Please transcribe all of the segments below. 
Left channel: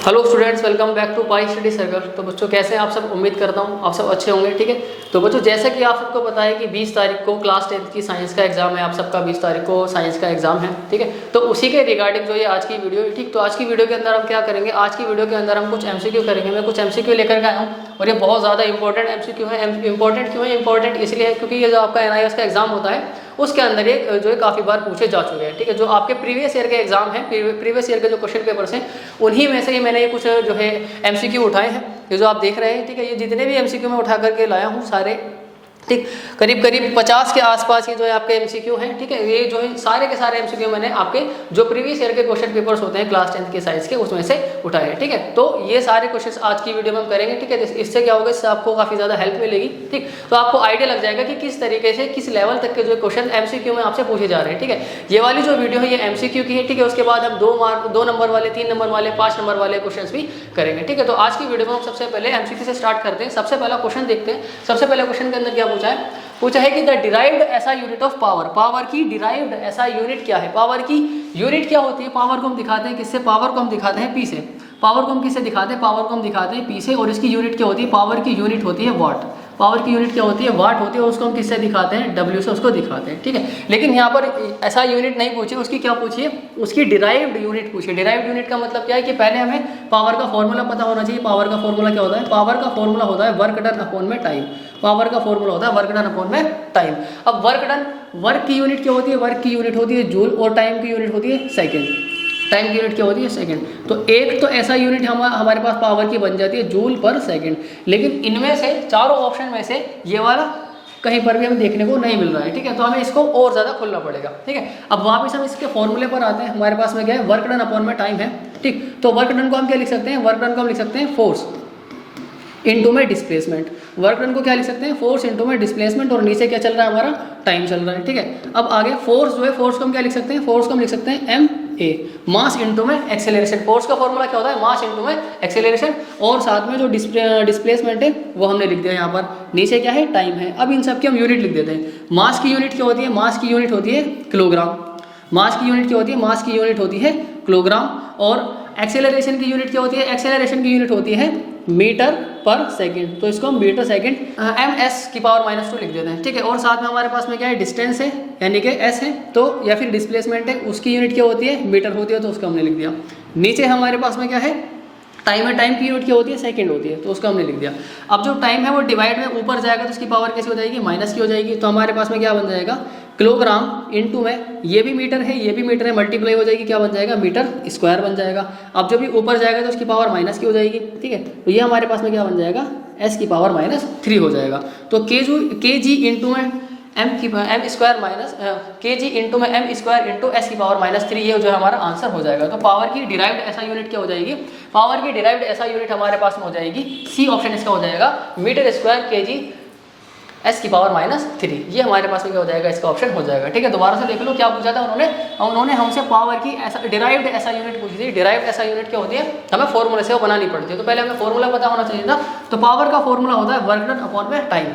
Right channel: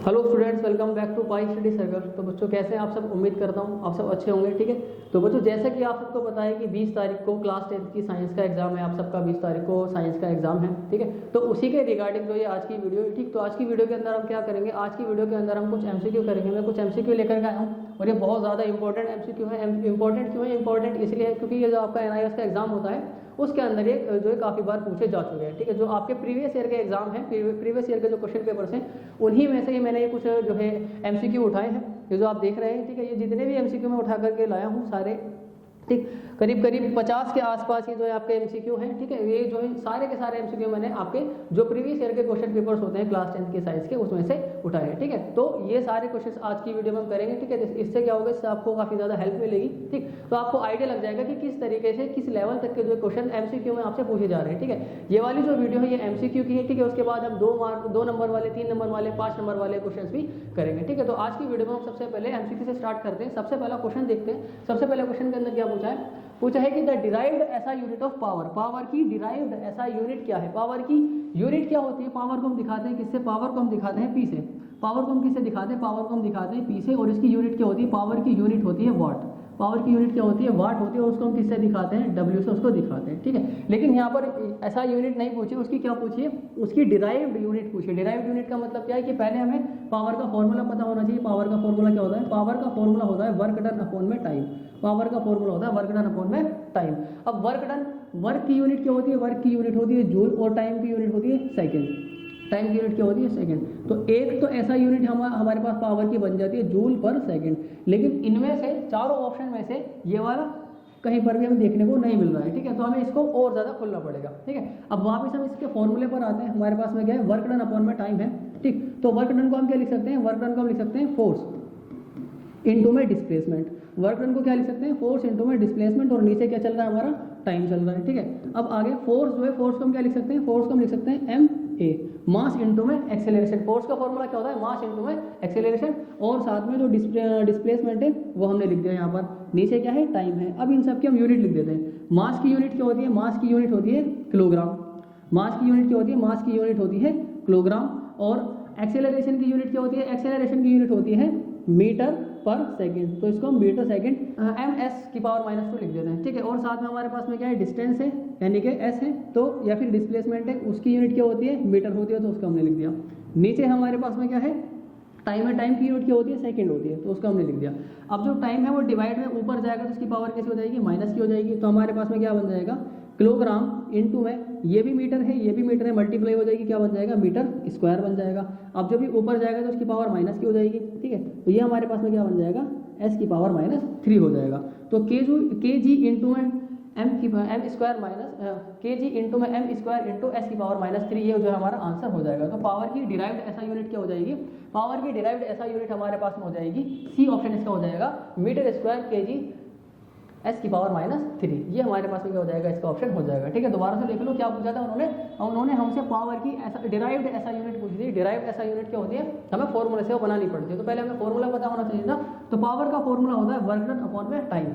Hello students, welcome back to pi study circle. तो बच्चों कैसे हैं आप सब? उम्मीद करता हूं आप सब अच्छे होंगे। ठीक है, तो बच्चों जैसा कि आप सबको पता है कि 20 तारीख को क्लास 10th की साइंस का एग्जाम है। आप सबका 20 तारीख को साइंस का एग्जाम है। ठीक है, तो उसी के रिगार्डिंग जो ये आज की वीडियो है। ठीक, तो आज की वीडियो के अंदर हम क्या करेंगे? आज की वीडियो के अंदर हम कुछ एमसीक्यू करेंगे। मैं कुछ एमसीक्यू लेकर के आया हूँ और ये बहुत ज़्यादा इंपॉर्टेंट एमसीक्यू है। इंपॉर्टेंट क्यों है? इंपॉर्टेंट इसलिए है क्योंकि ये जो आपका एनआईएस का एग्जाम होता है उसके अंदर ये जो है काफ़ी बार पूछे जा चुके हैं। ठीक है, जो आपके प्रीवियस ईयर के एग्जाम हैं, प्रीवियस ईयर के जो क्वेश्चन पेपर्स हैं उन्हीं में से ही मैंने ये कुछ जो है एमसीक्यू उठाए हैं। ये जो आप देख रहे हैं, ठीक है, ये जितने भी एमसीक्यू मैं उठा करके लाया हूँ सारे, ठीक, करीब करीब 50 के आसपास ये जो है आपके एमसीक्यू हैं। ठीक है, ये जो है सारे के सारे एमसीक्यू मैंने आपके जो प्रीवियस ईयर के क्वेश्चन पेपर्स होते हैं क्लास 10th के साइंस के उसमें से उठाए हैं। ठीक है, तो ये सारे क्वेश्चंस आज की वीडियो में हम करेंगे। ठीक है, इससे क्या होगा? इससे आपको काफ़ी ज़्यादा हेल्प मिलेगी। ठीक, तो आपको आइडिया लग जाएगा कि किस तरीके से किस लेवल तक के जो क्वेश्चन एमसीक्यू में आपसे पूछे जा रहे हैं। ठीक है, ये वाली जो वीडियो है ये एमसीक्यू की है। ठीक है, उसके बाद हम 2 नंबर वाले, 3 नंबर वाले, 5 नंबर वाले क्वेश्चन भी करेंगे। ठीक है, तो आज की वीडियो में हम सबसे पहले एमसीक्यू से स्टार्ट करते हैं। सबसे पहला क्वेश्चन देखते हैं। सबसे पहले क्वेश्चन के अंदर क्या पूछा है? पूछा है कि द डिराइव्ड ऐसा यूनिट ऑफ पावर, पावर की डिराइव्ड ऐसा यूनिट क्या है? पावर की यूनिट क्या होती है? पावर को हम दिखाते हैं किससे? पावर को हम दिखाते हैं पी से। पावर को हम किससे दिखाते हैं? पावर को हम दिखाते हैं पी से। और इसकी यूनिट क्या होती है? पावर की यूनिट होती है वाट। पावर की यूनिट क्या होती है? वाट होती है। और उसको हम किससे दिखाते हैं? डब्ल्यू से उसको दिखाते हैं। ठीक है, लेकिन यहाँ पर ऐसा यूनिट नहीं पूछी, उसकी क्या पूछी है? उसकी डिराइव्ड यूनिट पूछी। डिराइव्ड यूनिट का मतलब क्या है कि पहले हमें पावर का फॉर्मूला पता होना चाहिए। पावर का फॉर्मूला क्या होता है? पावर का फॉर्मूला होता है वर्क डन अपॉन में टाइम। पावर का फॉर्मूला होता है वर्क डन अपॉन में टाइम। अब वर्क की यूनिट क्या होती है? वर्क की यूनिट होती है जूल और टाइम की यूनिट होती है सेकेंड। टाइम की यूनिट क्या होती है? सेकंड। तो एक तो ऐसा यूनिट हमारे पास पावर की बन जाती है जूल पर सेकंड। लेकिन इनमें से चारों ऑप्शन में से ये वाला कहीं पर भी हमें देखने को नहीं मिल रहा है। ठीक है, तो हमें इसको और ज़्यादा खोलना पड़ेगा। ठीक है, अब वापस हम इसके फॉर्मूले पर आते हैं। हमारे पास में क्या है? वर्क डन अपॉन में टाइम है। ठीक, तो वर्क डन को हम क्या लिख सकते हैं? वर्क डन को हम लिख सकते हैं फोर्स इनटू में डिस्प्लेसमेंट। वर्क डन को क्या लिख सकते हैं? फोर्स इनटू में डिस्प्लेसमेंट। और नीचे क्या चल रहा है? हमारा टाइम चल रहा है। ठीक है, अब आगे फोर्स जो है, फोर्स को हम क्या लिख सकते हैं? फोर्स को हम लिख सकते हैं एम ए। मास इनटू में एक्सेलरेशन। फोर्स का फॉर्मूला क्या होता है? मास इनटू में एक्सेलरेशन। और साथ में जो डिस्प्लेसमेंट है वो हमने लिख दिया यहाँ पर। नीचे क्या है? टाइम है। अब इन सब की हम यूनिट लिख देते हैं। मास की यूनिट क्या होती है? मास की यूनिट होती है किलोग्राम। मास की यूनिट क्या होती है? मास की यूनिट होती है किलोग्राम। और एक्सेलरेशन की यूनिट क्या होती है? एक्सेलरेशन की यूनिट होती है मीटर पर सेकंड। तो इसको हम मीटर सेकंड एम एस की पावर -2 लिख देते हैं। ठीक है, और साथ में हमारे पास में क्या है? डिस्टेंस है यानी कि एस है, तो या फिर डिस्प्लेसमेंट है, उसकी यूनिट क्या होती है? मीटर होती है, तो उसको हमने लिख दिया। नीचे हमारे पास में क्या है? टाइम है। टाइम की यूनिट क्या होती है? सेकंड होती है, तो उसको हमने लिख दिया। अब जो टाइम है वो डिवाइड में ऊपर जाएगा तो उसकी पावर कैसे हो जाएगी? माइनस की हो जाएगी। तो हमारे पास में क्या बन जाएगा? किलोग्राम इनटू में ये भी मीटर है, ये भी मीटर है, मल्टीप्लाई हो जाएगी, क्या बन जाएगा? मीटर स्क्वायर बन जाएगा। अब जो भी ऊपर जाएगा तो उसकी पावर माइनस की हो जाएगी। ठीक है, तो ये हमारे पास में क्या बन जाएगा? एस की पावर -3 हो जाएगा। तो के जी इंटू में एम स्क्वायर माइनस के जी इंटू में एम स्क्वायर इंटू एस की पावर -3, ये जो है हमारा आंसर हो जाएगा। तो पावर की डिराइव्ड ऐसा यूनिट क्या हो जाएगी? पावर की डिराइव्ड ऐसा यूनिट हमारे पास में हो जाएगी, सी ऑप्शन इसका हो जाएगा, मीटर स्क्वायर के जी एस की पावर -3। ये हमारे पास में क्या हो जाएगा? इसका ऑप्शन हो जाएगा। ठीक है, दोबारा से देख लो क्या पूछा था उन्होंने हमसे पावर की ऐसा डिराइव्ड ऐसा यूनिट पूछी थी। डिराइव्ड ऐसा यूनिट क्या होती है? हमें फॉर्मूले से वो बनानी पड़ती है। तो पहले हमें फॉर्मूला पता होना चाहिए था। तो पावर का फॉर्मूला होता है वर्क डन अपॉन में टाइम।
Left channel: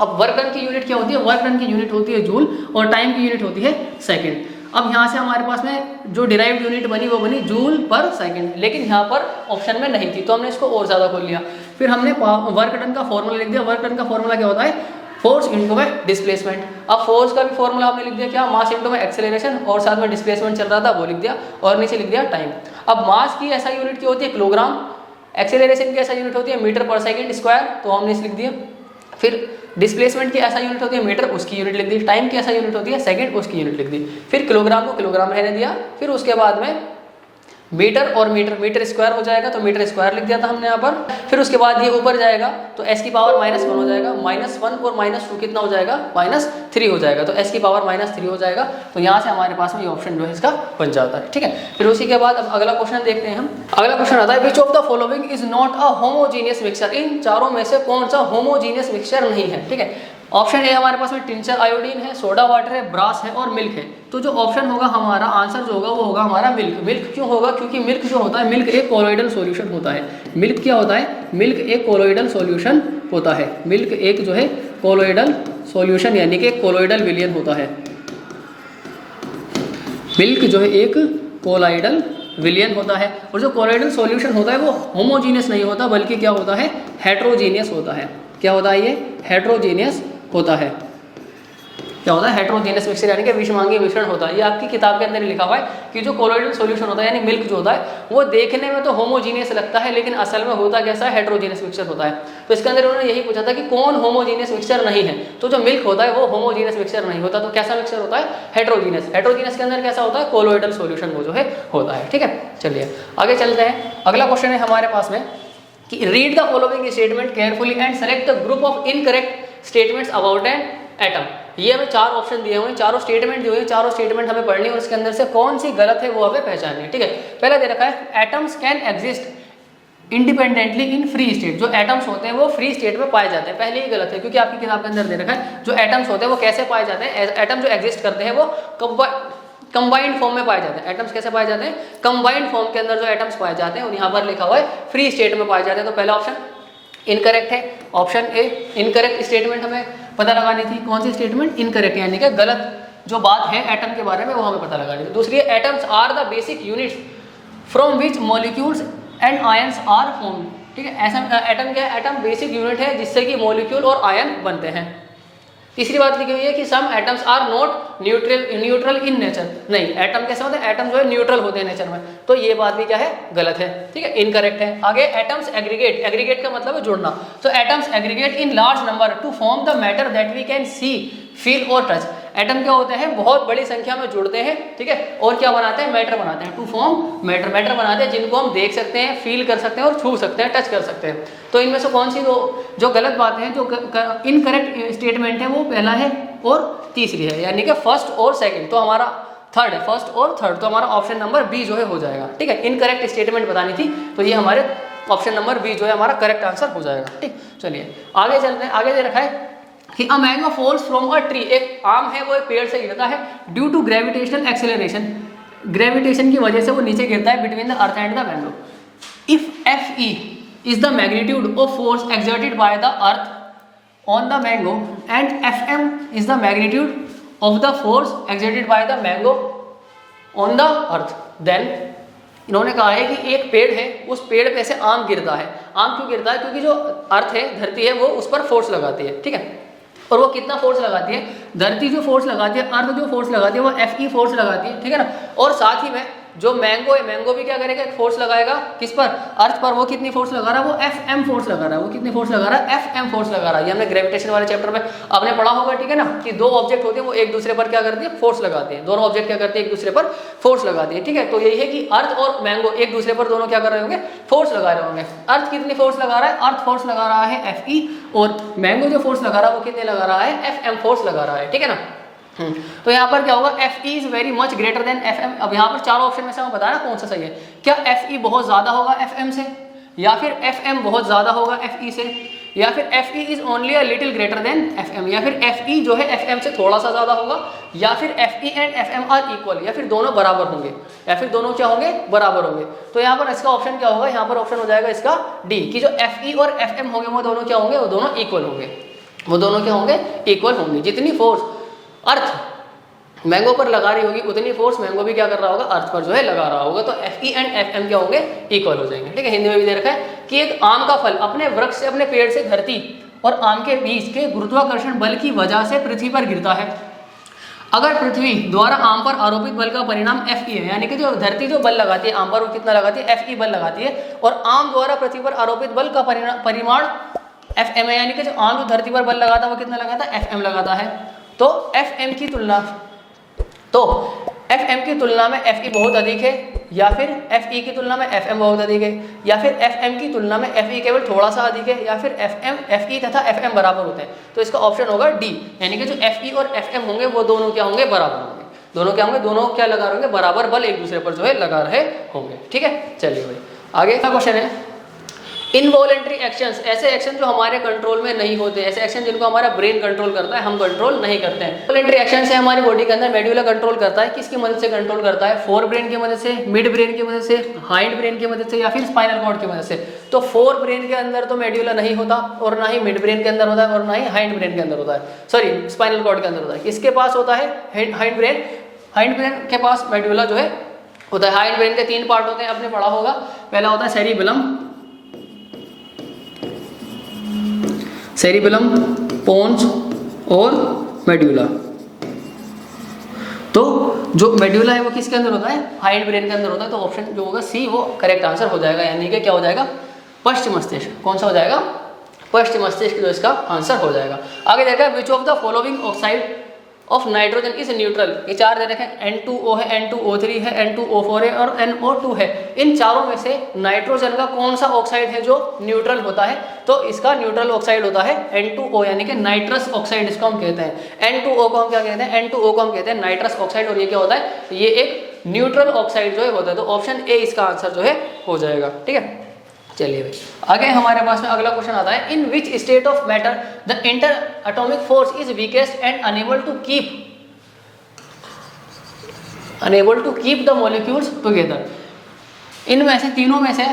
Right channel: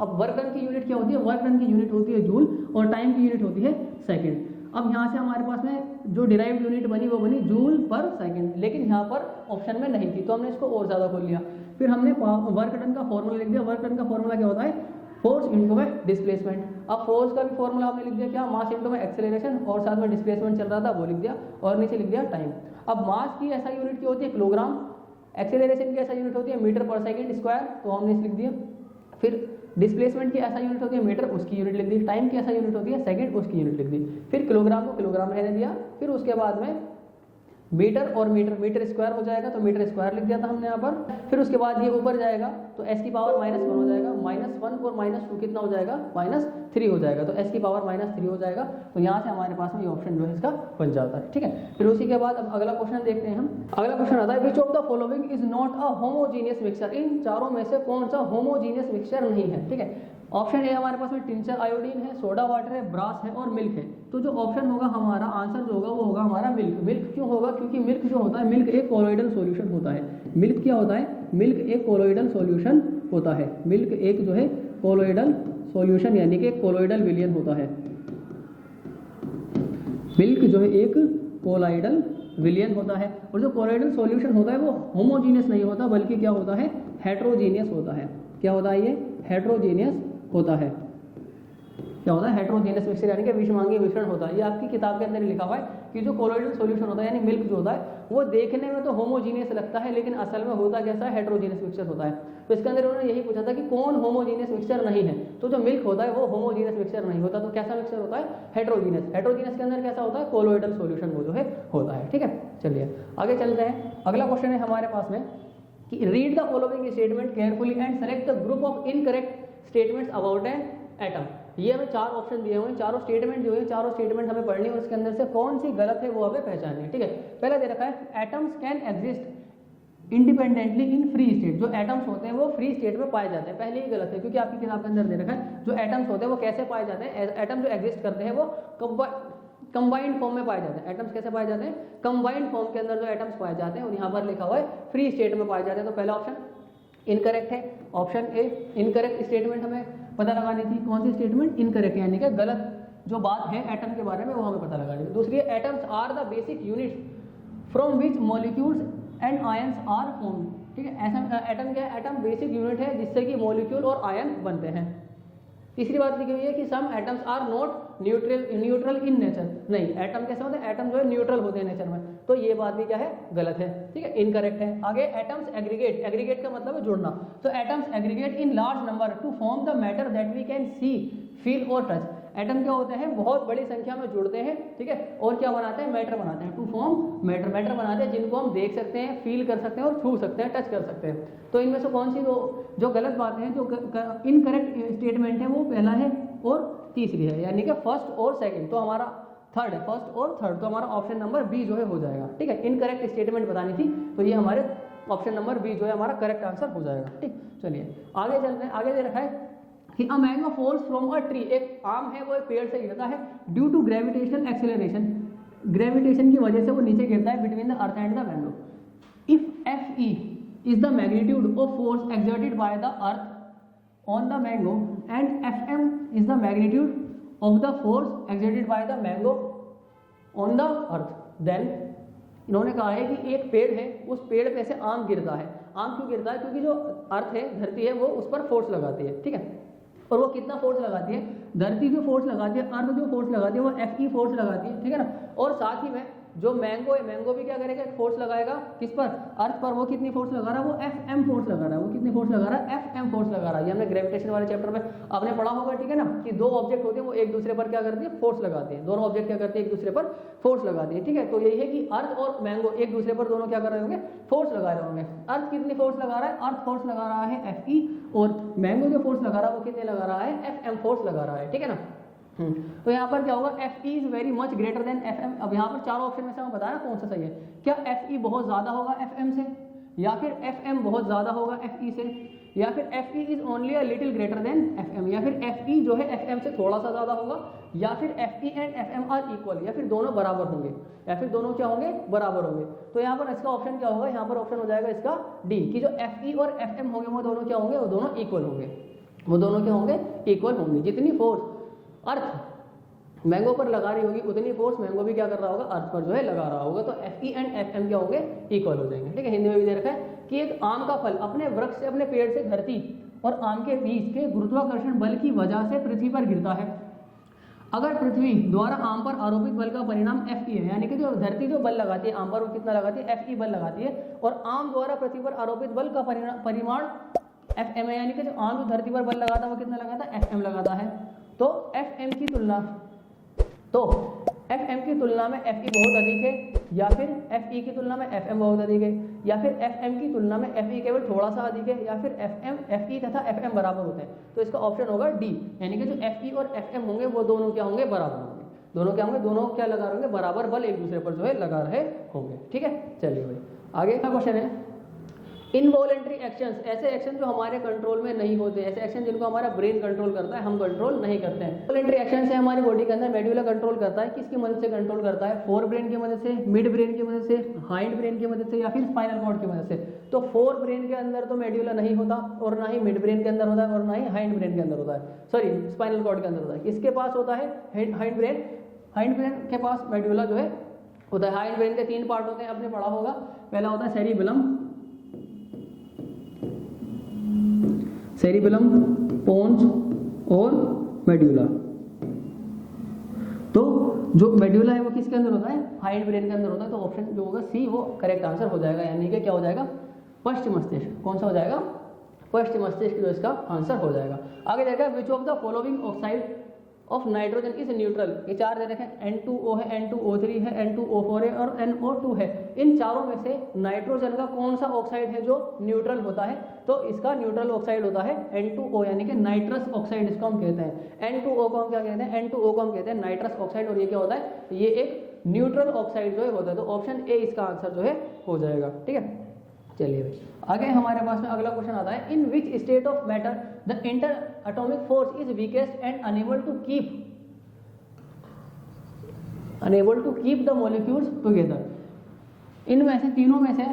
अब वर्क डन की यूनिट क्या होती है? वर्क डन की यूनिट होती है जूल और टाइम की यूनिट होती है सेकंड। अब यहाँ से हमारे पास में जो डिराइव्ड यूनिट बनी वो बनी जूल पर सेकंड, लेकिन यहाँ पर ऑप्शन में नहीं थी, तो हमने इसको और ज़्यादा खोल लिया। फिर हमने वर्क डन का फॉर्मूला लिख दिया। वर्क डन का फॉर्मूला क्या होता है? फोर्स इनटू में डिस्प्लेसमेंट। अब फोर्स का भी फॉर्मूला हमने लिख दिया क्या? मास इनटू में एक्सेलरेशन, और साथ में डिस्प्लेसमेंट चल रहा था वो लिख दिया, और नीचे लिख दिया टाइम। अब मास की ऐसा यूनिट क्या होती है? किलोग्राम। एक्सेलरेशन की ऐसा यूनिट होती है मीटर पर सेकंड स्क्वायर, तो हमने इसे लिख दिया। फिर डिस्प्लेसमेंट की ऐसा यूनिट होती है मीटर, उसकी यूनिट लिख दी। टाइम की ऐसा यूनिट होती है सेकंड, उसकी यूनिट लिख दी। फिर किलोग्राम को किलोग्राम रहने दिया। फिर उसके बाद में मीटर और मीटर स्क्वायर हो जाएगा, तो मीटर स्क्वायर लिख दिया था हमने यहाँ पर। फिर उसके बाद ये ऊपर जाएगा तो एस की पावर -1 हो जाएगा। -1 और -2 कितना हो जाएगा? -3 हो जाएगा। तो एस की पावर -3 हो जाएगा। तो यहाँ से हमारे पास में ये ऑप्शन जो है इसका बन जाता है। ठीक है, फिर उसी के बाद अब अगला क्वेश्चन देखते हैं हम। अगला क्वेश्चन आता है, which of the following is not a homogeneous mixture? इन चारों में से कौन सा होमोजीनियस मिक्सचर नहीं है? ठीक है, ऑप्शन ए हमारे पास में टिंचर आयोडीन है, सोडा वाटर है, ब्रास है और मिल्क है। तो जो ऑप्शन होगा हमारा आंसर जो होगा वो होगा हमारा मिल्क। मिल्क क्यों होगा? क्योंकि मिल्क जो होता है, मिल्क एक कोलोइडल सॉल्यूशन होता है। मिल्क क्या होता है? मिल्क एक कोलोइडल सॉल्यूशन होता है। मिल्क एक जो है कोलोइडल सॉल्यूशन यानी कि कोलोइडल विलयन होता है। मिल्क जो है एक कोलोइडल विलियन होता है। और जो कोलोइडल सॉल्यूशन होता है वो होमोजीनियस नहीं होता बल्कि क्या होता है, हेट्रोजीनियस होता है। क्या होता है ये, हेट्रोजीनियस होता है। क्या होता है, हेट्रोजीनियस मिक्सचर यानी कि विषमांगी मिश्रण होता है। ये आपकी किताब के अंदर लिखा हुआ है कि जो कोलोइडल सॉल्यूशन होता है यानी मिल्क जो होता है वो देखने में तो होमोजीनियस लगता है लेकिन असल में होता कैसा है, हेट्रोजीनियस मिक्सचर होता है। तो इसके अंदर उन्होंने यही पूछा था कि कौन होमोजीनियस मिक्सचर नहीं है, तो जो मिल्क होता है वो होमोजीनियस मिक्सचर नहीं होता, तो कैसा मिक्सचर होता है, हेट्रोजीनियस। हेट्रोजीनियस के अंदर कैसा होता है, कोलोइडल सॉल्यूशन वो जो है होता है। ठीक है, चलिए आगे चलते हैं। अगला क्वेश्चन है हमारे पास में कि read the following statement carefully and select the group of incorrect statements about an atom. ये हमें 4 ऑप्शन दिए हुए हैं, चारों स्टेटमेंट दिए हुए हैं, चारों स्टेटमेंट हमें पढ़नी है और इसके अंदर से कौन सी गलत है वो हमें पहचाननी है। ठीक है, पहला दे रखा है atoms can exist independently in free state. जो एटम्स होते हैं वो फ्री स्टेट में पाए जाते हैं, पहले ही गलत है क्योंकि आपकी किताब के अंदर दे रखा है जो एटम्स होते हैं वो कैसे पाए जाते हैं, एटम जो एग्जिस्ट करते हैं वो कंबाइंड फॉर्म में पाए जाते हैं। एटम्स कैसे पाए जाते हैं, कंबाइंड फॉर्म के अंदर जो एटम्स पाए जाते हैं और यहाँ पर लिखा हुआ है फ्री स्टेट में पाए जाते हैं। तो पहला ऑप्शन इनकरेक्ट है, ऑप्शन ए इनकरेक्ट स्टेटमेंट हमें पता लगानी थी। कौन सी स्टेटमेंट, इनकरेक्ट यानी कि गलत जो बात है एटम के बारे में वो हमें पता लगानी थी। दूसरी है atoms are the basic units from which molecules and ions are formed. ठीक है, ऐसा एटम क्या है, एटम बेसिक यूनिट है जिससे कि मॉलिक्यूल और आयन बनते हैं। तीसरी बात लिखी हुई है कि some atoms are not neutral in nature. नहीं, एटम कैसे होते हैं, एटम जो है न्यूट्रल होते हैं नेचर में, तो ये बात भी क्या है, गलत है। ठीक है, इनकरेक्ट है। आगे एटम्स एग्रीगेट, एग्रीगेट का मतलब है जुड़ना, तो atoms aggregate in large number to form the matter that we can see feel और टच। एटम क्या होते हैं, बहुत बड़ी संख्या में जुड़ते हैं, ठीक है, और क्या बनाते हैं, मैटर बनाते हैं। टू फॉर्म मैटर, मैटर बनाते हैं जिनको हम देख सकते हैं, फील कर सकते हैं और छू सकते हैं, टच कर सकते हैं। तो इनमें से कौन सी जो गलत बातें हैं, जो इनकरेक्ट स्टेटमेंट है वो पहला है और तीसरी है, यानी कि फर्स्ट और सेकंड। तो हमारा थर्ड है, फर्स्ट और थर्ड, तो हमारा ऑप्शन नंबर बी जो है हो जाएगा। ठीक है, इनकरेक्ट स्टेटमेंट बतानी थी तो ये हमारे ऑप्शन नंबर बी जो है हमारा करेक्ट आंसर हो जाएगा। ठीक, चलिए आगे चलते हैं। आगे दे रखा है कि a mango falls from a tree, एक आम है वो एक पेड़ से गिरता है due to gravitational acceleration, gravitation की वजह से वो नीचे गिरता है between the earth and the mango. If F E is the magnitude of force exerted by the earth on the mango and Fm is the magnitude of the force exerted by the mango on the earth, then इन्होंने कहा है कि एक पेड़ है, उस पेड़ पे से आम गिरता है। आम क्यों गिरता है, क्योंकि जो अर्थ है, धरती है, वो उस पर फोर्स लगाती है। ठीक है, और वो कितना फोर्स लगाती है, धरती जो फोर्स लगाती है, अर्थ जो फोर्स लगाती है वो Fe फोर्स लगाती है। ठीक है ना, और साथ ही में जो मैंगो है, मैंगो भी क्या करेगा, फोर्स लगाएगा किस पर, अर्थ पर। वो कितनी फोर्स लगा रहा है, वो Fm फोर्स लगा रहा है। वो कितनी फोर्स लगा रहा है, Fm फोर्स लगा रहा है। ये हमने ग्रेविटेशन वाले चैप्टर में आपने पढ़ा होगा। ठीक है ना, कि दो ऑब्जेक्ट होते हैं वो एक दूसरे पर क्या करती है, फोर्स लगाते हैं। दोनों ऑब्जेक्ट क्या करते हैं, एक दूसरे पर फोर्स लगाते हैं। ठीक है, तो यही है कि अर्थ और मैंगो एक दूसरे पर दोनों क्या कर रहे होंगे, फोर्स लगा रहे होंगे। अर्थ कितनी फोर्स लगा रहा है, अर्थ फोर्स लगा रहा है Fe, और मैंगो जो फोर्स लगा रहा है वो कितने लगा रहा है, Fm फोर्स लगा रहा है। ठीक है ना, तो यहाँ पर क्या होगा, Fe is very much greater than Fm। अब यहाँ पर चारों ऑप्शन में से हमें बताना कौन सा सही है। क्या Fe बहुत ज़्यादा होगा Fm से, या फिर Fm बहुत ज़्यादा होगा Fe से, या फिर Fe is only a little greater than Fm, या फिर Fe जो है Fm से थोड़ा सा ज़्यादा होगा, या फिर Fe and Fm are equal, या फिर दोनों बराबर होंगे, या फिर दोनों क्या होंगे, बराबर होंगे। तो यहाँ पर इसका ऑप्शन क्या होगा, यहाँ पर ऑप्शन हो जाएगा इसका डी, कि जो Fe और Fm होंगे वो दोनों क्या होंगे, वो दोनों इक्वल होंगे। वो दोनों क्या होंगे, इक्वल होंगे। जितनी फोर्स अर्थ मैंगो पर लगा रही होगी उतनी फोर्स मैंगो भी क्या कर रहा होगा, अर्थ पर जो है लगा रहा होगा। तो Fe एंड Fm क्या होंगे, इक्वल हो जाएंगे। ठीक है, हिंदी में भी दे रखा है कि एक आम का फल अपने वृक्ष से, अपने पेड़ से धरती और आम के बीच के गुरुत्वाकर्षण बल की वजह से पृथ्वी पर गिरता है। अगर पृथ्वी द्वारा आम पर आरोपित बल का परिणाम Fe है, यानी कि जो धरती जो बल लगाती है आम पर वो कितना लगाती है, Fe बल लगाती है, और आम द्वारा पृथ्वी पर आरोपित बल का परिमाण Fm है, यानी कि जो आम जो धरती पर बल लगाता है वो कितना लगाता है, Fm लगाता है। तो Fm की तुलना में Fe बहुत अधिक है, या फिर Fe की तुलना में Fm बहुत अधिक है, या फिर Fm की तुलना में Fe केवल थोड़ा सा अधिक है, या फिर Fe तथा Fm बराबर होते हैं। तो इसका ऑप्शन होगा डी, यानी कि जो Fe और Fm होंगे वो दोनों क्या होंगे, बराबर होंगे। दोनों क्या होंगे, दोनों क्या लगा रहे होंगे, बराबर बल एक दूसरे पर जो है लगा रहे होंगे। ठीक है, चलिए भाई आगे का क्वेश्चन है इनवॉलेंट्री एक्शंस, ऐसे एक्शन जो हमारे कंट्रोल में नहीं होते, ऐसे एक्शन जिनको हमारा ब्रेन कंट्रोल करता है, हम कंट्रोल नहीं करते हैं। वॉलेंट्री एक्शन से हमारी बॉडी के अंदर मेड्यूला कंट्रोल करता है। किसकी मदद से कंट्रोल करता है, फोर ब्रेन की मदद से, मिड ब्रेन की मदद से, हाइंड ब्रेन की मदद से, या फिर स्पाइनल कॉर्ड की मदद से। तो फोर ब्रेन के अंदर तो मेड्यूला नहीं होता, और ना ही मिड ब्रेन के अंदर होता है, और ना ही हाइंड ब्रेन के अंदर होता है, सॉरी स्पाइनल कॉर्ड के अंदर होता है। किसके पास होता है, हाइंड ब्रेन के पास मेड्यूला जो है होता है। हाइंड ब्रेन के 3 पार्ट होते हैं, आपने पढ़ा होगा। पहला होता है सेरिबेलम, पोन्स और मेड्यूला। तो जो मेड्यूला है वो किसके अंदर होता है? हाइंड ब्रेन के अंदर होता है। तो ऑप्शन जो होगा सी वो करेक्ट आंसर हो जाएगा, यानी कि क्या हो जाएगा? पश्चिम मस्तिष्क। कौन सा हो जाएगा? पश्चिम मस्तिष्क जो इसका आंसर हो जाएगा। आगे देखा विच of the following oxide of nitrogen is neutral. ये 4 दे रखे हैं, N2O है, N2O3 है, N2O4 है और NO2 है। इन चारों में से नाइट्रोजन का कौन सा ऑक्साइड है जो न्यूट्रल होता है? तो इसका न्यूट्रल ऑक्साइड होता है N2O, यानी कि नाइट्रस ऑक्साइड इसको हम कहते हैं। N2O को हम क्या कहते हैं? N2O को हम कहते हैं नाइट्रस ऑक्साइड। और ये क्या होता है? ये एक न्यूट्रल ऑक्साइड जो है होता है। तो ऑप्शन ए इसका आंसर जो है हो जाएगा। ठीक है, चलिए भाई आगे हमारे पास में अगला क्वेश्चन आता है, in which state of matter the interatomic force is weakest and unable to keep the molecules together. इनमें से तीनों में से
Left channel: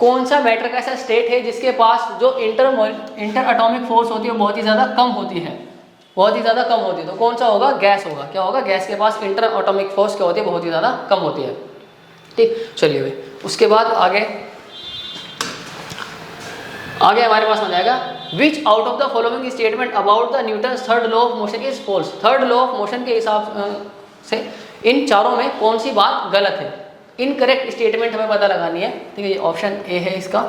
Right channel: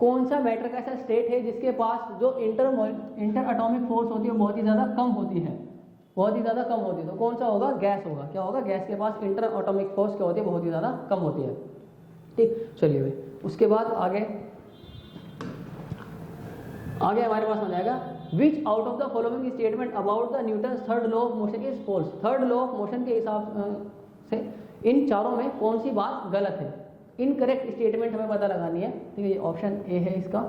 कौन सा मैटर का ऐसा स्टेट है जिसके पास जो इंटर एटॉमिक फोर्स होती है बहुत ही ज़्यादा कम होती है? बहुत ही ज़्यादा कम होती है। तो कौन सा होगा? गैस होगा। क्या होगा? गैस के पास इंटर एटॉमिक फोर्स क्या होती है? बहुत ही ज़्यादा कम होती है। ठीक, चलिए भाई उसके बाद आगे हमारे पास आ जाएगा which out of the following statement about the Newton third law of motion is false. Third law of motion के हिसाब से इन चारों में कौन सी बात गलत है? इनकरेक्ट स्टेटमेंट हमें पता लगानी है। ठीक है, ये ऑप्शन ए है इसका।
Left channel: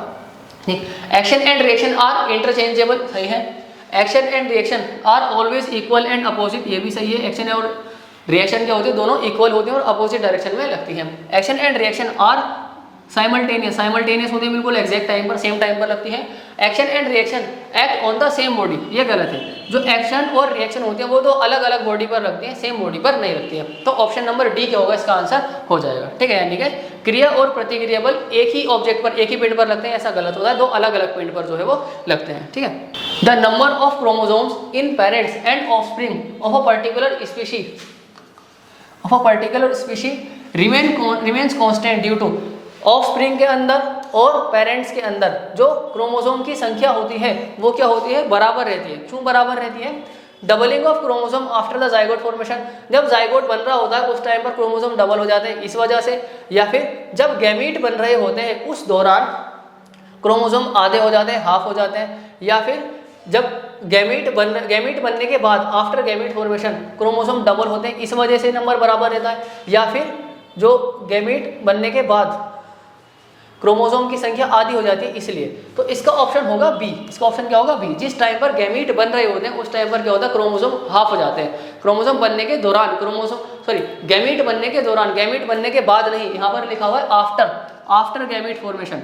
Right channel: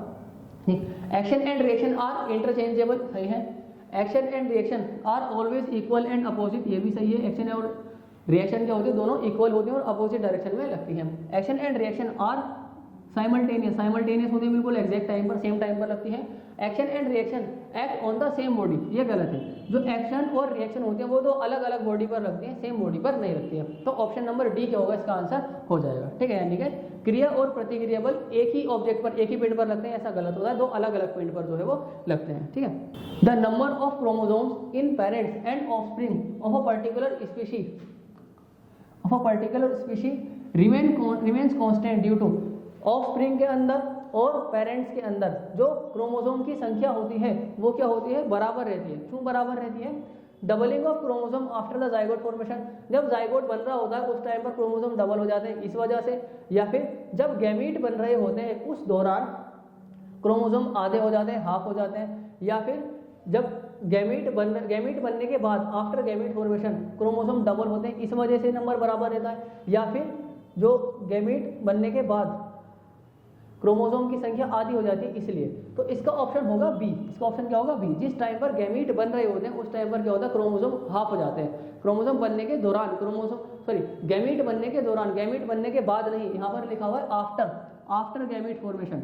ठीक, action and reaction are interchangeable, सही है। Action and reaction are always equal and opposite, ये भी सही है। एक्शन और रिएक्शन क्या होती है? दोनों इक्वल होती हैं और अपोजिट डायरेक्शन में लगती हैं। Action and reaction are simultaneous होती है, बिल्कुल एग्जैक्ट टाइम पर, सेम टाइम पर लगती है। Action and reaction act on the same body, ये गलत है। जो एक्शन और रिएक्शन होती है वो तो अलग अलग बॉडी पर लगती है, सेम बॉडी पर नहीं लगती है। तो ऑप्शन नंबर डी क्या होगा? इसका आंसर हो जाएगा। ठीक है, यानी कि क्रिया और प्रतिक्रिया बल एक ही ऑब्जेक्ट पर, एक ही पिंड पर लगते हैं, ऐसा गलत होता है। दो अलग अलग पिंड पर जो है वो लगते हैं। ठीक है, the number of chromosomes in parents and offspring of a particular species remains constant due to. Offspring के अंदर और पेरेंट्स के अंदर जो क्रोमोसोम की संख्या होती है वो क्या होती है? बराबर रहती है। क्यों बराबर रहती है? Doubling of chromosome after the zygote formation, जब जाइगोट बन रहा होता है उस टाइम पर क्रोमोसोम डबल हो जाते हैं इस वजह से, या फिर जब गैमीट बन रहे होते हैं उस दौरान क्रोमोसोम आधे हो जाते हैं, हाफ हो जाते हैं, या फिर जब गैमीट बनने के बाद after gamete formation chromosome double होते हैं, इस वजह से नंबर बराबर रहता है। या फिर जो गैमीट बनने के बाद क्रोमोसोम की संख्या आधी हो जाती है इसलिए। तो इसका ऑप्शन होगा बी। इसका ऑप्शन क्या होगा? बी। जिस टाइम पर गैमीट बन रहे होते हैं उस टाइम पर क्या होता है? क्रोमोसोम हाफ हो जाते हैं। क्रोमोसोम बनने के दौरान गैमीट बनने के दौरान, गैमीट बनने के बाद नहीं, यहाँ पर लिखा हुआ है आफ्टर गैमीट फॉर्मेशन,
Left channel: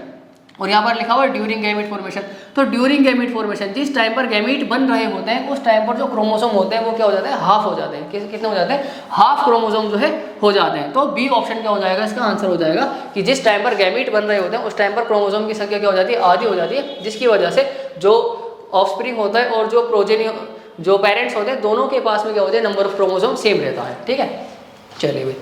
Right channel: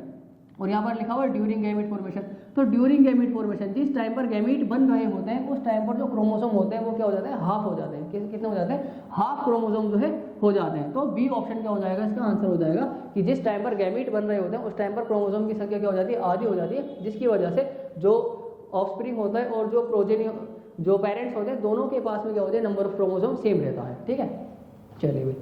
और यहाँ पर लिखा हुआ है ड्यूरिंग गैमीट फॉर्मेशन। तो ड्यूरिंग गैमीट फॉर्मेशन जिस टाइम पर गैमीट बन रहे होते हैं उस टाइम पर जो क्रोमोसोम होते हैं वो क्या हो जाते हैं? हाफ हो जाते हैं। कितने हो जाते हैं? हाफ क्रोमोसोम जो है हो जाते हैं। तो बी ऑप्शन क्या हो जाएगा? इसका आंसर हो जाएगा कि जिस टाइम पर गैमीट बन रहे होते हैं उस टाइम पर क्रोमोसोम की संख्या क्या हो जाती है? आधी हो जाती है, जिसकी वजह से जो ऑफस्प्रिंग होता है और जो प्रोजेनी जो पेरेंट्स होते हैं दोनों के पास में क्या होता है? नंबर ऑफ क्रोमोसोम सेम रहता है। ठीक है, चलिए भाई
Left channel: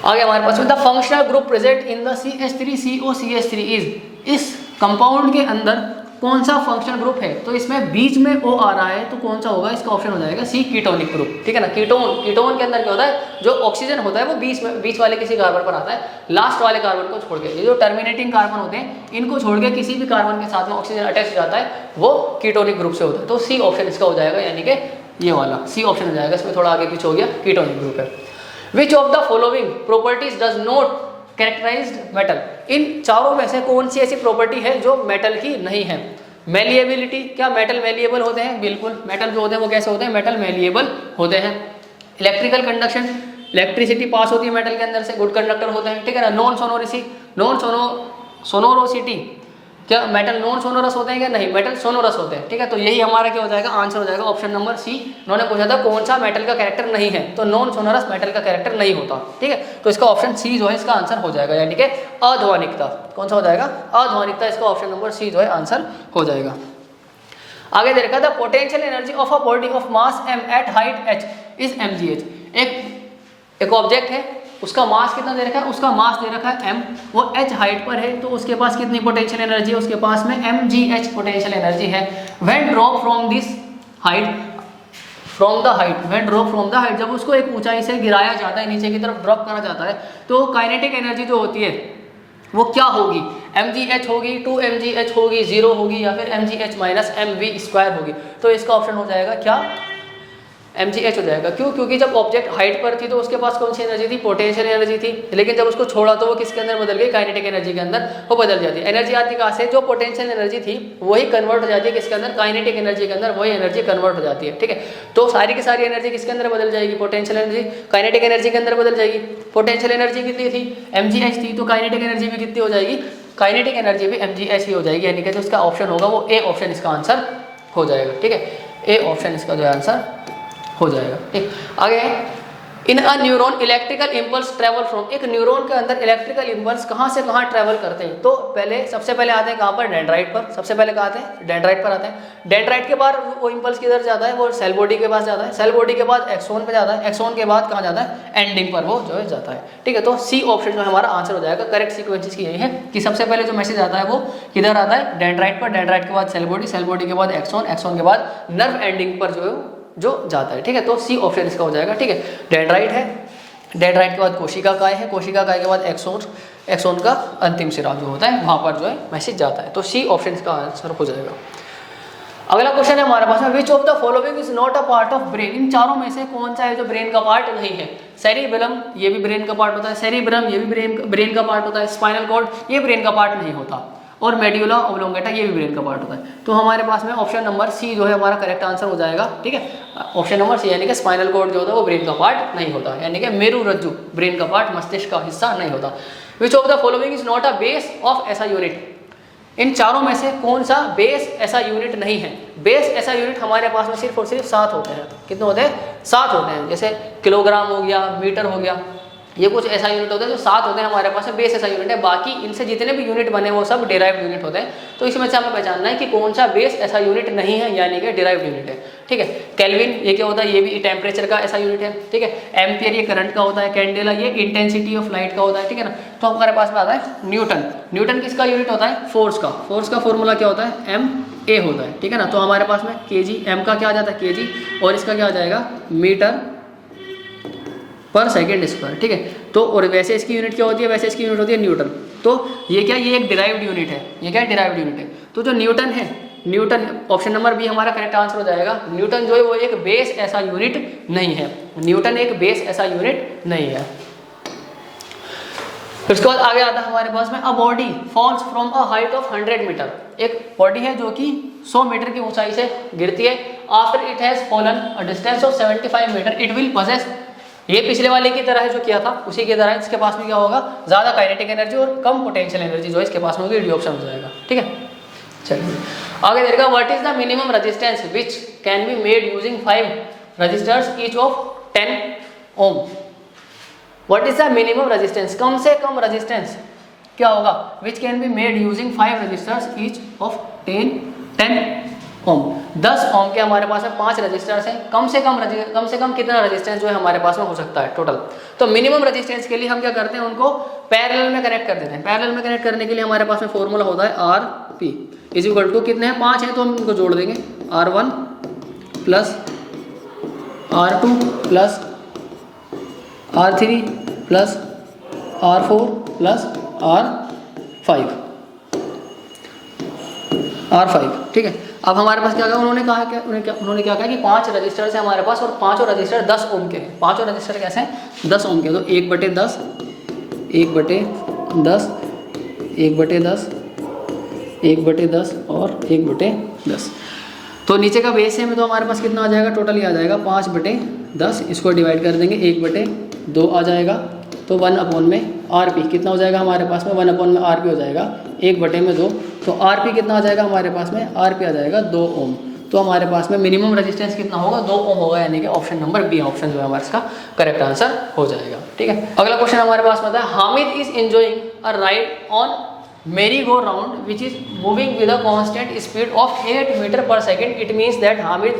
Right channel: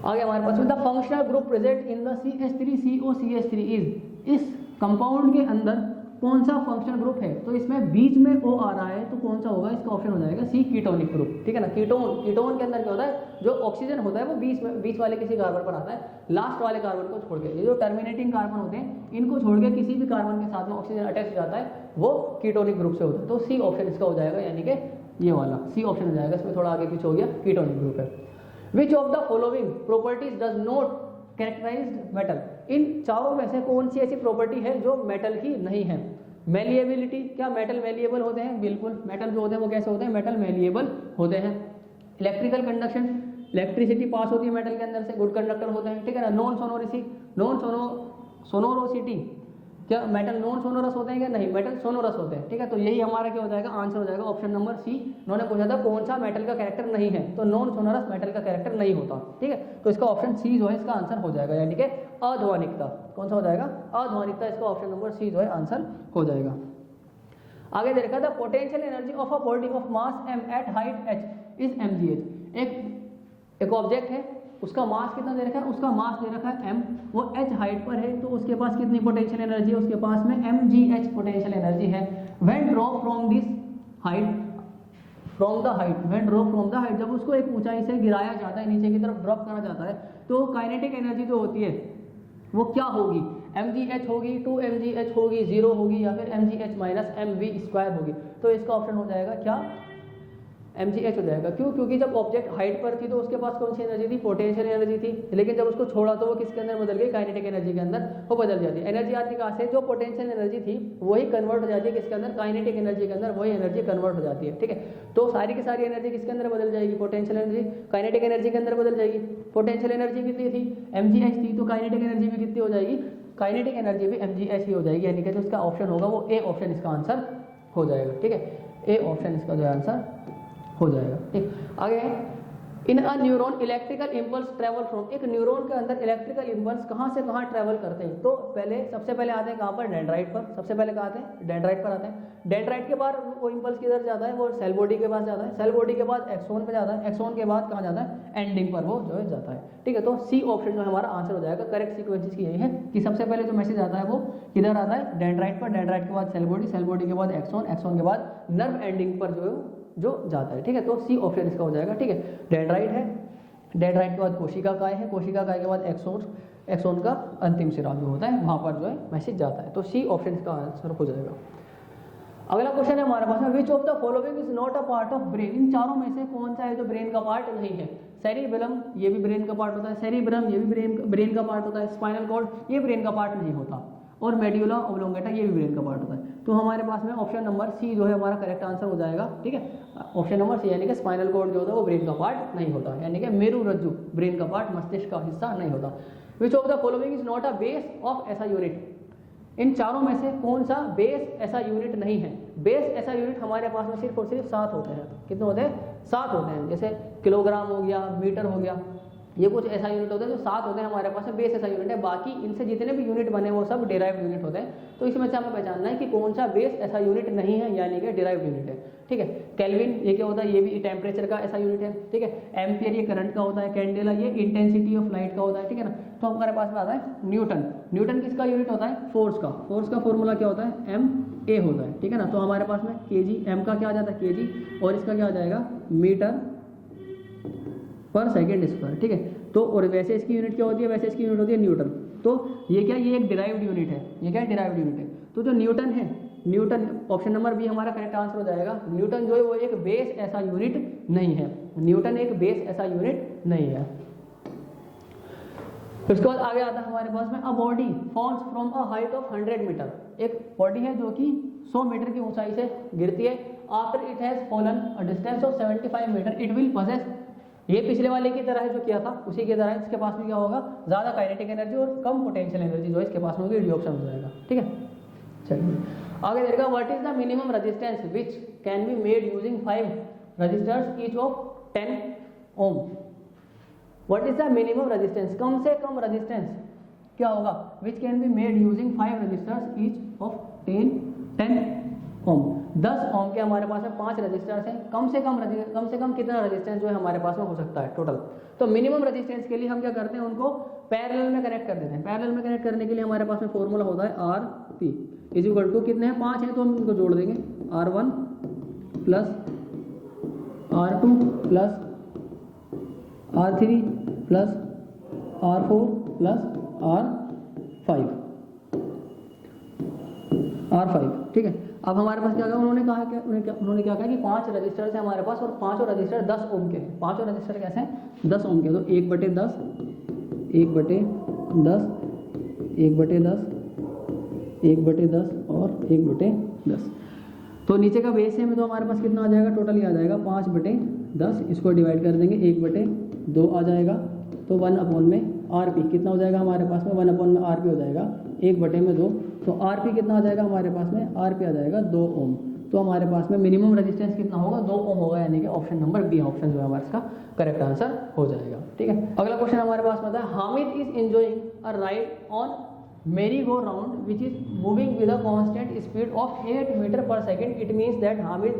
आगे हमारे पास the functional group present in the CH3COCH3 is. इस कंपाउंड के अंदर कौन सा फंक्शनल ग्रुप है? तो इसमें बीच में O आ रहा है तो कौन सा होगा? इसका ऑप्शन हो जाएगा सी, कीटोनिक ग्रुप। ठीक है ना, कीटोन के अंदर क्या होता है? जो ऑक्सीजन होता है वो बीच वाले किसी कार्बन पर आता है, लास्ट वाले कार्बन को छोड़ के। ये जो टर्मिनेटिंग कार्बन होते हैं इनको छोड़ के किसी भी कार्बन के साथ में ऑक्सीजन अटैच हो जाता है वो कीटोनिक ग्रुप से होता है। तो सी ऑप्शन इसका हो जाएगा, यानी कि ये वाला सी ऑप्शन हो जाएगा। इसमें थोड़ा आगे पीछे हो गया, कीटोनिक ग्रुप है। Which of the following properties does not characterized metal. इन चारों में से कौन सी ऐसी प्रॉपर्टी है जो मेटल की नहीं है? मेलिएबिलिटी, क्या मेटल मेलिएबल होते हैं? बिल्कुल, मेटल जो होते हैं वो कैसे होते हैं? मेटल मेलिएबल होते हैं। इलेक्ट्रिकल कंडक्शन, इलेक्ट्रिसिटी पास होती है मेटल के अंदर से, गुड कंडक्टर होते हैं। ठीक है ना। नॉन सोनोरोसिटी, क्या मेटल नॉन सोनोरस होते हैं क्या? नहीं, मेटल सोनोरस होते हैं। ठीक है, तो यही हमारा क्या हो जाएगा? आंसर हो जाएगा ऑप्शन नंबर सी। उन्होंने पूछा था कौन सा मेटल का कैरेक्टर नहीं है, तो नॉन सोनोरस मेटल का कैरेक्टर नहीं होता। ठीक है, तो इसका ऑप्शन सी जो है इसका आंसर हो जाएगा, यानी कि अध्वनिकता। कौन सा हो जाएगा? अध्वनिकता। इसका ऑप्शन नंबर सी जो है आंसर हो जाएगा। आगे देखा था potential energy of a body of mass m at height h is mgh। एक ऑब्जेक्ट है, उसका मास कितना दे रखा है? उसका मास दे रखा है m, वो h हाइट पर है, तो उसके पास कितनी पोटेंशियल एनर्जी है? उसके पास में mgh पोटेंशियल एनर्जी है। When drop from this height, from the height, when drop from the height, जब उसको एक ऊंचाई से गिराया जाता है, नीचे की तरफ ड्रॉप करा जाता है, तो काइनेटिक एनर्जी जो होती है वो क्या होगी, mgh होगी, 2mgh होगी, 0 होगी, या फिर mgh माइनस mv² होगी। तो इसका ऑप्शन हो जाएगा क्या, mgh हो जाएगा। क्यों, क्योंकि जब ऑब्जेक्ट हाइट पर थी तो उसके पास कौन सी एनर्जी थी, पोटेंशियल एनर्जी थी, लेकिन जब उसको छोड़ा तो वो किसके अंदर बदल गई, काइनेटिक एनर्जी के अंदर वो बदल जाती है। एनर्जी आती कहाँ से, जो पोटेंशियल एनर्जी थी वही कन्वर्ट हो जाती है किसके अंदर, काइनेटिक एनर्जी के अंदर, वही एनर्जी कन्वर्ट हो जाती है। ठीक है, तो सारी की सारी एनर्जी किसके अंदर बदल जाएगी, पोटेंशियल एनर्जी काइनेटिक एनर्जी के अंदर बदल जाएगी। पोटेंशियल एनर्जी कितनी थी, mgh थी, तो काइनेटिक एनर्जी भी कितनी हो जाएगी, काइनेटिक एनर्जी भी mgh ही हो जाएगी, यानी कि जो इसका ऑप्शन होगा वो ए ऑप्शन इसका आंसर हो जाएगा। ठीक है, ए ऑप्शन इसका जो आंसर हो जाएगा। ठीक, आगे in a neuron electrical impulse travel from, एक न्यूरॉन के अंदर इलेक्ट्रिकल इम्पल्स कहाँ से कहाँ ट्रेवल करते हैं, तो पहले सबसे पहले आते हैं कहाँ पर, डेंड्राइट पर, सबसे पहले कहाँ आते हैं, डेंड्राइट पर आते हैं। डेंड्राइट के बाद वो इम्पल्स किधर जाता है, वो सेल बॉडी के पास जाता है, सेल बॉडी के बाद एक्सोन पे जाता है, एक्सोन के बाद कहाँ जाता है, एंडिंग पर वो जो है जाता है। ठीक है, तो सी ऑप्शन जो हमारा आंसर हो जाएगा। करेक्ट सीक्वेंसेस की यही है कि सबसे पहले जो मैसेज आता है वो किधर आता है, डेंड्राइट पर, डेंड्राइट के बाद सेल बॉडी, सेल बॉडी के बाद एक्सोन, एक्सोन के बाद नर्व एंडिंग पर जो जाता है। ठीक है, तो सी ऑप्शन इसका हो जाएगा। ठीक है, डेंड्राइट है, डेंड्राइट के बाद कोशिका काय है, कोशिका काय के बाद एक्सोन, एक्सोन का अंतिम सिरा जो होता है वहाँ पर जो है मैसेज जाता है। तो सी ऑप्शन इसका आंसर हो जाएगा। अगला क्वेश्चन है हमारे पास में, which of the following is not a part of brain, इन चारों में से कौन सा है जो ब्रेन का पार्ट नहीं है। सेरिबेलम ये भी ब्रेन का पार्ट होता है, सेरिब्रम ये भी ब्रेन का पार्ट होता है, स्पाइनल कॉर्ड ये ब्रेन का पार्ट नहीं होता, और मेड्यूला ओब्लोंगेटा ये भी ब्रेन का पार्ट होता है। तो हमारे पास में ऑप्शन नंबर सी जो है हमारा करेक्ट आंसर हो जाएगा। ठीक है, ऑप्शन नंबर सी, यानी कि स्पाइनल कॉर्ड जो होता है वो ब्रेन का पार्ट नहीं होता, यानी कि मेरुरज्जु ब्रेन का पार्ट, मस्तिष्क का हिस्सा नहीं होता। विच of the following is not a base of ऐसा यूनिट, इन चारों में से कौन सा बेस ऐसा यूनिट नहीं है। बेस ऐसा यूनिट हमारे पास में सिर्फ और सिर्फ 7 होते हैं। कितने होते हैं, 7 होते हैं। जैसे किलोग्राम हो गया, मीटर हो गया, ये कुछ ऐसा यूनिट होता है जो 7 होते हैं हमारे पास में, बेस ऐसा यूनिट है। बाकी इनसे जितने भी यूनिट बने वो सब डिराइव्ड यूनिट होते हैं। तो इसमें से हमें पहचानना है कि कौन सा बेस ऐसा यूनिट नहीं है, यानी कि डिराइव्ड यूनिट है। ठीक है, केल्विन ये क्या होता है, ये भी टेम्परेचर का ऐसा यूनिट है। ठीक है, एम्पियर ये करंट का होता है, कैंडेला ये इंटेंसिटी ऑफ लाइट का होता है। ठीक है ना, तो हमारे पास में आता है न्यूटन। न्यूटन किसका यूनिट होता है, फोर्स का। फोर्स का फॉर्मूला क्या होता है, एम ए होता है। ठीक है ना, तो हमारे पास में केजी, एम का क्या आ जाता है केजी, और इसका क्या आ जाएगा मीटर पर सेकेंड स्क्वायर। ठीक है, तो और वैसे इसकी यूनिट क्या होती है, वैसे इसकी यूनिट होती है न्यूटन। तो ये क्या, ये एक डिराइव्ड यूनिट है, ये क्या है डिराइव्ड यूनिट है। तो जो न्यूटन है, न्यूटन ऑप्शन नंबर बी हमारा करेक्ट आंसर हो जाएगा। न्यूटन जो है वो एक बेस ऐसा यूनिट नहीं है, न्यूटन एक बेस ऐसा यूनिट नहीं है। उसके बाद आगे आता है हमारे पास में, a body falls from a height of 100 metre, एक बॉडी है जो कि 100 मीटर की ऊंचाई से गिरती है। After it has fallen a distance of 75 metre it will possess, ये पिछले वाले की तरह है जो किया था उसी की तरह इसके पास में क्या होगा, ज़्यादा काइनेटिक एनर्जी और कम पोटेंशियल एनर्जी जो इसके पास में होगी, डी ऑप्शन हो जाएगा। ठीक है, चलिए आगे देखिएगा, what is the minimum resistance which can be made using 5 resistors each of 10 ohm. What is the minimum resistance, कम से कम रेजिस्टेंस क्या होगा, which can be made using 5 resistors each of 10 ohm. 10 ohm के हमारे पास में 5 रजिस्टर्स हैं। कम से कम कितना रजिस्टेंस जो है हमारे पास में हो सकता है टोटल। तो मिनिमम रजिस्टेंस के लिए हम क्या करते हैं, उनको पैरेलल में कनेक्ट कर देते हैं। पैरेलल में कनेक्ट करने के लिए हमारे पास में फॉर्मूला होता है R P is equal to, कितने हैं 5 हैं तो हम इनको जोड़ देंगे, R1 plus R2 plus R3 plus R4 plus R5। ठीक है, अब हमारे पास क्या कहा, उन्होंने क्या कहा कि 5 रजिस्टर्स है हमारे पास और पांचों रजिस्टर 10 ओम के हैं। पांचों रजिस्टर कैसे हैं, 10 ओम के। तो 1/10 1/10 1/10 1/10 और 1/10। तो नीचे का बेस है में तो हमारे पास कितना आ जाएगा, टोटल ही आ जाएगा 5/10। इसको डिवाइड कर देंगे, 1/2 आ जाएगा। तो 1/में RP कितना हो जाएगा हमारे पास में, 1/में RP हो जाएगा 1/2। तो RP कितना आ जाएगा हमारे पास में, RP आ जाएगा 2 ओम। तो हमारे पास में मिनिमम रेजिस्टेंस कितना होगा, 2 ओम होगा, यानी कि ऑप्शन नंबर बी ऑप्शन जो है हमारे इसका करेक्ट आंसर हो जाएगा। ठीक है, अगला क्वेश्चन हमारे पास में है, Hamid is enjoying a ride on merry go round which is moving with a constant speed of 8 meter per second. It means that Hamid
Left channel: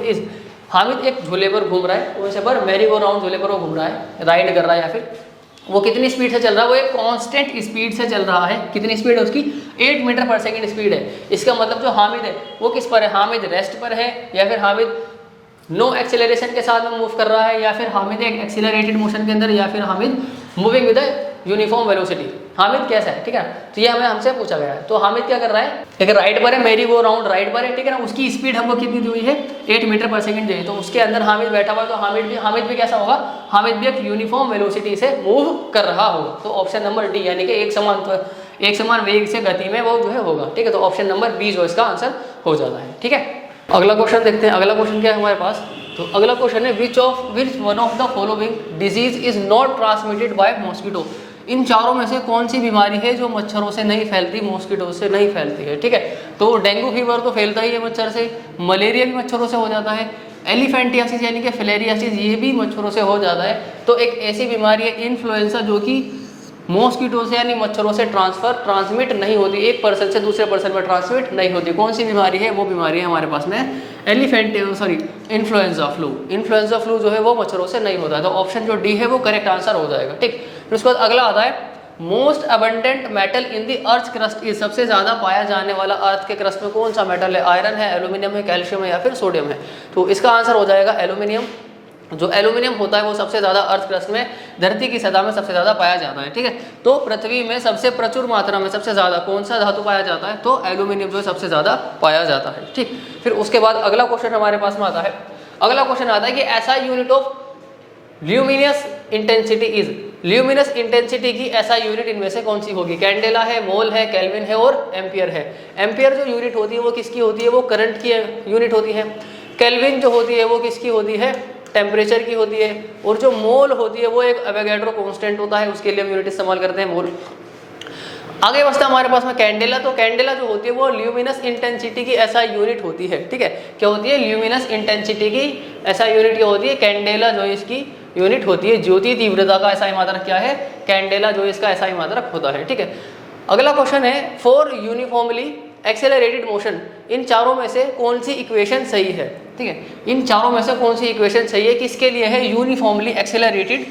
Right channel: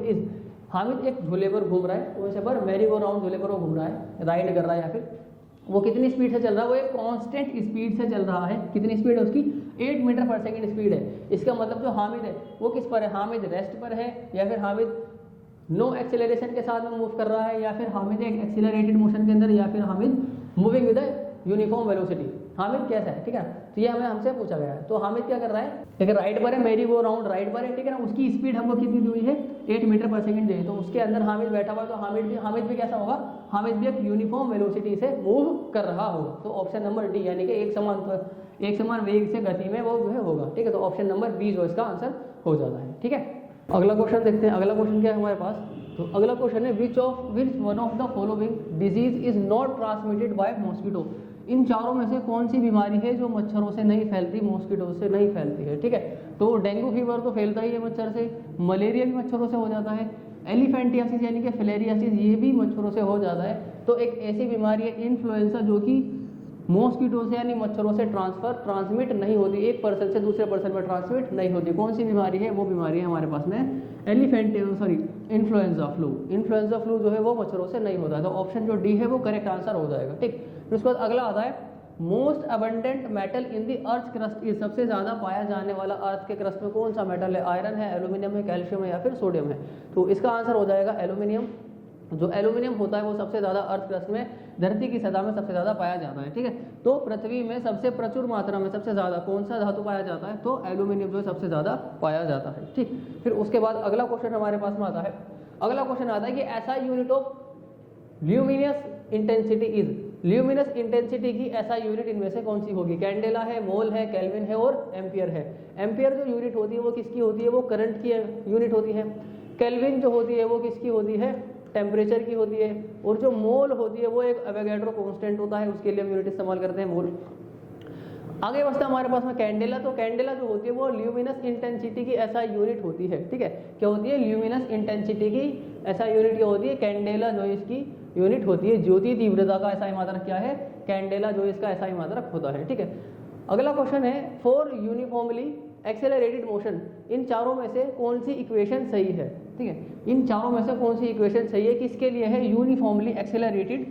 एक झूले पर घूम रहा है, वैसे पर मेरी गो राउंड झूले पर वो घूम रहा है, राइड कर रहा है, या फिर वो कितनी स्पीड से चल रहा है, वो एक कांस्टेंट स्पीड से चल रहा है। कितनी स्पीड है उसकी, 8 मीटर पर सेकंड स्पीड है। इसका मतलब जो हामिद है वो किस पर है, हामिद रेस्ट पर है या फिर हामिद नो एक्सेलरेशन के साथ में मूव कर रहा है, या फिर हामिद एक एक्सेलरेटेड मोशन के अंदर, या फिर Hamid moving with uniform velocity. Hamid कैसा है, ठीक है। तो ये हमें हमसे पूछा गया है। तो हामिद क्या कर रहा है, एक राइट पर है, मेरी वो राउंड राइट पर है, ठीक है ना। उसकी स्पीड हमको कितनी दी हुई है, 8 मीटर पर सेकंड दी है। तो उसके अंदर हामिद बैठा हुआ है, तो हामिद भी कैसा होगा, हामिद भी एक यूनिफॉर्म वेलोसिटी से मूव कर रहा होगा। तो ऑप्शन नंबर डी, यानी कि एक समान वेग से गति में वो जो है होगा, ठीक है। तो ऑप्शन नंबर बी जो इसका आंसर हो जाता है, ठीक है। अगला क्वेश्चन देखते हैं। अगला क्वेश्चन क्या है हमारे पास, तो अगला क्वेश्चन है which one of the following disease is not transmitted by mosquito. इन चारों में से कौन सी बीमारी है जो मच्छरों से नहीं फैलती, मॉस्किटो से नहीं फैलती है, ठीक है। तो डेंगू फीवर तो फैलता ही है मच्छर से, मलेरिया भी मच्छरों से हो जाता है, एलिफेंटियासिस यानी कि फिलेरियासिस ये भी मच्छरों से हो जाता है। तो एक ऐसी बीमारी है इन्फ्लुएंजा जो कि मॉस्किटो से यानी मच्छरों से ट्रांसमिट नहीं होती, एक पर्सन से दूसरे पर्सन में ट्रांसमिट नहीं होती। कौन सी बीमारी है, वो बीमारी है हमारे पास में इन्फ्लुएंजा फ्लू। इन्फ्लुएंजा फ्लू जो है वो मच्छरों से नहीं होता है। तो ऑप्शन जो डी है वो करेक्ट आंसर हो जाएगा, ठीक। फिर उसके बाद अगला आता है most abundant metal in the earth crust is. सबसे ज़्यादा पाया जाने वाला अर्थ के क्रस्ट में कौन सा मेटल है, आयरन है, एल्यूमिनियम है, कैल्शियम है, या फिर सोडियम है। तो इसका आंसर हो जाएगा एल्यूमिनियम। जो एल्यूमिनियम होता है वो सबसे ज़्यादा अर्थ क्रस्ट में, धरती की सतह में सबसे ज़्यादा पाया जाता है, ठीक है। तो पृथ्वी में सबसे प्रचुर मात्रा में सबसे ज़्यादा कौन सा धातु पाया जाता है, तो एल्यूमिनियम जो है सबसे ज़्यादा पाया जाता है, ठीक। फिर उसके बाद अगला क्वेश्चन हमारे पास में आता है। अगला क्वेश्चन आता है कि ऐसा unit of luminous intensity is. Luminous intensity की ऐसा यूनिट इनमें से कौन सी होगी, कैंडेला है, मोल है, केल्विन है और एम्पियर है। एम्पियर जो यूनिट होती है वो किसकी होती है, वो करंट की यूनिट होती है। केल्विन जो होती है वो किसकी होती है, टेम्परेचर की होती है। और जो मोल होती है वो एक एवोगैड्रो कांस्टेंट होता है, उसके लिए हम यूनिट इस्तेमाल करते हैं मोल। आगे बचता है हमारे पास में कैंडेला। तो कैंडेला जो होती है वो ल्यूमिनस इंटेंसिटी की ऐसा यूनिट होती है, ठीक है। क्या होती है, ल्यूमिनस इंटेंसिटी की ऐसा यूनिट क्या होती है, कैंडेला जो इसकी यूनिट होती है। ज्योति तीव्रता का ऐसा मात्रक क्या है, कैंडेला जो इसका ऐसा मात्रक होता है, ठीक है। अगला क्वेश्चन है फॉर यूनिफॉर्मली एक्सेलरेटेड मोशन, इन चारों में से कौन सी इक्वेशन सही है, ठीक है। इन चारों में से कौन सी इक्वेशन सही है, किसके लिए है, यूनिफॉर्मली एक्सेलरेटेड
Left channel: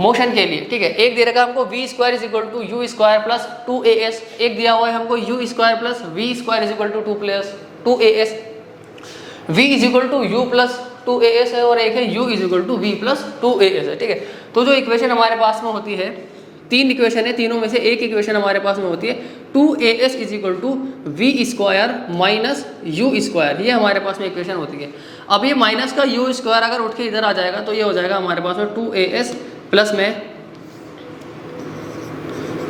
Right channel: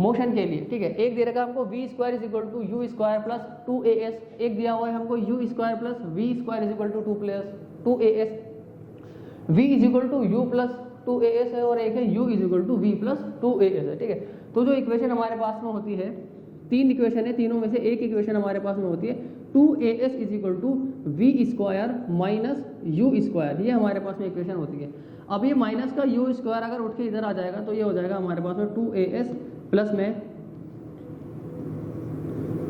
मोशन के लिए, ठीक है। एक दे रखा है हमको v square is equal to u square plus 2as, एक दिया हुआ है हमको u square plus v square is equal to 2as, v is equal to u plus 2as है, और एक है u is equal to v plus 2as है, ठीक है। तो जो इक्वेशन हमारे पास में होती है, तीन इक्वेशन है, तीनों में से एक इक्वेशन हमारे पास में होती है 2as is equal to v square minus u square, ये हमारे पास में इक्वेशन होती है। अब ये माइनस का यू स्क्वायर अगर उठ के इधर आ जाएगा तो ये हो जाएगा हमारे पास में 2as प्लस में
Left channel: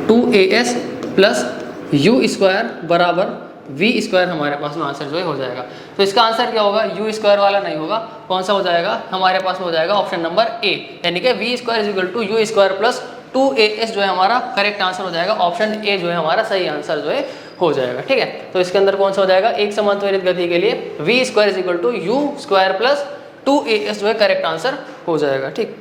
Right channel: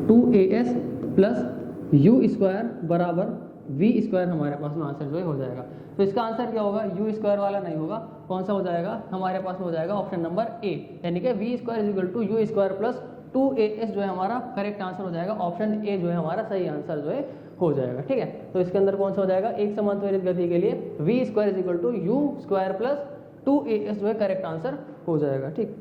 2as प्लस यू स्क्वायर बराबर वी स्क्वायर, हमारे पास में आंसर जो है हो जाएगा। तो इसका आंसर क्या होगा, यू स्क्वायर वाला नहीं होगा, कौन सा हो जाएगा, हमारे पास में हो जाएगा ऑप्शन नंबर ए, यानी कि v square is equal to u square plus 2as जो है हमारा करेक्ट आंसर हो जाएगा। ऑप्शन ए जो है हमारा सही आंसर जो है हो जाएगा, ठीक है। तो इसके अंदर कौन सा हो जाएगा, एक समान त्वरित गति के लिए v square is equal to u square plus 2as जो है करेक्ट आंसर हो जाएगा, ठीक।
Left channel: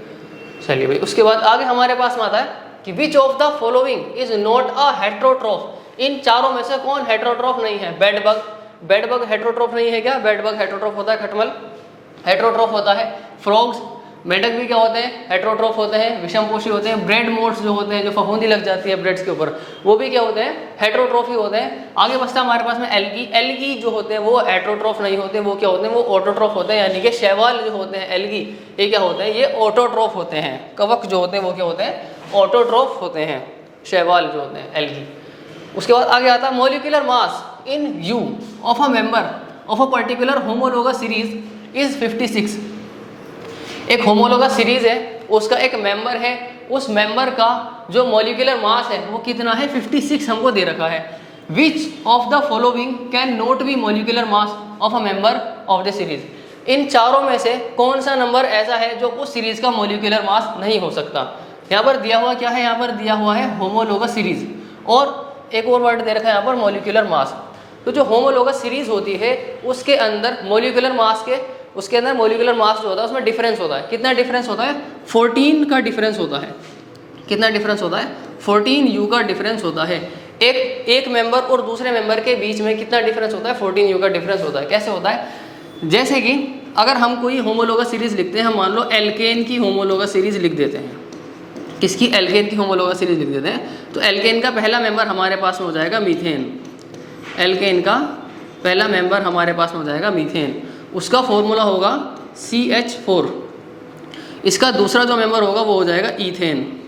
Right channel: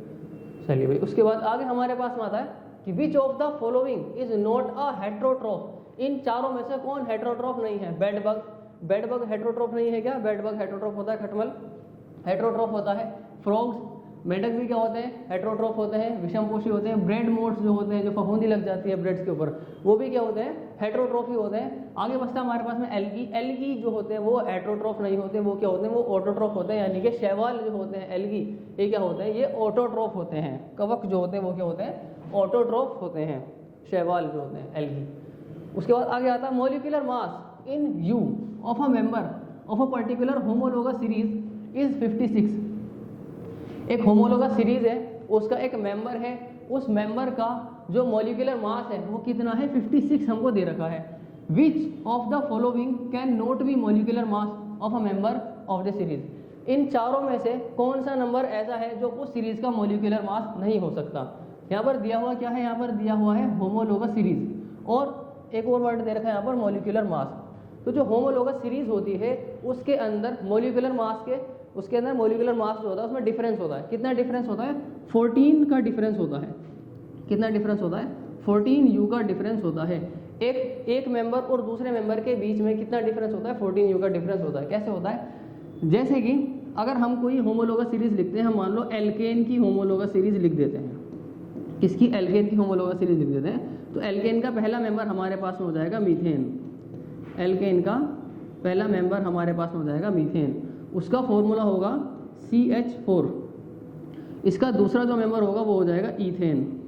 चलिए भाई, उसके बाद आगे हमारे पास में आता है कि which of the following is not a heterotroph. इन चारों में से कौन हेट्रोट्रॉफ नहीं है, बेड बग हेट्रोट्रॉफ नहीं है क्या, बेड बग हेट्रोट्रॉफ होता है, खटमल हेट्रोट्रॉफ होता है, फ्रॉग्स मेंढक भी क्या होते हैं, हेट्रोट्रॉफ होते हैं, विषमपोषी होते हैं, ब्रेड मोड्स जो होते हैं, जो फफूंदी लग जाती है ब्रेड्स के ऊपर, वो भी क्या होते हैं, हेट्रोट्रॉफी होते हैं। आगे बचता है हमारे पास में एल्गी जो होते हैं वो हेट्रोट्रॉफ नहीं होते, वो क्या होते हैं, वो ऑटोट्रॉफ होते हैं, यानी कि शैवाल जो होते हैं एल्गी, ये क्या होते हैं, ये ऑटोट्रॉफ होते हैं। कवक जो होते हैं वो क्या होते हैं, ऑटोट्रॉफ होते हैं, शैवाल जो होते हैं एल्गी। उसके बाद आगे आता है molecular mass in you of a member of a particular homologous series is 56। एक होमोलोगस सीरीज है, उसका एक मेंबर है, उस मेंबर का जो मॉलिक्यूलर मास है वो कितना है, 56 हमको दे रखा है। Which of the following can not be molecular mass of a member of the series. इन चारों में से कौन सा नंबर ऐसा है जो उस सीरीज का मॉलिक्यूलर मास नहीं हो सकता। यहाँ पर दिया हुआ क्या है, यहाँ पर दिया हुआ है होमोलोगस सीरीज, और एक और वर्ड दे रखा है यहाँ पर मॉलिक्यूलर मास। तो जो होमोलोगस सीरीज होती है उसके अंदर मॉलिक्यूलर मास के, उसके अंदर मॉलिक्यूलर मास जो होता है उसमें डिफरेंस होता है। कितना डिफरेंस होता है, 14 का डिफरेंस होता है। कितना डिफरेंस होता है, 14 यू का डिफरेंस होता है। एक मेंबर और दूसरे मेंबर के बीच में कितना डिफरेंस होता है, 14 यू का डिफरेंस होता है। कैसे होता है, जैसे कि अगर हम कोई होमोलोगस सीरीज लिखते हैं, हम मान लो एल्केन की होमोलोगस सीरीज लिख देते हैं, किसकी, एल्केन की होमोलोगस सीरीज लिख देते हैं, तो एल्केन का पहला मेंबर हमारे पास में हो जाएगा मीथेन। एल्केन का पहला मेंबर हमारे पास में हो जाएगा मीथेन। उसका फॉर्मूला होगा CH4, इसका दूसरा जो मेंबर होगा वो हो जाएगा ईथेन,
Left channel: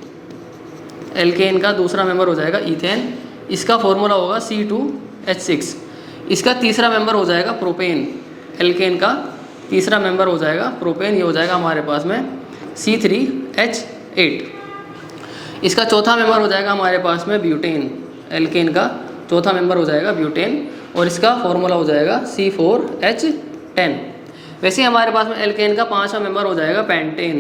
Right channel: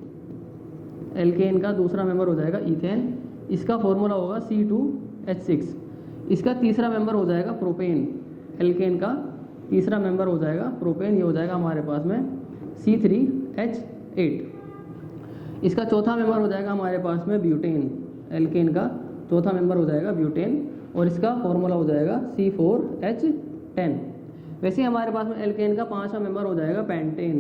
एल्केन का दूसरा मेंबर हो जाएगा ईथेन, इसका फॉर्मूला होगा C2H6। इसका तीसरा मेंबर हो जाएगा प्रोपेन, एल्केन का तीसरा मेंबर हो जाएगा प्रोपेन, ये हो जाएगा हमारे पास में C3H8। इसका चौथा मेंबर हो जाएगा हमारे पास में ब्यूटेन, एल्केन का चौथा मेंबर हो जाएगा ब्यूटेन, और इसका फॉर्मूला हो जाएगा C4H10। वैसे ही हमारे पास में एल्केन का पांचवा मेंबर हो जाएगा पेंटेन,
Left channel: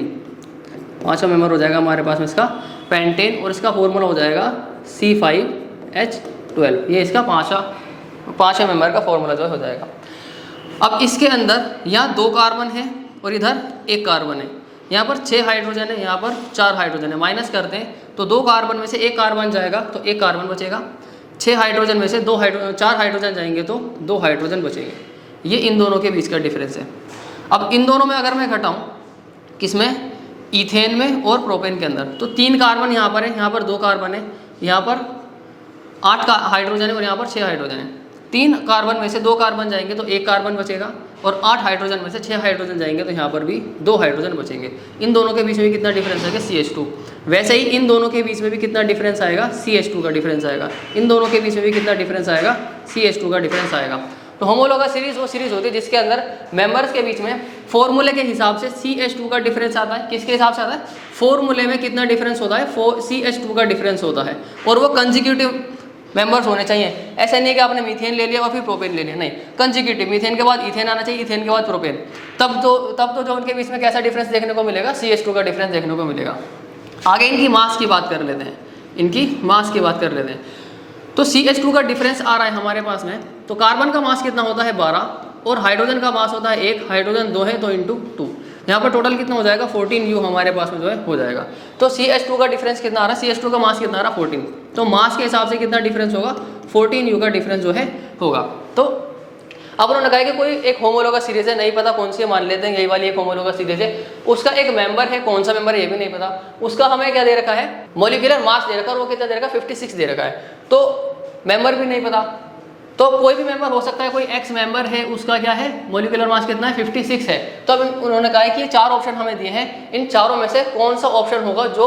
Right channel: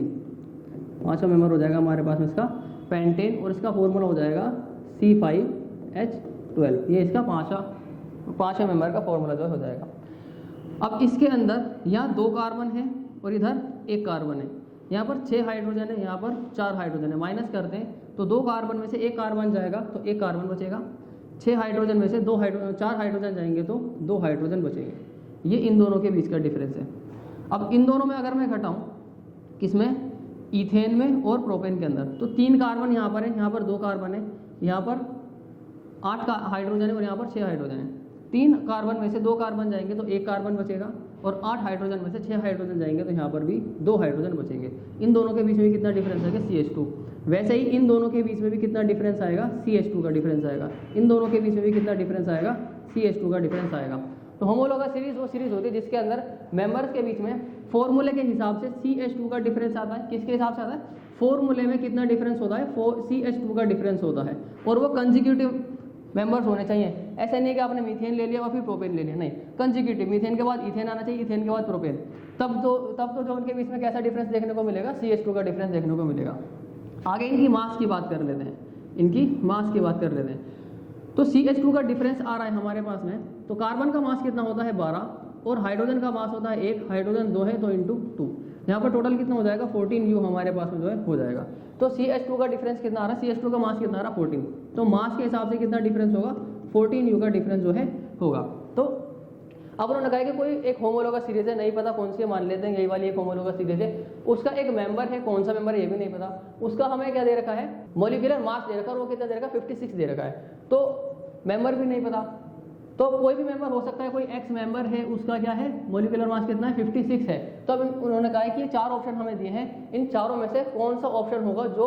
पांचवा मेंबर हो जाएगा हमारे पास में इसका पेंटेन, और इसका फॉर्मूला हो जाएगा C5H12। ये इसका पांचवा मेंबर का फॉर्मूला जो हो जाएगा। अब इसके अंदर यहाँ 2 कार्बन है और इधर 1 कार्बन है, यहाँ पर 6 हाइड्रोजन है, यहाँ पर 4 हाइड्रोजन है। माइनस करते हैं तो 2 कार्बन में से 1 कार्बन जाएगा तो 1 कार्बन बचेगा, 6 हाइड्रोजन में से 4 हाइड्रोजन जाएंगे तो 2 हाइड्रोजन बचेंगे। ये इन दोनों के बीच का डिफरेंस है। अब इन दोनों में अगर मैं घटाऊँ, किसमें, ईथेन में और प्रोपेन के अंदर, तो 3 कार्बन यहाँ पर है, यहाँ पर 2 कार्बन है, यहाँ पर 8 हाइड्रोजन है और यहाँ पर 6 हाइड्रोजन है। 3 कार्बन में से 2 कार्बन जाएंगे तो 1 कार्बन बचेगा, और 8 हाइड्रोजन में से 6 हाइड्रोजन जाएंगे तो यहाँ पर भी 2 हाइड्रोजन बचेंगे। इन दोनों के बीच में भी कितना डिफरेंस आएगा, CH2। वैसे ही इन दोनों के बीच में भी कितना डिफरेंस आएगा, CH2 का डिफरेंस आएगा। इन दोनों के बीच में भी कितना डिफरेंस आएगा, CH2 का डिफरेंस आएगा। तो होमोलोगस सीरीज वो सीरीज होती है जिसके अंदर मेंबर्स के बीच में फॉर्मूले के हिसाब से CH2 का डिफरेंस आता है। किसके हिसाब से आता है, फॉर्मूले में कितना डिफरेंस होता है, CH2 का डिफरेंस होता है, और वो कंजिक्यूटिव मेंबर्स होने चाहिए। ऐसा नहीं कि आपने मीथेन ले लिया और फिर प्रोपेन ले लिया, नहीं, कंजिक्यूटिव, मीथेन के बाद इथेन आना चाहिए, इथेन के बाद प्रोपेन, तब तो जो उनके बीच में कैसा डिफरेंस देखने को मिलेगा, CH2 का डिफरेंस देखने को मिलेगा। आगे इनकी मास की बात कर लेते हैं, इनकी मास की बात कर लेते हैं। तो CH2 का डिफरेंस आ रहा है हमारे पास में, तो कार्बन का मास कितना होता है 12, और हाइड्रोजन का मास होता है 1, हाइड्रोजन 2 है तो इंटू 2, यहाँ पर टोटल कितना हो जाएगा 14U हमारे पास में जो है हो जाएगा। तो CH2 का डिफरेंस कितना आ रहा है, CH2 का मास कितना आ रहा है 14, तो मास के हिसाब से कितना डिफरेंस होगा, 14U का डिफरेंस जो है होगा। तो अब उन्होंने कहा कि कोई एक होमोलोगस सीरीज है, नहीं पता कौन सी है, मान लेते हैं यही वाली एक होमोलोगस सीरीज है, उसका एक मेंबर है, कौन सा मेंबर है ये भी नहीं पता, उसका हमें क्या दे रखा है, मॉलिक्यूलर मास दे रखा है, और वो कितना दे रखा है 56 दे रखा है, तो मेंबर भी नहीं पता। तो कोई भी मेंबर हो सकता है, कोई एक्स मेंबर है, उसका क्या है, मॉलिक्यूलर मास कितना है 56 है। तो अब उन्होंने कहा है कि ये 4 ऑप्शन हमें दिए हैं, इन चारों में से कौन सा ऑप्शन होगा जो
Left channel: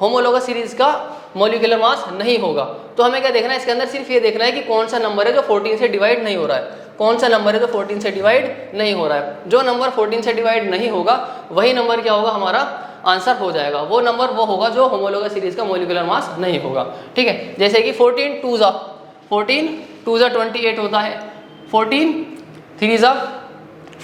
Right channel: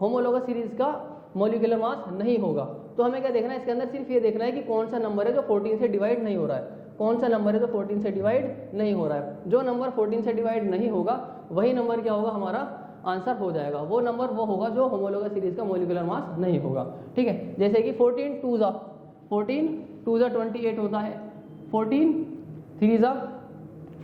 होमोलोगस सीरीज का मॉलिक्यूलर मास नहीं होगा। तो हमें क्या देखना है, इसके अंदर सिर्फ ये देखना है कि कौन सा नंबर है जो 14 से डिवाइड नहीं हो रहा है, कौन सा नंबर है जो 14 से डिवाइड नहीं हो रहा है। जो नंबर 14 से डिवाइड नहीं होगा वही नंबर क्या होगा, हमारा आंसर हो जाएगा। वो नंबर वो होगा जो होमोलोगस सीरीज का मॉलिक्यूलर मास नहीं होगा। ठीक है, जैसे कि 14 2 ज़ा 28 होता है, 14 3 ज़ा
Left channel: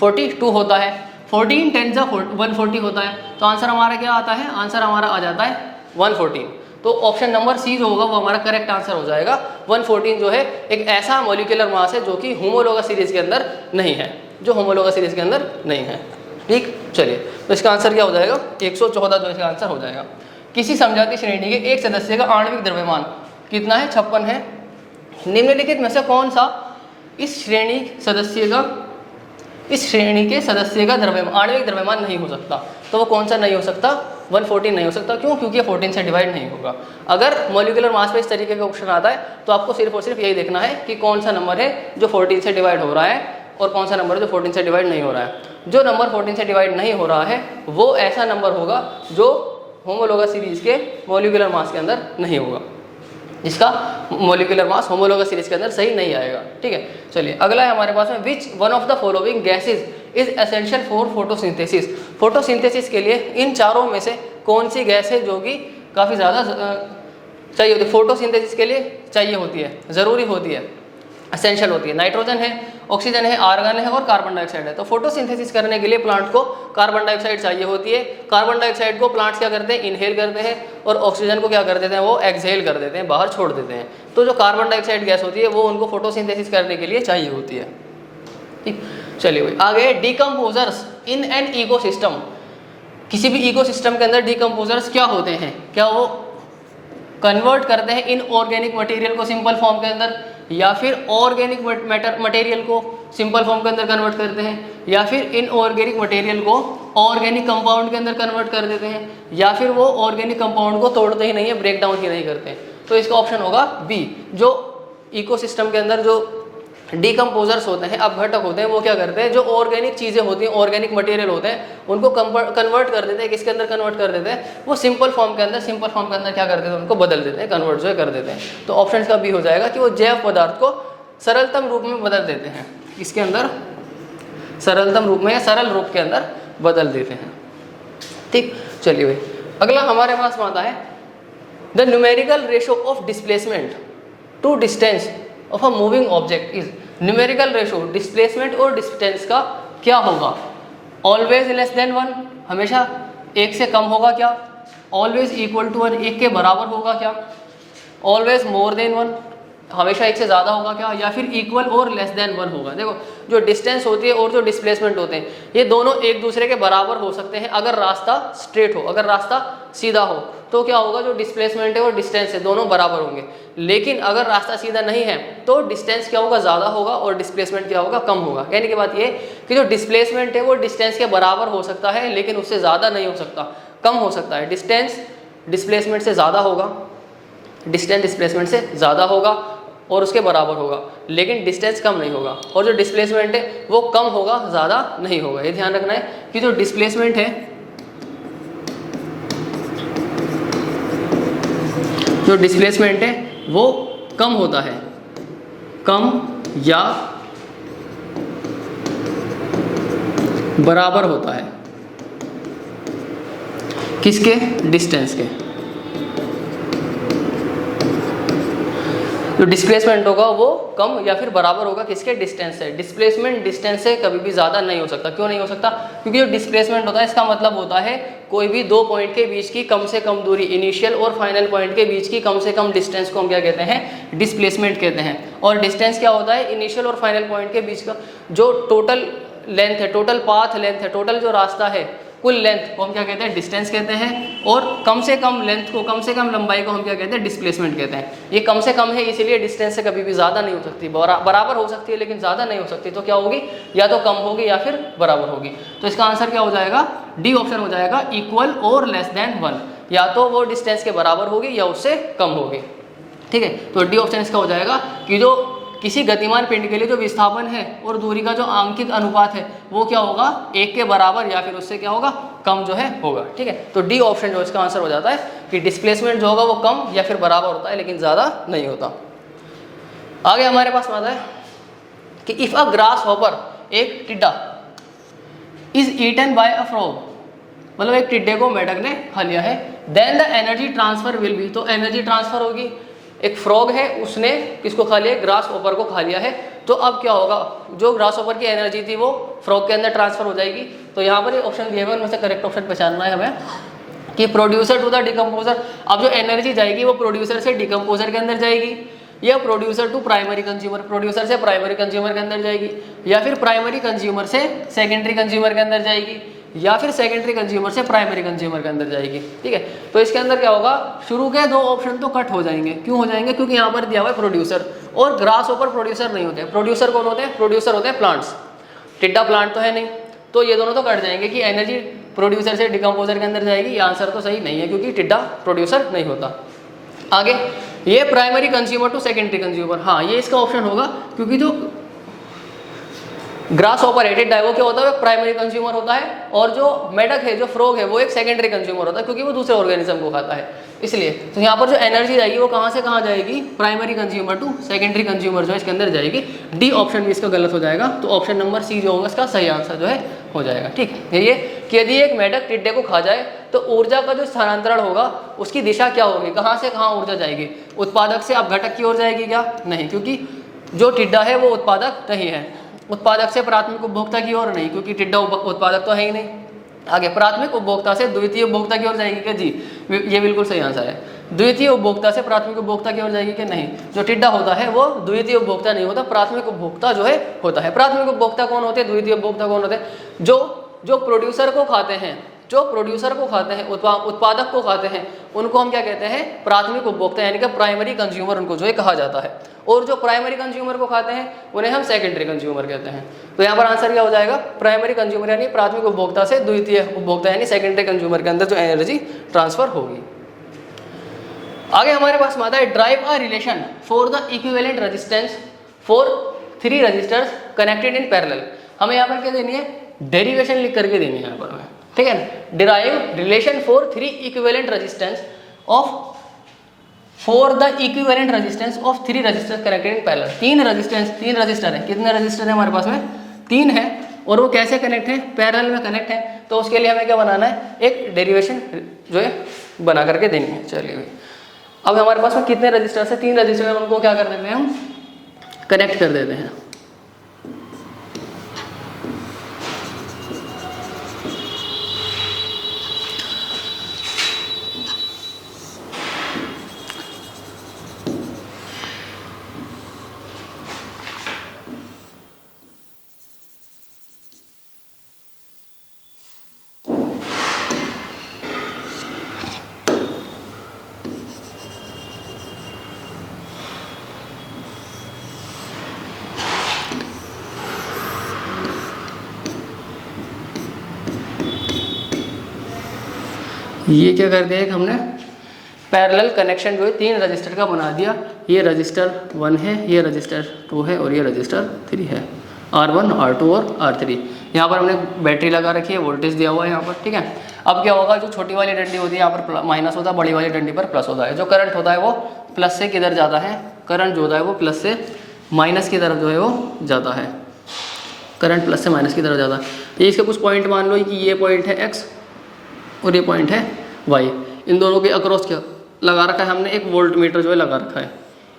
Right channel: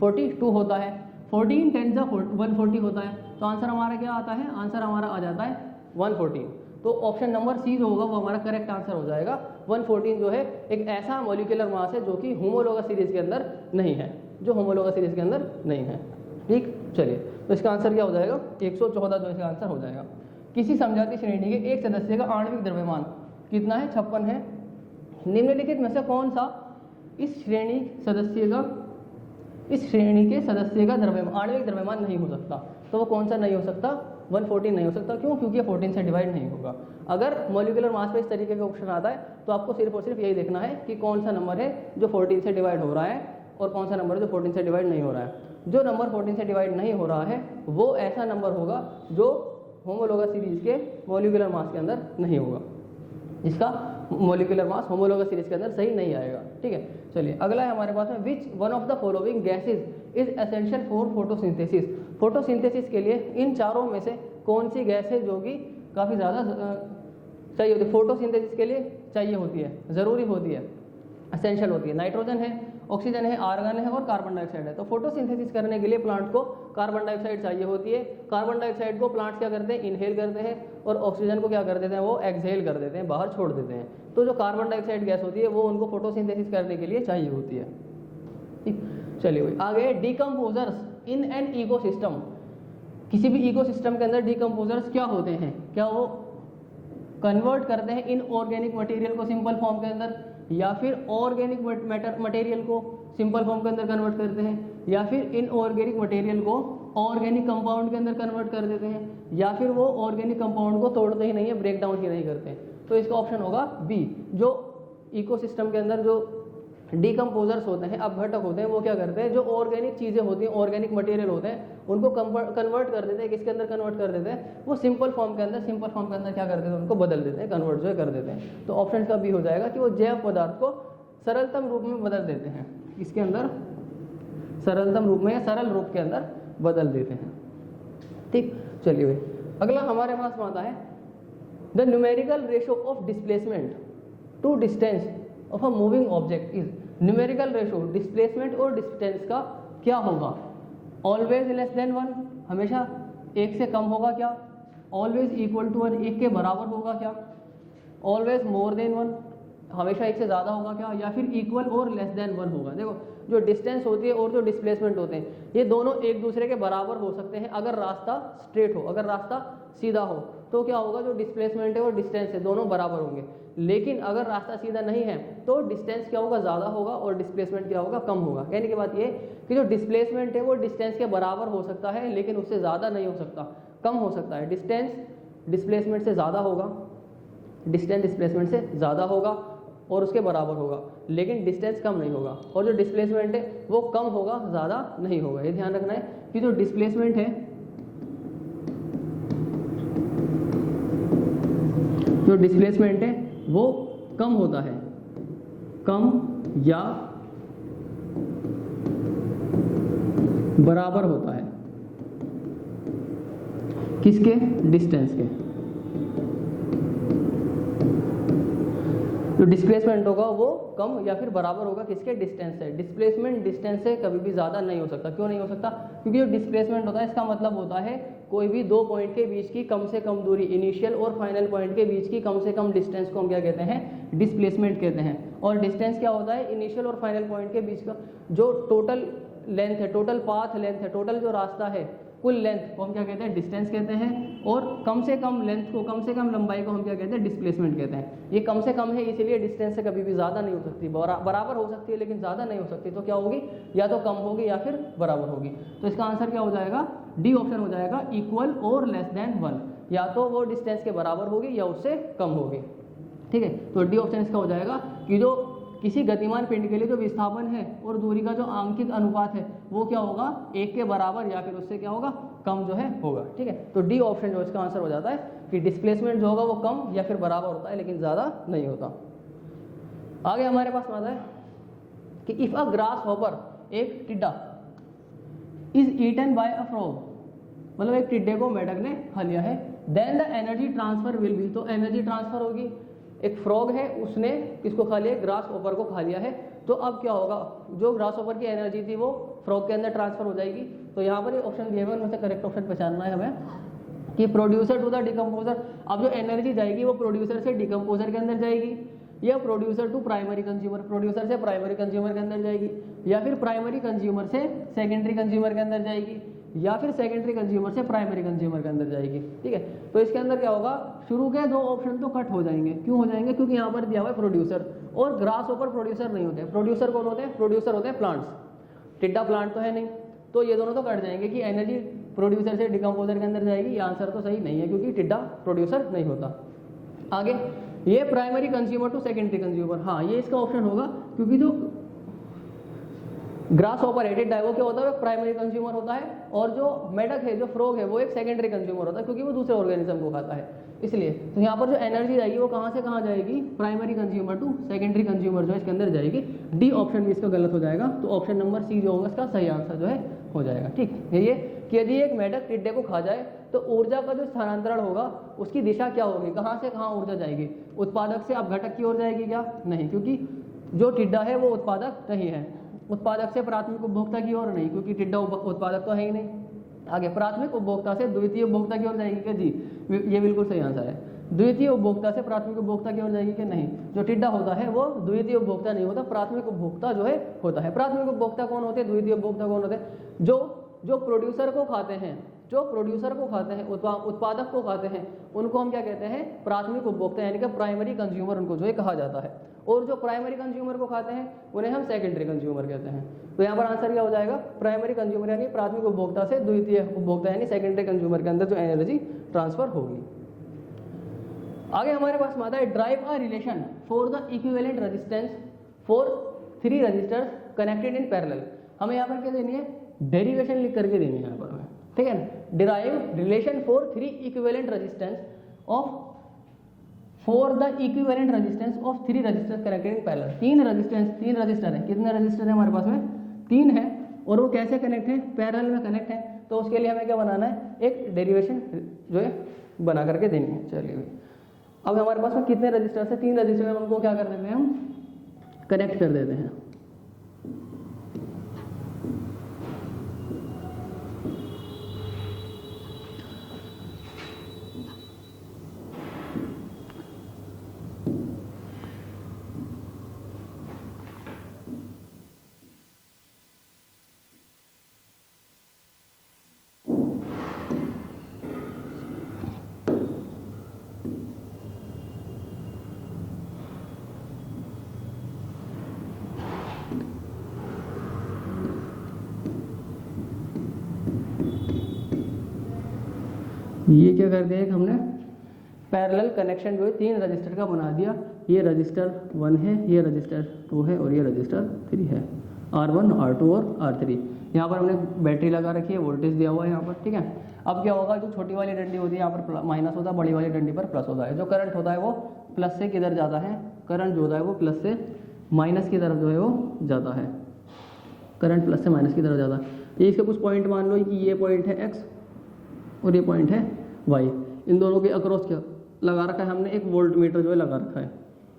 42 होता है, 14 10 ज़ा 140 होता है। तो आंसर हमारा क्या आता है, आंसर हमारा आ जाता है 114। तो ऑप्शन नंबर सी जो होगा वो हमारा करेक्ट आंसर हो जाएगा। 114 जो है एक ऐसा मॉलिक्यूलर मास है जो कि होमोलोगस सीरीज के अंदर नहीं है, जो होमोलोगस सीरीज के अंदर नहीं है। ठीक, चलिए तो इसका आंसर क्या हो जाएगा, 114 जो इसका आंसर हो जाएगा। किसी समझाती श्रेणी के एक सदस्य का आणविक द्रव्यमान कितना है, 56 है। निम्नलिखित में से कौन सा इस श्रेणी के सदस्य का द्रव्यमान आणविक द्रव्यमान नहीं हो सकता। तो वो कौन सा नहीं हो सकता, 114 नहीं हो सकता। क्यों, क्योंकि ये 14 से डिवाइड नहीं होगा। अगर मॉलिक्यूलर मास पे इस तरीके का ऑप्शन आता है तो आपको सिर्फ और सिर्फ यही देखना है कि कौन सा नंबर है जो 14 से डिवाइड हो रहा है और कौन सा नंबर है जो 14 से डिवाइड नहीं हो रहा है। जो नंबर 14 से डिवाइड नहीं हो रहा है वो ऐसा नंबर होगा जो होमोलोगस सीरीज के मॉलिक्यूलर मास के अंदर नहीं होगा, जिसका मॉलिक्यूलर मास होमोलोगस सीरीज के अंदर सही नहीं आएगा। ठीक है, चलिए अगला है हमारे पास में, विच one of the following gases is essential for photosynthesis. Photosynthesis के लिए इन चारों में से कौन सी गैस है जो कि काफ़ी ज़्यादा चाहिए होती है, फोटोसिंथेसिस के लिए चाहिए होती है, ज़रूरी होती है, एसेंशियल होती है। नाइट्रोजन है, ऑक्सीजन है, आर्गन है और कार्बन डाइऑक्साइड है। तो फोटोसिंथेसिस करने के लिए प्लांट को कार्बन डाइऑक्साइड चाहिए होती है। कार्बन डाइऑक्साइड को प्लांट्स क्या करते हैं, इनहेल करते हैं, और ऑक्सीजन को क्या कर देते हैं, वो एक्सहेल कर देते हैं, बाहर छोड़ देते हैं। तो जो कार्बन डाइऑक्साइड गैस होती है वो उनको फोटोसिंथेसिस करने के लिए चाहिए होती है। ठीक, चलिए भाई आगे, डिकम्पोजर्स इन एन इकोसिस्टम। किसी भी इकोसिस्टम के अंदर डिकम्पोजर्स क्या होते हैं, क्या वो कन्वर्ट करते हैं इनऑर्गेनिक मटेरियल को सिंपल फॉर्म के अंदर, या फिर ऑर्गेनिक मटेरियल को सिंपल फॉर्म के अंदर कन्वर्ट करते हैं, या फिर इनऑर्गेनिक मटेरियल को ऑर्गेनिक कंपाउंड के अंदर कन्वर्ट कर देते हैं, या फिर वो ऑर्गेनिक कंपाउंड को तोड़ते ही नहीं है, ब्रेक डाउन ही नहीं करते हैं। तो इसका ऑप्शन होगा बी। जो इकोसिस्टम के अंदर जो डिकम्पोजर्स होते हैं, अपघटक होते हैं, वो क्या करते हैं, जो ऑर्गेनिक चीज़ें होती हैं, ऑर्गेनिक मटेरियल होते हैं, उनको कन्वर्ट कर देते हैं, किसके अंदर कन्वर्ट कर देते हैं, वो सिंपल फॉर्म के अंदर क्या कर देते हैं, उनको बदल देते हैं, कन्वर्ट जो है कर देते हैं। तो ऑप्शन का बी हो जाएगा कि वो जैव पदार्थ को सरलतम रूप में बदल देते हैं, इसके अंदर सरलतम रूप में या सरल रूप के अंदर बदल देते हैं। ठीक, चलिए भाई अगला हमारे पास आता है the numerical ratio of displacement to distance of a moving object is. Numerical ratio displacement और डिस्टेंस का क्या होगा? ऑलवेज लेस देन 1, हमेशा एक से कम होगा क्या? ऑलवेज इक्वल टू 1, एक के बराबर होगा क्या? ऑलवेज मोर देन 1, हमेशा एक से ज़्यादा होगा क्या? या फिर इक्वल और लेस देन 1 होगा। देखो जो डिस्टेंस होती है और जो डिस्प्लेसमेंट होते हैं ये दोनों एक दूसरे के बराबर हो सकते हैं अगर रास्ता स्ट्रेट हो, अगर रास्ता सीधा हो तो क्या होगा, जो डिस्प्लेसमेंट है और डिस्टेंस है दोनों बराबर होंगे। लेकिन अगर रास्ता सीधा नहीं है तो डिस्टेंस क्या होगा, ज़्यादा होगा, और डिस्प्लेसमेंट क्या होगा, कम होगा। कहने की बात ये कि जो डिस्प्लेसमेंट है वो डिस्टेंस के बराबर हो सकता है लेकिन उससे ज़्यादा नहीं हो सकता, कम हो सकता है। डिस्टेंस डिस्प्लेसमेंट से ज़्यादा होगा, डिस्टेंस डिस्प्लेसमेंट से ज़्यादा होगा और उसके बराबर होगा, लेकिन डिस्टेंस कम नहीं होगा। और जो डिस्प्लेसमेंट है वो कम होगा, ज़्यादा नहीं होगा। ये ध्यान रखना है कि जो डिस्प्लेसमेंट है, जो डिस्प्लेसमेंट है वो कम होता है, कम या बराबर होता है किसके, डिस्टेंस के। जो डिस्प्लेसमेंट होगा वो कम या फिर बराबर होगा किसके, डिस्टेंस से। डिस्प्लेसमेंट डिस्टेंस से कभी भी ज़्यादा नहीं हो सकता। क्यों नहीं हो सकता? क्योंकि जो डिस्प्लेसमेंट होता है इसका मतलब होता है कोई भी दो पॉइंट के बीच की कम से कम दूरी, इनिशियल और फाइनल पॉइंट के बीच की कम से कम डिस्टेंस को हम क्या कहते हैं, डिस्प्लेसमेंट कहते हैं। और डिस्टेंस क्या होता है, इनिशियल और फाइनल पॉइंट के बीच का जो टोटल लेंथ है, टोटल पाथ लेंथ है, टोटल जो रास्ता है, कुल लेंथ को हम क्या कहते हैं, डिस्टेंस कहते हैं। और कम से कम लेंथ को, कम से कम लंबाई को हम क्या कहते हैं, डिस्प्लेसमेंट कहते हैं। ये कम से कम है इसीलिए डिस्टेंस से कभी भी ज़्यादा नहीं हो सकती, बराबर हो सकती है लेकिन ज़्यादा नहीं हो सकती। तो क्या होगी, या तो कम होगी या फिर बराबर होगी। तो इसका आंसर क्या हो जाएगा, डी ऑप्शन हो जाएगा, इक्वल और लेस देन 1। या तो वो डिस्टेंस के बराबर होगी या उससे कम होगी। ठीक है, तो डी ऑप्शन इसका हो जाएगा कि जो किसी गतिमान पिंड के लिए जो विस्थापन है और दूरी का जो आंकित अनुपात है वो क्या होगा, एक के बराबर या फिर उससे क्या होगा, कम जो है होगा। ठीक है, तो डी ऑप्शन जो इसका आंसर हो जाता है कि डिस्प्लेसमेंट जो होगा वो कम या फिर बराबर होता है लेकिन ज़्यादा नहीं होता। आगे हमारे पास आता है कि इफ़ अ ग्रास हॉपर, एक टिड्डा, is eaten by a frog, मतलब एक टिड्डे को मेढक ने खा लिया है, then the energy transfer will be, तो एनर्जी ट्रांसफर होगी। एक फ्रॉग है उसने किसको खा लिया, ग्रास हॉपर को खा लिया है, तो अब क्या होगा, जो ग्रास हॉपर की एनर्जी थी वो फ्रॉग के अंदर ट्रांसफर हो जाएगी। तो यहाँ पर ऑप्शन दिए हुए उनमें से करेक्ट ऑप्शन पहचानना है हमें कि प्रोड्यूसर टू द डिकम्पोजर। अब जो एनर्जी जाएगी वो प्रोड्यूसर से डिकम्पोजर के अंदर जाएगी, या producer to primary consumer, producer से प्राइमरी कंज्यूमर के अंदर जाएगी, या फिर प्राइमरी कंज्यूमर से सेकेंडरी कंज्यूमर के अंदर जाएगी, या फिर सेकेंडरी कंज्यूमर से प्राइमरी कंज्यूमर के अंदर जाएगी। ठीक है, तो इसके अंदर क्या होगा, शुरू के दो ऑप्शन तो कट हो जाएंगे। क्यों हो जाएंगे, क्योंकि यहाँ पर दिया हुआ है प्रोड्यूसर, और ग्रास ऊपर प्रोड्यूसर नहीं होते। प्रोड्यूसर कौन होते हैं, प्रोड्यूसर होते हैं प्लांट्स, टिड्डा प्लांट तो है नहीं, तो ये दोनों तो कट जाएंगे कि एनर्जी प्रोड्यूसर से डिकम्पोजर के अंदर जाएगी। ये आंसर तो सही नहीं है क्योंकि टिड्डा प्रोड्यूसर नहीं होता। आगे ये primary consumer to secondary consumer, हाँ ये इसका ऑप्शन होगा क्योंकि जो ग्रास ऑपरेटेड है वो क्या होता है, प्राइमरी कंज्यूमर होता है, और जो मेढक है, जो फ्रॉग है, वो एक सेकेंडरी कंज्यूमर होता है क्योंकि वो दूसरे ऑर्गेनिज्म को खाता है। इसलिए तो यहाँ पर जो एनर्जी जाएगी वो कहाँ से कहाँ जाएगी, primary consumer to secondary consumer जो है इसके अंदर जाएगी। डी ऑप्शन भी इसका गलत हो जाएगा, तो ऑप्शन नंबर सी जो होगा इसका सही आंसर जो है हो जाएगा। ठीक है, ये कि यदि एक मेढक टिड्डे को खा जाए तो ऊर्जा का जो स्थानांतरण होगा उसकी दिशा क्या होगी, कहाँ से कहाँ ऊर्जा जाएगी, उत्पादक से अपघटक की ओर जाएगी क्या, नहीं, क्योंकि जो टिड्डा है वो उत्पादक नहीं है। उत्पादक से प्राथमिक उपभोक्ता की ओर नहीं, क्योंकि टिड्डा उत्पादक तो है ही नहीं। आगे प्राथमिक उपभोक्ता से द्वितीय उपभोक्ता की ओर जाएगी क्या, जी ये बिल्कुल सही आंसर है। द्वितीय उपभोक्ता से प्राथमिक उपभोक्ता की ओर जाएगी कि नहीं, जो टिड्डा होता है वो द्वितीय उपभोक्ता नहीं होता, प्राथमिक उपभोक्ता जो है होता है। प्राथमिक उपभोक्ता कौन होते हैं, द्वितीय उपभोक्ता कौन होते हैं, जो प्रोड्यूसर को खाते हैं, जो प्रोड्यूसर को खाते हैं, उत्पादक को खाते हैं, उनको हम क्या कहते हैं, प्राथमिक उपभोक्ता, यानी कि प्राइमरी कंज्यूमर उनको जो है कहा जाता है। और जो प्राइमरी कंज्यूमर को खाते हैं उन्हें हम सेकेंडरी कंज्यूमर कहते हैं। तो यहाँ पर आंसर क्या हो जाएगा, प्राइमरी कंज्यूमर यानी प्राथमिक उपभोक्ता से द्वितीय उपभोक्ता यानी सेकेंडरी कंज्यूमर के अंदर जो एनर्जी ट्रांसफर होगी। आगे हमारे पास आता है derive a relation for the equivalent resistance for 3 resistors connected in parallel. हमें यहाँ पर क्या देनी है, डेरिवेशन लिख करके देनी है यहाँ पर हमें, ठीक है ना। Derive relation for 3 equivalent resistance of for the equivalent resistance of 3 resistors connected in parallel. 3 resistor है, कितने रजिस्टर है हमारे पास में, 3 है, और वो कैसे कनेक्ट है, पैरेलल में कनेक्ट है। तो उसके लिए हमें क्या बनाना है, एक डेरिवेशन जो है बना करके देनी है। चलिए अब हमारे पास में कितने रजिस्टर्स है, 3 रजिस्टर है, उनको क्या कर देते हैं, हम कनेक्ट कर देते हैं। ये क्या कर दिया, एक हमने पैरेलल कनेक्शन जो है 3 रजिस्टर का बना दिया। ये रजिस्टर 1 है, ये रजिस्टर 2 है, और ये रजिस्टर 3 है, R1, R2 और R3। यहाँ पर हमने बैटरी लगा रखी है, वोल्टेज दिया हुआ है यहाँ पर, ठीक है। अब क्या होगा, जो छोटी वाली डंडी होती है यहाँ पर माइनस होता है, बड़ी वाली डंडी पर प्लस होता है। जो करंट होता है वो प्लस से किधर जाता है, करंट जो होता है वो प्लस से माइनस की तरफ जो है वो जाता है, करंट प्लस से माइनस की तरफ जाता है। ये इसके कुछ पॉइंट मान लो कि ये पॉइंट है X और ये पॉइंट है Y। इन दोनों के अक्रॉस क्या लगा रखा है हमने, एक वोल्ट मीटर जो है लगा रखा है।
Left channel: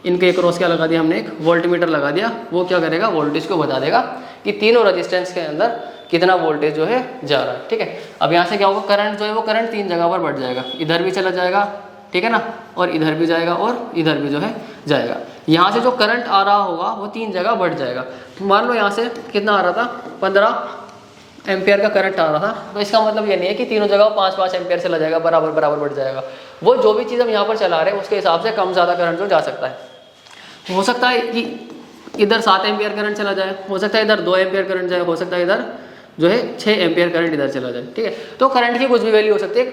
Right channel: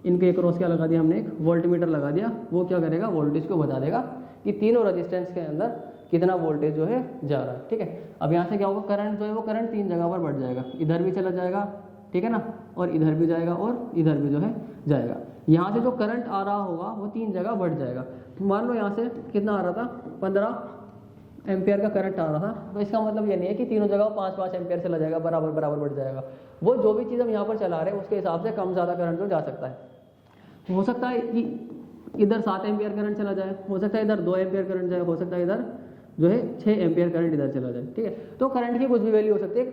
इनके अक्रॉस क्या लगा दिया हमने, एक वोल्ट मीटर लगा दिया। वो क्या करेगा, वोल्टेज को बता देगा कि तीनों रजिस्टेंस के अंदर कितना वोल्टेज जो है जा रहा है, ठीक है। अब यहाँ से क्या होगा, करंट जो है वो करंट 3 जगह पर बढ़ जाएगा, इधर भी चला जाएगा, ठीक है ना, और इधर भी जाएगा, और इधर भी जो है जाएगा। यहाँ से जो करंट आ रहा होगा वो 3 जगह बढ़ जाएगा। मान लो यहाँ से कितना आ रहा था, 15 एम्पियर का करंट आ रहा था, तो इसका मतलब ये नहीं है कि तीनों जगह 5-5 एम्पियर चला जाएगा, बराबर बराबर बढ़ जाएगा। वो जो भी चीज़ हम यहाँ पर चला रहे हैं उसके हिसाब से कम ज़्यादा करंट जो जा सकता है। हो सकता है कि इधर 7 एम्पियर करंट चला जाए, हो सकता है इधर 2 एम्पियर करंट जाए, हो सकता है इधर जो है 6 एम्पियर करंट इधर चला जाए, ठीक है। तो करंट की कुछ भी वैल्यू हो सकती है।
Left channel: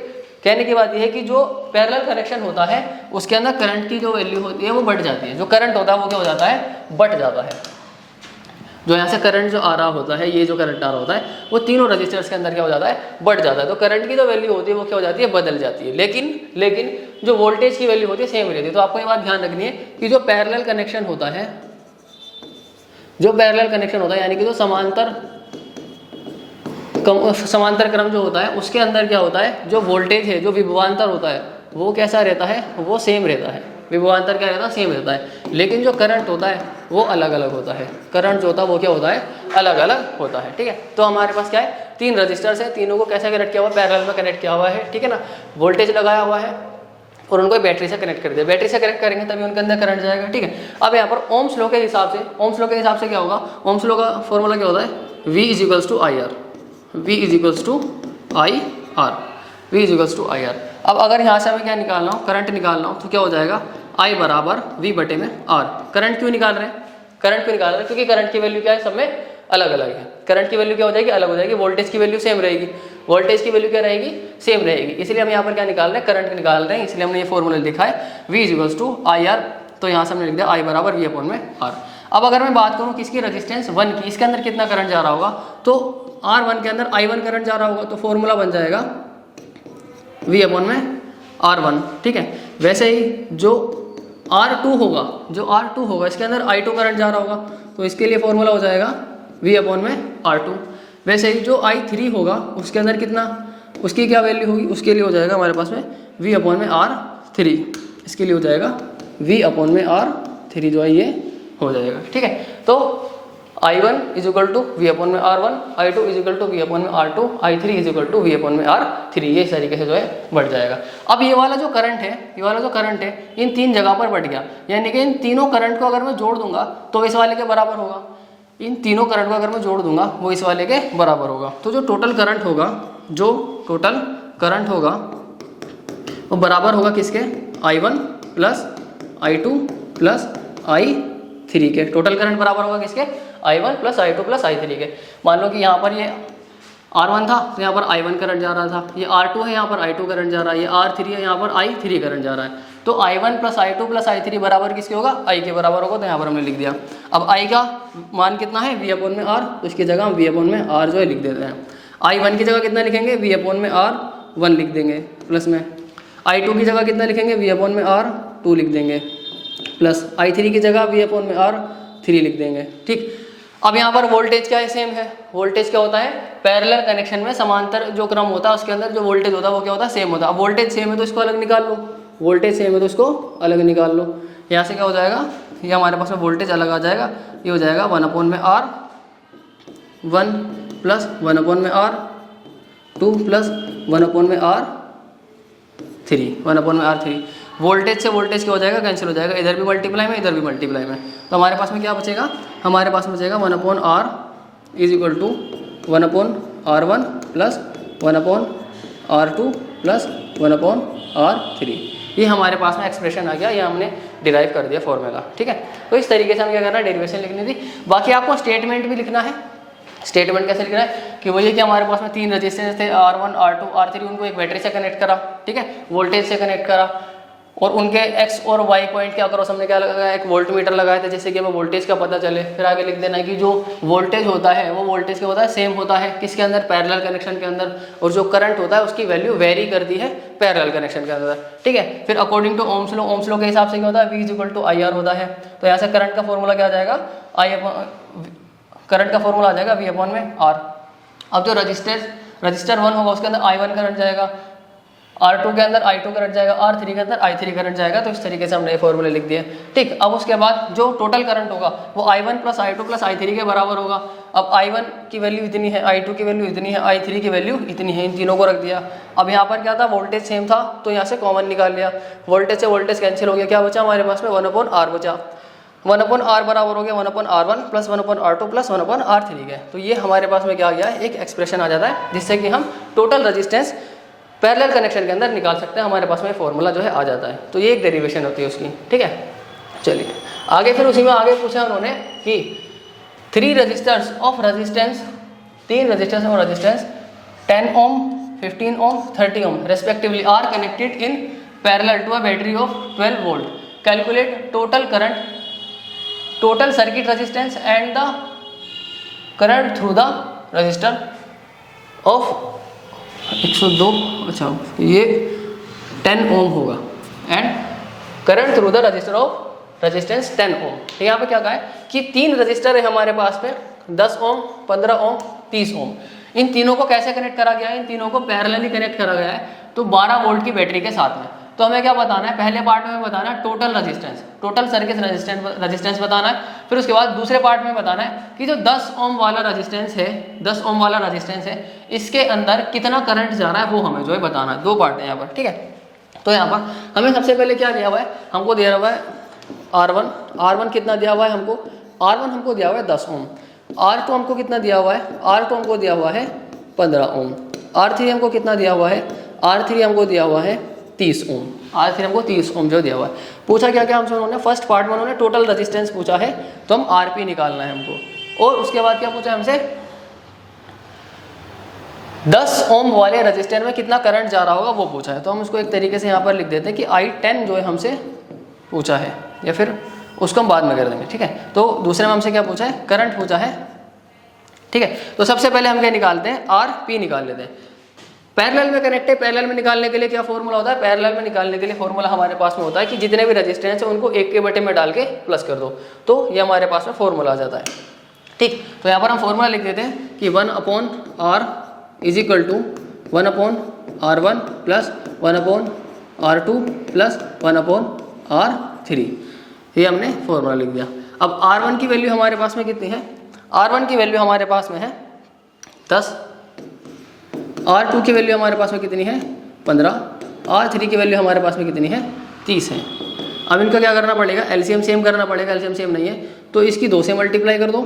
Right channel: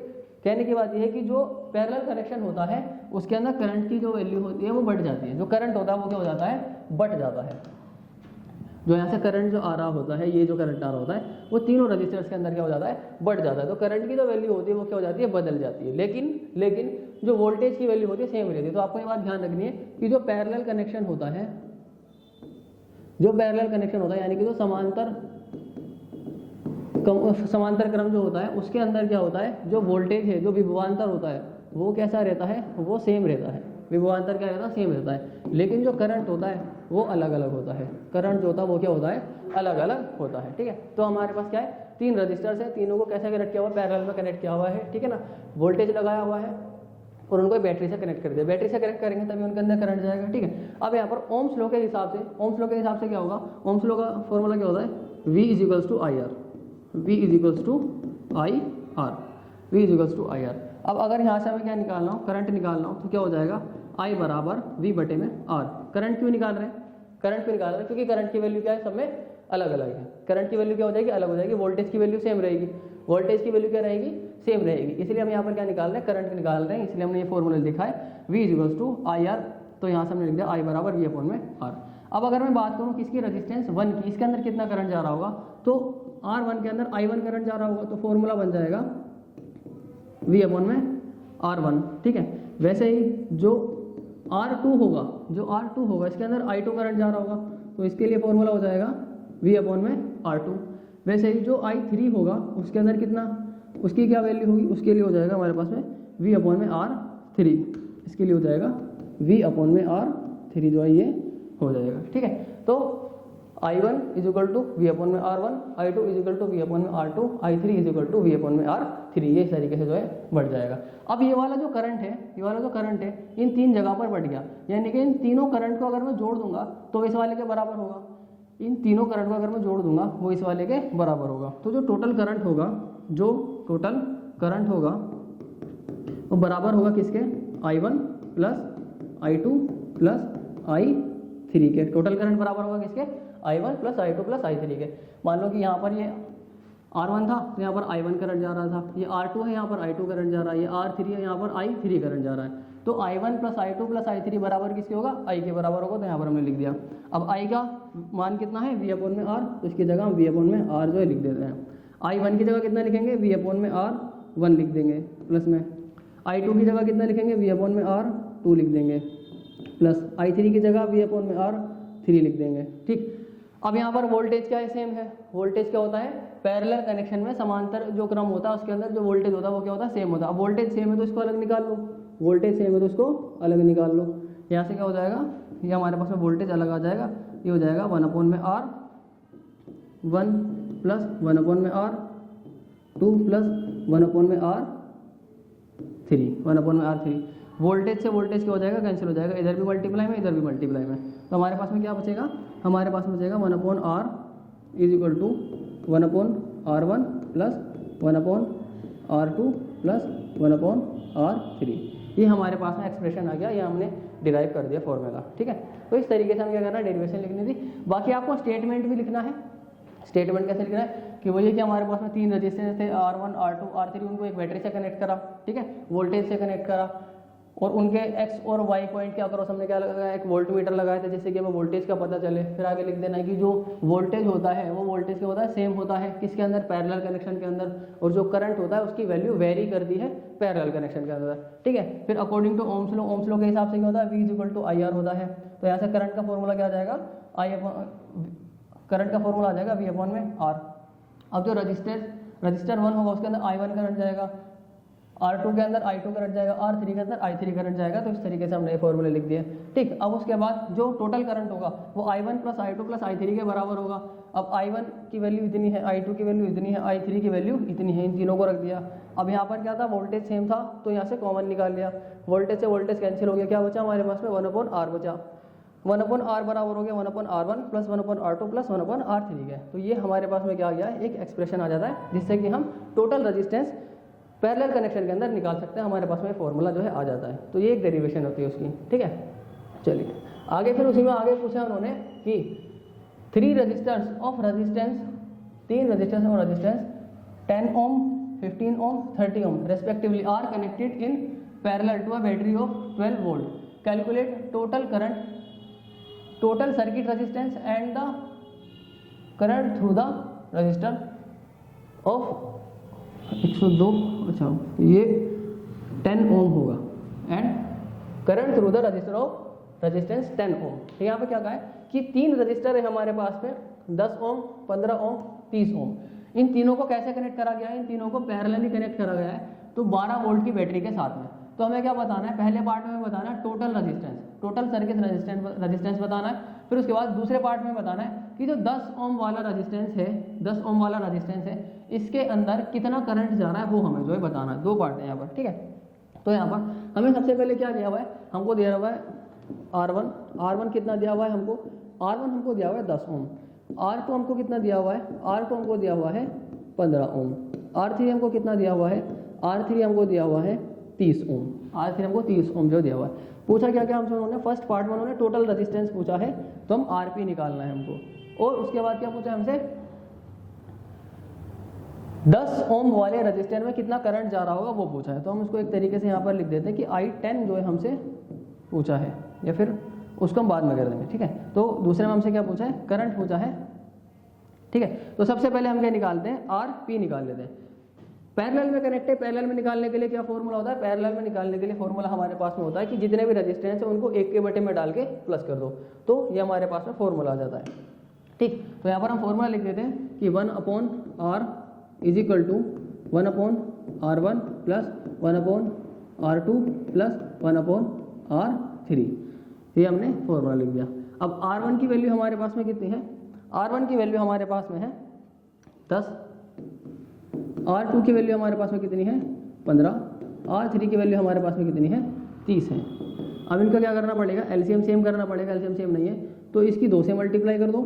कहने की बात यह है कि जो पैरेलल कनेक्शन होता है उसके अंदर करंट की जो वैल्यू होती है वो बढ़ जाती है। जो करंट होता है वो क्या हो जाता है, बढ़ जाता है। जो यहाँ से करंट जो आ रहा होता है, ये जो करंट आ रहा होता है वो तीनों रजिस्टर्स के अंदर क्या हो जाता है, बढ़ जाता है। तो करंट की जो वैल्यू होती है वो क्या हो जाती है, बदल जाती है। लेकिन जो वोल्टेज की वैल्यू होती है सेम रहती है। तो आपको ये बात ध्यान रखनी है कि जो पैरेलल कनेक्शन होता है, जो पैरेलल कनेक्शन होता है यानी कि जो समांतर क्रम जो होता है उसके अंदर क्या होता है, जो वोल्टेज है, जो विभवांतर होता है वो कैसा रहता है, वो सेम रहता है। विभवांतर क्या रहता है, सेम रहता है। लेकिन जो करंट होता है वो अलग अलग होता है। करंट जो होता है वो क्या होता है, अलग अलग होता है, ठीक है। तो हमारे पास क्या है, 3 रजिस्टर्स है, तीनों को कैसे कनेक्ट किया हुआ है, पैरेलल में कनेक्ट किया हुआ है, ठीक है ना। वोल्टेज लगाया हुआ है और उनको बैटरी से कनेक्ट कर दिया। बैटरी से कनेक्ट करेंगे तभी उनके अंदर करंट जाएगा, ठीक है। अब यहाँ पर ओम्स लॉ के हिसाब से क्या होगा, ओम्स लॉ का फॉर्मूला क्या होता है, V = IR, V = IR। अब अगर यहाँ से हमें क्या निकालना हो, करंट निकालना हो, तो क्या हो जाएगा, I = V/R। करंट क्यों निकाल रहे हैं, क्योंकि करंट की वैल्यू क्या है, सब में अलग अलग है। करंट की वैल्यू क्या हो जाएगी, अलग हो जाएगी। वोल्टेज की वैल्यू सेम रहेगी, वोल्टेज की वैल्यू क्या रहेगी, सेम रहेगी। इसलिए हम यहाँ पर क्या निकाल रहे हैं, करंट निकाल रहे हैं। इसलिए हमने ये फॉर्मूला लिखा है V = IR। तो यहाँ से हमने लिख दिया I = V/R। अब अगर मैं बात करूँ किसकी, रेजिस्टेंस 1 की, इसके अंदर कितना करंट जा रहा होगा, तो R1 के अंदर I1 करंट जा रहा होगा। तो फॉर्मूला बन जाएगा V/R1, ठीक है। वैसे ही जो R2 होगा इसके अंदर I2 करंट जा रहा होगा, तो इसके लिए फॉर्मूला हो जाएगा V/R2। वैसे ही जो I3 होगा उसके अंदर कितना, उसकी क्या वैल्यू होगी, उसके लिए हो जाएगा हमारे पास में V/R3। इसके लिए हो जाएगा V/R3 जो है ये हो जाएगा, ठीक है। तो I1 = V/R1, I2 = V/R2, I3 = V/R3। ये इस तरीके से जो है बढ़ जाएगा। अब ये वाला जो करंट है इन 3 जगह पर बढ़ गया, यानी कि इन तीनों करंट को अगर मैं जोड़ दूंगा तो इस वाले के बराबर होगा। इन तीनों करंट को अगर मैं जोड़ दूंगा वो इस वाले के बराबर होगा। तो जो टोटल करंट होगा वो बराबर होगा किसके, I1 + I2 + I3 के। टोटल करंट बराबर होगा किसके, I1 + I2 + I3 के। मान लो कि यहाँ पर ये R1 था तो यहाँ पर I1 करंट जा रहा था, ये R2 है यहाँ पर I2 करंट जा रहा है, ये R3 है यहाँ पर I3 करंट जा रहा है। तो I1 plus I2 plus I3 बराबर किसके होगा, I के बराबर होगा, तो यहाँ पर हमने लिख दिया। अब I का मान कितना है V अपॉन में R, तो इसकी जगह हम V अपॉन में R जो है लिख देते हैं। I1 की जगह कितना लिखेंगे, V अपॉन में R1 लिख देंगे प्लस में, I2 की जगह कितना लिखेंगे, V अपॉन में R2 लिख देंगे प्लस I3 की जगह V अपॉन में R3 लिख देंगे। ठीक, अब यहाँ पर वोल्टेज क्या है, सेम है। वोल्टेज क्या होता है, पैरेलल कनेक्शन में समांतर जो क्रम होता है उसके अंदर जो वोल्टेज होता है वो क्या होता है, सेम होता है। अब वोल्टेज सेम है तो इसको अलग निकाल लो, वोल्टेज सेम है तो इसको अलग निकाल लो। यहाँ से क्या हो जाएगा, ये हमारे पास में वोल्टेज अलग आ जाएगा, ये हो जाएगा 1 अपॉन में R1 प्लस 1 अपॉन में R2 प्लस 1 अपॉन में R3, 1 अपॉन में R3। वोल्टेज से वोल्टेज क्या हो जाएगा, कैंसिल हो जाएगा, इधर भी मल्टीप्लाई में इधर भी मल्टीप्लाई में, तो हमारे पास में क्या बचेगा, हमारे पास में बचेगा 1 upon R is equal to 1 upon R1 plus 1 upon R2 plus 1 upon R3। ये हमारे पास में एक्सप्रेशन आ गया, ये हमने डिराइव कर दिया फॉर्मूला। ठीक है, तो इस तरीके से हम क्या करना है, डेरिवेशन लिखनी थी। बाकी आपको स्टेटमेंट भी लिखना है। स्टेटमेंट कैसे लिखना है कि वही है कि हमारे पास में 3 रजिस्टेंस थे R1 R2 R3, उनको एक बैटरी से कनेक्ट करा, ठीक है, वोल्टेज से कनेक्ट करा, और उनके एक्स और वाई पॉइंट क्या करो, हमने क्या लगाया, एक वोल्ट मीटर लगाया था जिससे कि हमें वोल्टेज का पता चले। फिर आगे लिख देना है कि जो वोल्टेज होता है वो वोल्टेज क्या होता है, सेम होता है किसके अंदर, पैरेलल कनेक्शन के अंदर, और जो करंट होता है उसकी वैल्यू वेरी करती है पैरेलल कनेक्शन के अंदर। ठीक है, फिर अकॉर्डिंग टू ओम्स लॉ के हिसाब से क्या होता है, V इक्वल टू IR होता है। तो यहाँ से करंट का फॉर्मूला क्या आ जाएगा, करंट का फॉर्मूला आ जाएगा V अपॉन में R। अब जो रजिस्टर 1 होगा उसके अंदर I1 करंट जाएगा, R2 के अंदर I2 करंट जाएगा, R3 के अंदर I3 करंट जाएगा। तो इस तरीके से हमने ये फॉर्मूले लिख दिए। ठीक, अब उसके बाद जो टोटल करंट होगा वो I1 plus I2 plus I3 के बराबर होगा। अब I1 की वैल्यू इतनी है, I2 की वैल्यू इतनी है, I3 की वैल्यू इतनी है, इन तीनों को रख दिया। अब यहाँ पर क्या था, वोल्टेज सेम था तो यहाँ से कॉमन निकाल लिया, वोल्टेज से वोल्टेज कैंसिल हो गया, क्या बचा हमारे पास में 1 अपॉन R बचा। 1 अपॉन R बराबर हो गया 1 upon R1 plus 1 upon R2 plus 1 upon R3 के। तो ये हमारे पास में क्या आ गया है, एक एक्सप्रेशन आ जाता है जिससे कि हम टोटल रजिस्टेंस पैरेलल कनेक्शन के अंदर निकाल सकते हैं। हमारे पास में फॉर्मूला जो है आ जाता है। तो ये एक डेरिवेशन होती है उसकी। ठीक है, चलिए आगे, फिर उसी में आगे पूछा उन्होंने कि 3 resistors of resistance, 3 resistors of resistance 10 ohm 15 ohm 30 ohm respectively are connected in parallel to a battery of 12 volt. Calculate total current, total circuit resistance and the current through the resistor of 102, अच्छा ये 10 ohm होगा, and current through the resistor of resistance 10 ohm. तो यहाँ पे क्या कहा है कि 3 रजिस्टर है हमारे पास में, 10 ओम 15 ओम 30 ओम। इन तीनों को कैसे कनेक्ट करा गया है, इन तीनों को पैरेलली कनेक्ट करा गया है, तो 12 वोल्ट की बैटरी के साथ में। तो हमें क्या बताना है, पहले पार्ट में बताना है total resistance, total circuit resistance बताना है। फिर उसके बाद दूसरे पार्ट में बताना है कि जो 10 ओम वाला रेजिस्टेंस है, 10 ओम वाला रेजिस्टेंस है, इसके अंदर कितना करंट जा रहा है वो हमें जो है बताना है। 2 पार्ट है यहाँ पर। ठीक है, तो यहाँ पर हमें सबसे पहले क्या दिया हुआ है, हमको दिया हुआ है R1 कितना दिया हुआ है हमको, R1 हमको दिया हुआ है 10 ओम, R2 हमको कितना दिया हुआ है, R2 हमको दिया हुआ है 15 ओम, R3 हमको कितना दिया हुआ है, R3 हमको दिया हुआ है 30 ओम, R3 हमको 30 ओम जो दिया हुआ है। पूछा क्या क्या हमसे उन्होंने, फर्स्ट पार्ट में उन्होंने टोटल रेजिस्टेंस पूछा है, तो हम RP निकालना है हमको, और उसके बाद क्या पूछा हमसे 10 ओम वाले रजिस्टर में कितना करंट जा रहा होगा वो पूछा है। तो हम उसको एक तरीके से यहाँ पर लिख देते हैं कि I10 जो है हमसे पूछा है, या फिर उसको हम बाद में कर देंगे। ठीक है, तो दूसरे में हमसे क्या पूछा है, करंट पूछा है। ठीक है, तो सबसे पहले हम क्या निकालते हैं, RP निकाल लेते हैं। पैरेलल में कनेक्ट है, पैरेलल में निकालने के लिए क्या फॉर्मूला होता है, पैरेलल में निकालने के लिए फॉर्मूला हमारे पास में होता है कि जितने भी रेजिस्टेंस है उनको एक के बटे में डाल के प्लस कर दो, तो ये हमारे पास में फॉर्मूला आ जाता है। ठीक, तो यहाँ पर हम फॉर्मूला लिख देते हैं कि 1 upon R is equal to 1 upon R1 plus 1 upon R2 plus 1 upon R3। ये हमने फॉर्मूला लिख दिया। अब R1 की वैल्यू हमारे पास में कितनी है, R1 की वैल्यू हमारे पास में है 10, R2 की वैल्यू हमारे पास में कितनी है 15, R3 की वैल्यू हमारे पास में कितनी है 30 है। अब इनका क्या करना पड़ेगा, एलसीएम सेम करना पड़ेगा, एलसीएम सेम नहीं है तो इसकी 2 से मल्टीप्लाई कर दो,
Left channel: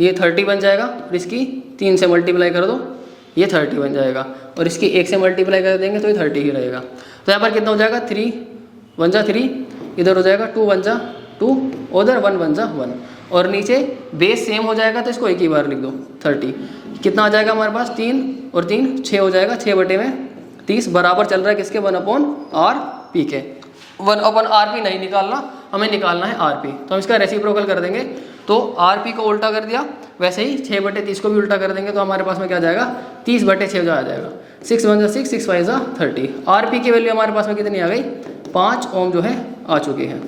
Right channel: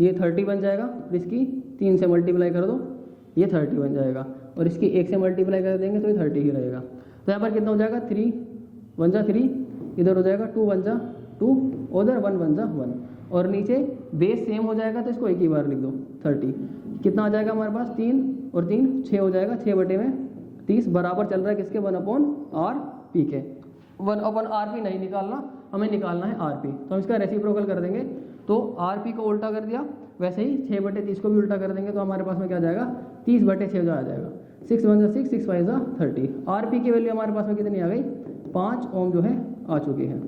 ये 30 बन जाएगा, और इसकी 3 से मल्टीप्लाई कर दो, ये 30 बन जाएगा, और इसकी 1 से मल्टीप्लाई कर देंगे तो ये 30 ही रहेगा। तो यहाँ पर कितना हो जाएगा, 3 1 जा 3, इधर हो जाएगा 2 1 जा 2 उधर 1 1 जा 1 और नीचे बेस सेम हो जाएगा तो इसको एक ही बार लिख दो 30। कितना आ जाएगा हमारे पास 3 और 3 6 हो जाएगा, 6 बटे में 30 बराबर चल रहा है किसके 1/RP के। 1/RP नहीं निकालना, हमें निकालना है RP। तो हम इसका रेसिप्रोकल कर देंगे तो RP को उल्टा कर दिया, वैसे ही 6 बटे 30 को भी उल्टा कर देंगे तो हमारे पास में क्या जाएगा 30 बटे 6 जो आ जाएगा 6 1 जा 6 6 5 जा 30। RP की वैल्यू हमारे पास में कितनी आ गई 5 ओम जो है आ चुकी है।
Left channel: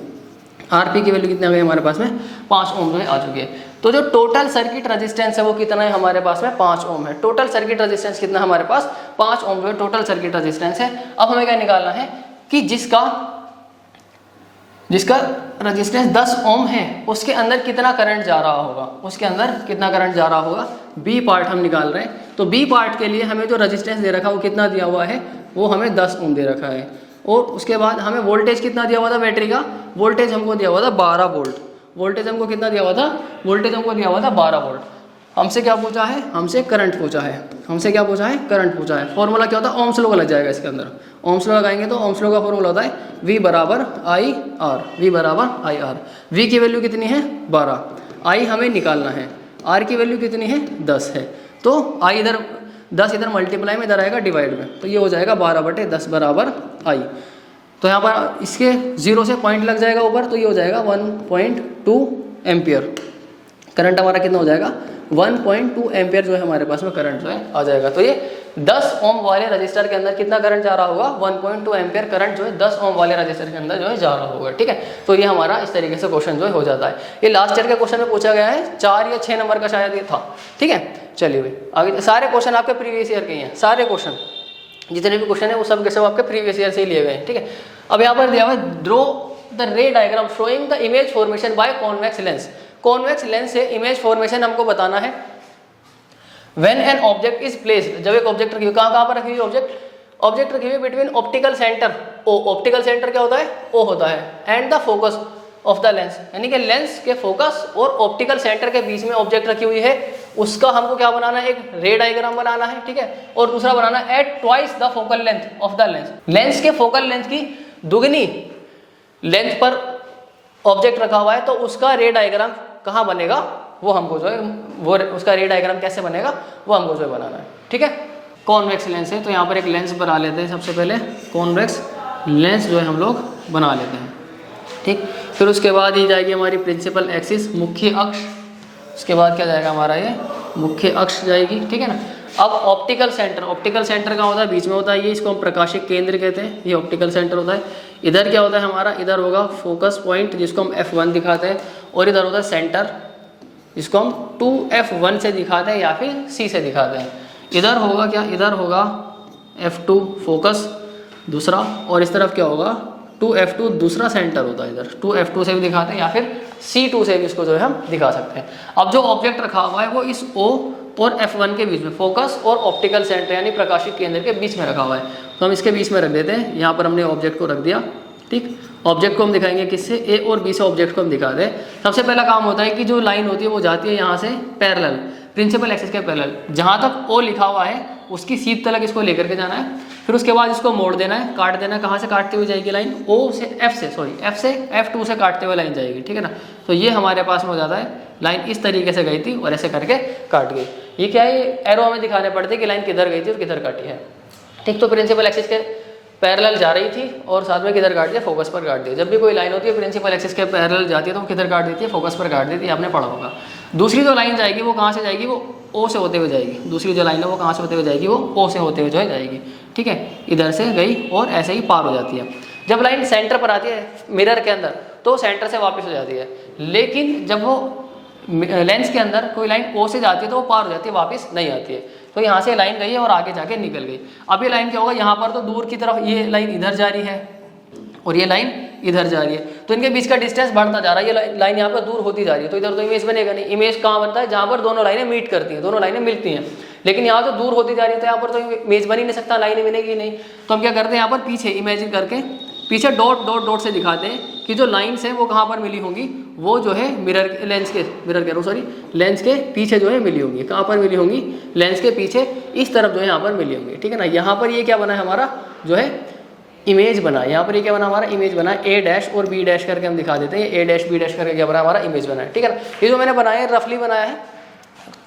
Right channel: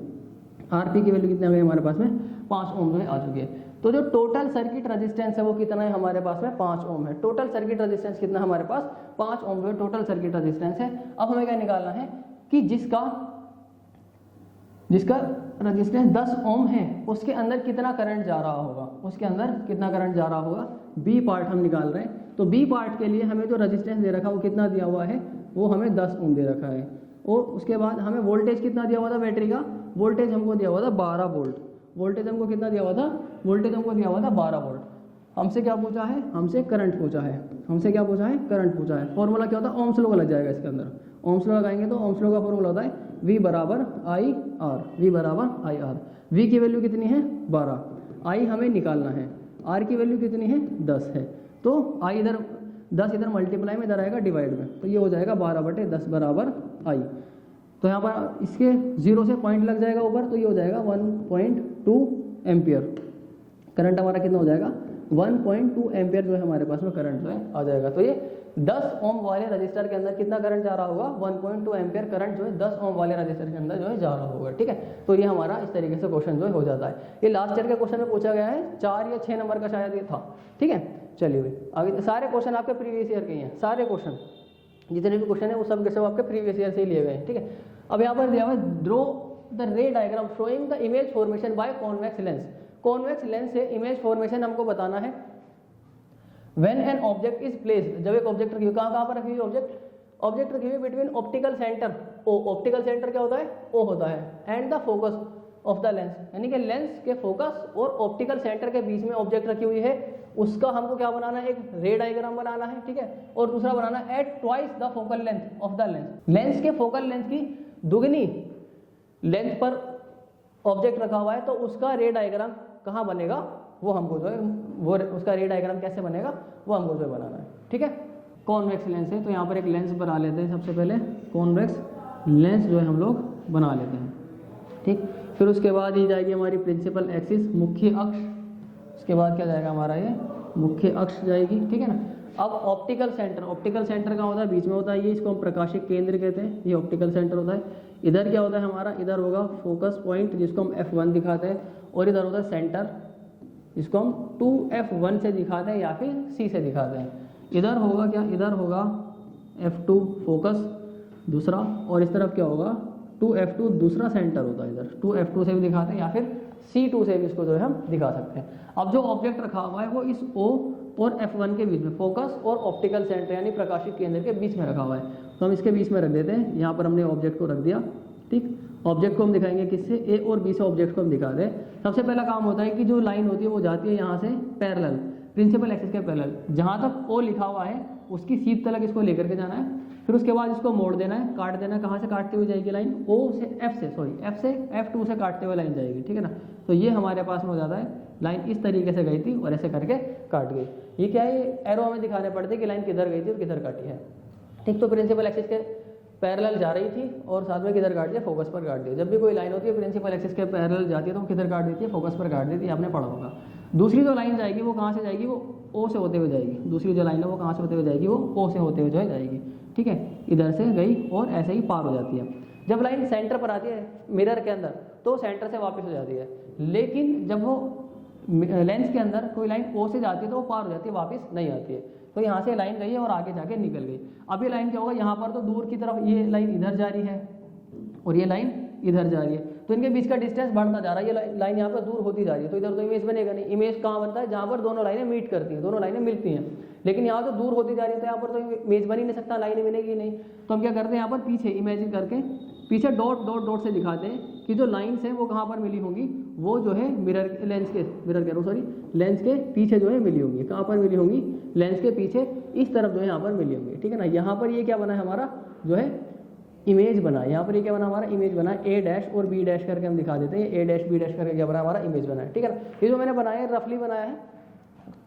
RP की वैल्यू कितनी आ गई हमारे पास में 5 ओम जो है आ चुकी है। तो जो टोटल सर्किट रेजिस्टेंस है वो कितना है हमारे पास में 5 ओम है। टोटल सर्किट रेजिस्टेंस कितना हमारे पास 5 ओम जो है टोटल सर्किट रेजिस्टेंस है। अब हमें क्या निकालना है कि जिसका रेजिस्टेंस 10 ओम है उसके अंदर कितना करंट जा रहा होगा, उसके अंदर कितना करंट जा रहा होगा, बी पार्ट हम निकाल रहे हैं। तो बी पार्ट के लिए हमें जो रेजिस्टेंस दे रखा है वो कितना दिया हुआ है, वो हमें 10 ओम दे रखा है। और उसके बाद हमें वोल्टेज कितना दिया हुआ था बैटरी का, वोल्टेज हमको दिया हुआ था 12 वोल्ट। वोल्टेज हमको कितना दिया हुआ था, वोल्टेज हमको दिया हुआ था 12 वोल्ट। हमसे क्या पूछा है, हमसे करंट पूछा है, हमसे क्या पूछा है, करंट पूछा है। फॉर्मूला क्या होता है, ओम्स लॉ लग जाएगा इसके अंदर। ओम्स लॉ लगाएंगे तो ओम्स लॉ का फॉर्मूला होता है V बराबर IR, V बराबर IR। V की वैल्यू कितनी है 12, I हमें निकालना है, R की वैल्यू कितनी है 10 है। तो I इधर 10 इधर मल्टीप्लाई में, इधर आएगा डिवाइड में, तो ये हो जाएगा 12 बटे 10 बराबर I। तो यहाँ पर इसके 0 से पॉइंट लग जाएगा ऊपर, तो ये हो जाएगा 1.2 एम्पियर। करंट हमारा कितना हो जाएगा 1.2 एम्पियर जो है हमारे पास में करंट जो है आ जाएगा। तो ये 10 ओम वाले रजिस्टर के अंदर कितना करंट जा रहा होगा, 1.2 एम्पियर करंट जो है 10 ओम वाले रजिस्टर के अंदर जो है जा रहा होगा। ठीक है, तो ये हमारा इस तरीके से क्वेश्चन जो है हो जाता है। ये लास्ट ईयर के क्वेश्चन में पूछा गया है, 4 या 6 नंबर का शायद ये था। ठीक है, चलिए भाई आगे सारे क्वेश्चन आपके प्रीवियस ईयर के ही हैं। सारे क्वेश्चन जितने भी क्वेश्चन है वो सब के सब आपके प्रीवियस ईयर से ही लिए गए हैं। ठीक है, अब यहाँ पर दिया हुआ है ड्रॉ द रे diagram showing the image formation by convex lens. Convex lens से इमेज फॉर्मेशन हमको बताना है। When an object is placed, जब एक ऑब्जेक्ट रखी हुई, कहाँ पर रखी हुई ऑब्जेक्ट रखी हुई between optical centre O, optical centre क्या होता है ओ होता है, and the focus of the lens, यानी कि लेंस के फोकस और ऑप्टिकल सेंटर के बीच में ऑब्जेक्ट रखी हुई है, उसका हमको क्या बनाना है, एक रे डायग्राम बनाना है। ठीक है, और दूसरा बनाना है at twice the focal length of the lens. Lens के फोकल लेंथ की दुगनी लेंथ पर ऑब्जेक्ट रखा हुआ है, तो उसका रे डायग्राम कहाँ बनेगा वो हमको जो है, वो उसका रे डायग्राम कैसे बनेगा वो हमको जो है बनाना है। ठीक है, कॉन्वेक्स लेंस है तो यहाँ पर एक लेंस बना लेते हैं। सबसे पहले कॉन्वेक्स लेंस जो है हम लोग बना लेते हैं। ठीक, फिर उसके बाद ये जाएगी हमारी प्रिंसिपल एक्सिस, मुख्य अक्ष। उसके बाद क्या जाएगा हमारा, ये मुख्य अक्ष जाएगी। ठीक है ना। अब ऑप्टिकल सेंटर, ऑप्टिकल सेंटर का होता है बीच में होता है, ये इसको हम प्रकाशिक केंद्र कहते हैं, ये ऑप्टिकल सेंटर होता है। इधर क्या होता है हमारा, इधर होगा फोकस पॉइंट जिसको हम F1 दिखाते हैं, और इधर होता है सेंटर जिसको हम 2F1 से दिखाते हैं या फिर C से दिखाते हैं। इधर होगा क्या, इधर होगा F2 फोकस दूसरा, और इस तरफ क्या होगा 2F2 दूसरा सेंटर होता है। इधर 2F2 से भी दिखाते हैं या फिर C2 से भी इसको जो है हम दिखा सकते हैं। अब जो ऑब्जेक्ट रखा हुआ है वो इस O और F1 के बीच में, फोकस और ऑप्टिकल सेंटर यानी प्रकाशिक केंद्र के बीच में रखा हुआ है, तो हम इसके बीच में रख देते हैं। यहाँ पर हमने ऑब्जेक्ट को रख दिया। ठीक, ऑब्जेक्ट को हम दिखाएंगे किससे, A और B से ऑब्जेक्ट को हम दिखाते हैं। सबसे पहला काम होता है कि जो लाइन होती है वो जाती है यहाँ से पैरेलल, प्रिंसिपल एक्सिस के पैरेलल, जहाँ तक O लिखा हुआ है उसकी सीध तलक इसको लेकर के जाना है। फिर उसके बाद इसको मोड़ देना है, काट देना है। कहाँ से काटते हुए जाएगी लाइन, F से F2 से काटते हुए लाइन जाएगी। ठीक है ना, तो ये हमारे पास में हो जाता है, लाइन इस तरीके से गई थी और ऐसे करके काट गई। ये क्या है, एरो हमें दिखाने पड़ते कि लाइन किधर गई थी और किधर काटी है। ठीक, तो प्रिंसिपल एक्सिस के पैरेलल जा रही थी और साथ में किधर काट दिया, फोकस पर काट दिया। जब भी कोई लाइन होती है प्रिंसिपल एक्सिस के पैरेलल जाती है तो वो किधर काट देती है, फोकस पर काट देती है, आपने पढ़ा होगा। दूसरी जो लाइन जाएगी वो कहाँ से जाएगी, वो O से होते हुए जाएगी। दूसरी जो लाइन है वो कहाँ से होते हुए जाएगी, वो O से होते हुए जो है जाएगी। ठीक है, इधर से गई और ऐसे ही पार हो जाती है। जब लाइन सेंटर पर आती है मिरर के अंदर तो सेंटर से वापस हो जाती है, लेकिन जब वो लेंस के अंदर कोई लाइन O से जाती है तो वो पार हो जाती है, वापस नहीं आती है। तो यहाँ से लाइन गई है और आगे जाके निकल गई। अब ये लाइन क्या होगा, यहाँ पर तो दूर की तरफ ये लाइन इधर जा रही है और ये लाइन इधर जा रही है, तो इनके बीच का डिस्टेंस बढ़ता जा रहा है। ये लाइन यहाँ पर दूर होती जा रही है, तो इधर तो इमेज बनेगा नहीं। इमेज कहाँ बनता है, जहाँ पर दोनों लाइनें मीट करती हैं, दोनों लाइनें मिलती हैं। लेकिन यहाँ तो दूर होती जा रही है तो यहाँ पर तो इमेज बन ही नहीं सकता, लाइनें बनेगी नहीं। तो हम क्या करते हैं, यहाँ पर पीछे इमेजिन करके पीछे डॉट डॉट डॉट से दिखाते हैं कि जो लाइन्स हैं वो कहाँ पर मिली होंगी, वो जो है लेंस के पीछे जो है मिली होंगी। कहाँ पर मिली होंगी, लेंस के पीछे इस तरफ जो है यहाँ पर मिली होंगी। ठीक है ना, यहाँ पर ये क्या बना है हमारा, जो है इमेज बना, यहाँ पर ये क्या बना हमारा इमेज बना, ए डैश और बी डैश करके हम दिखा देते हैं, ए डैश बी डैश करके क्या बना हमारा इमेज बना है, ठीक है ना। ये जो मैंने बनाया है रफली बनाया है,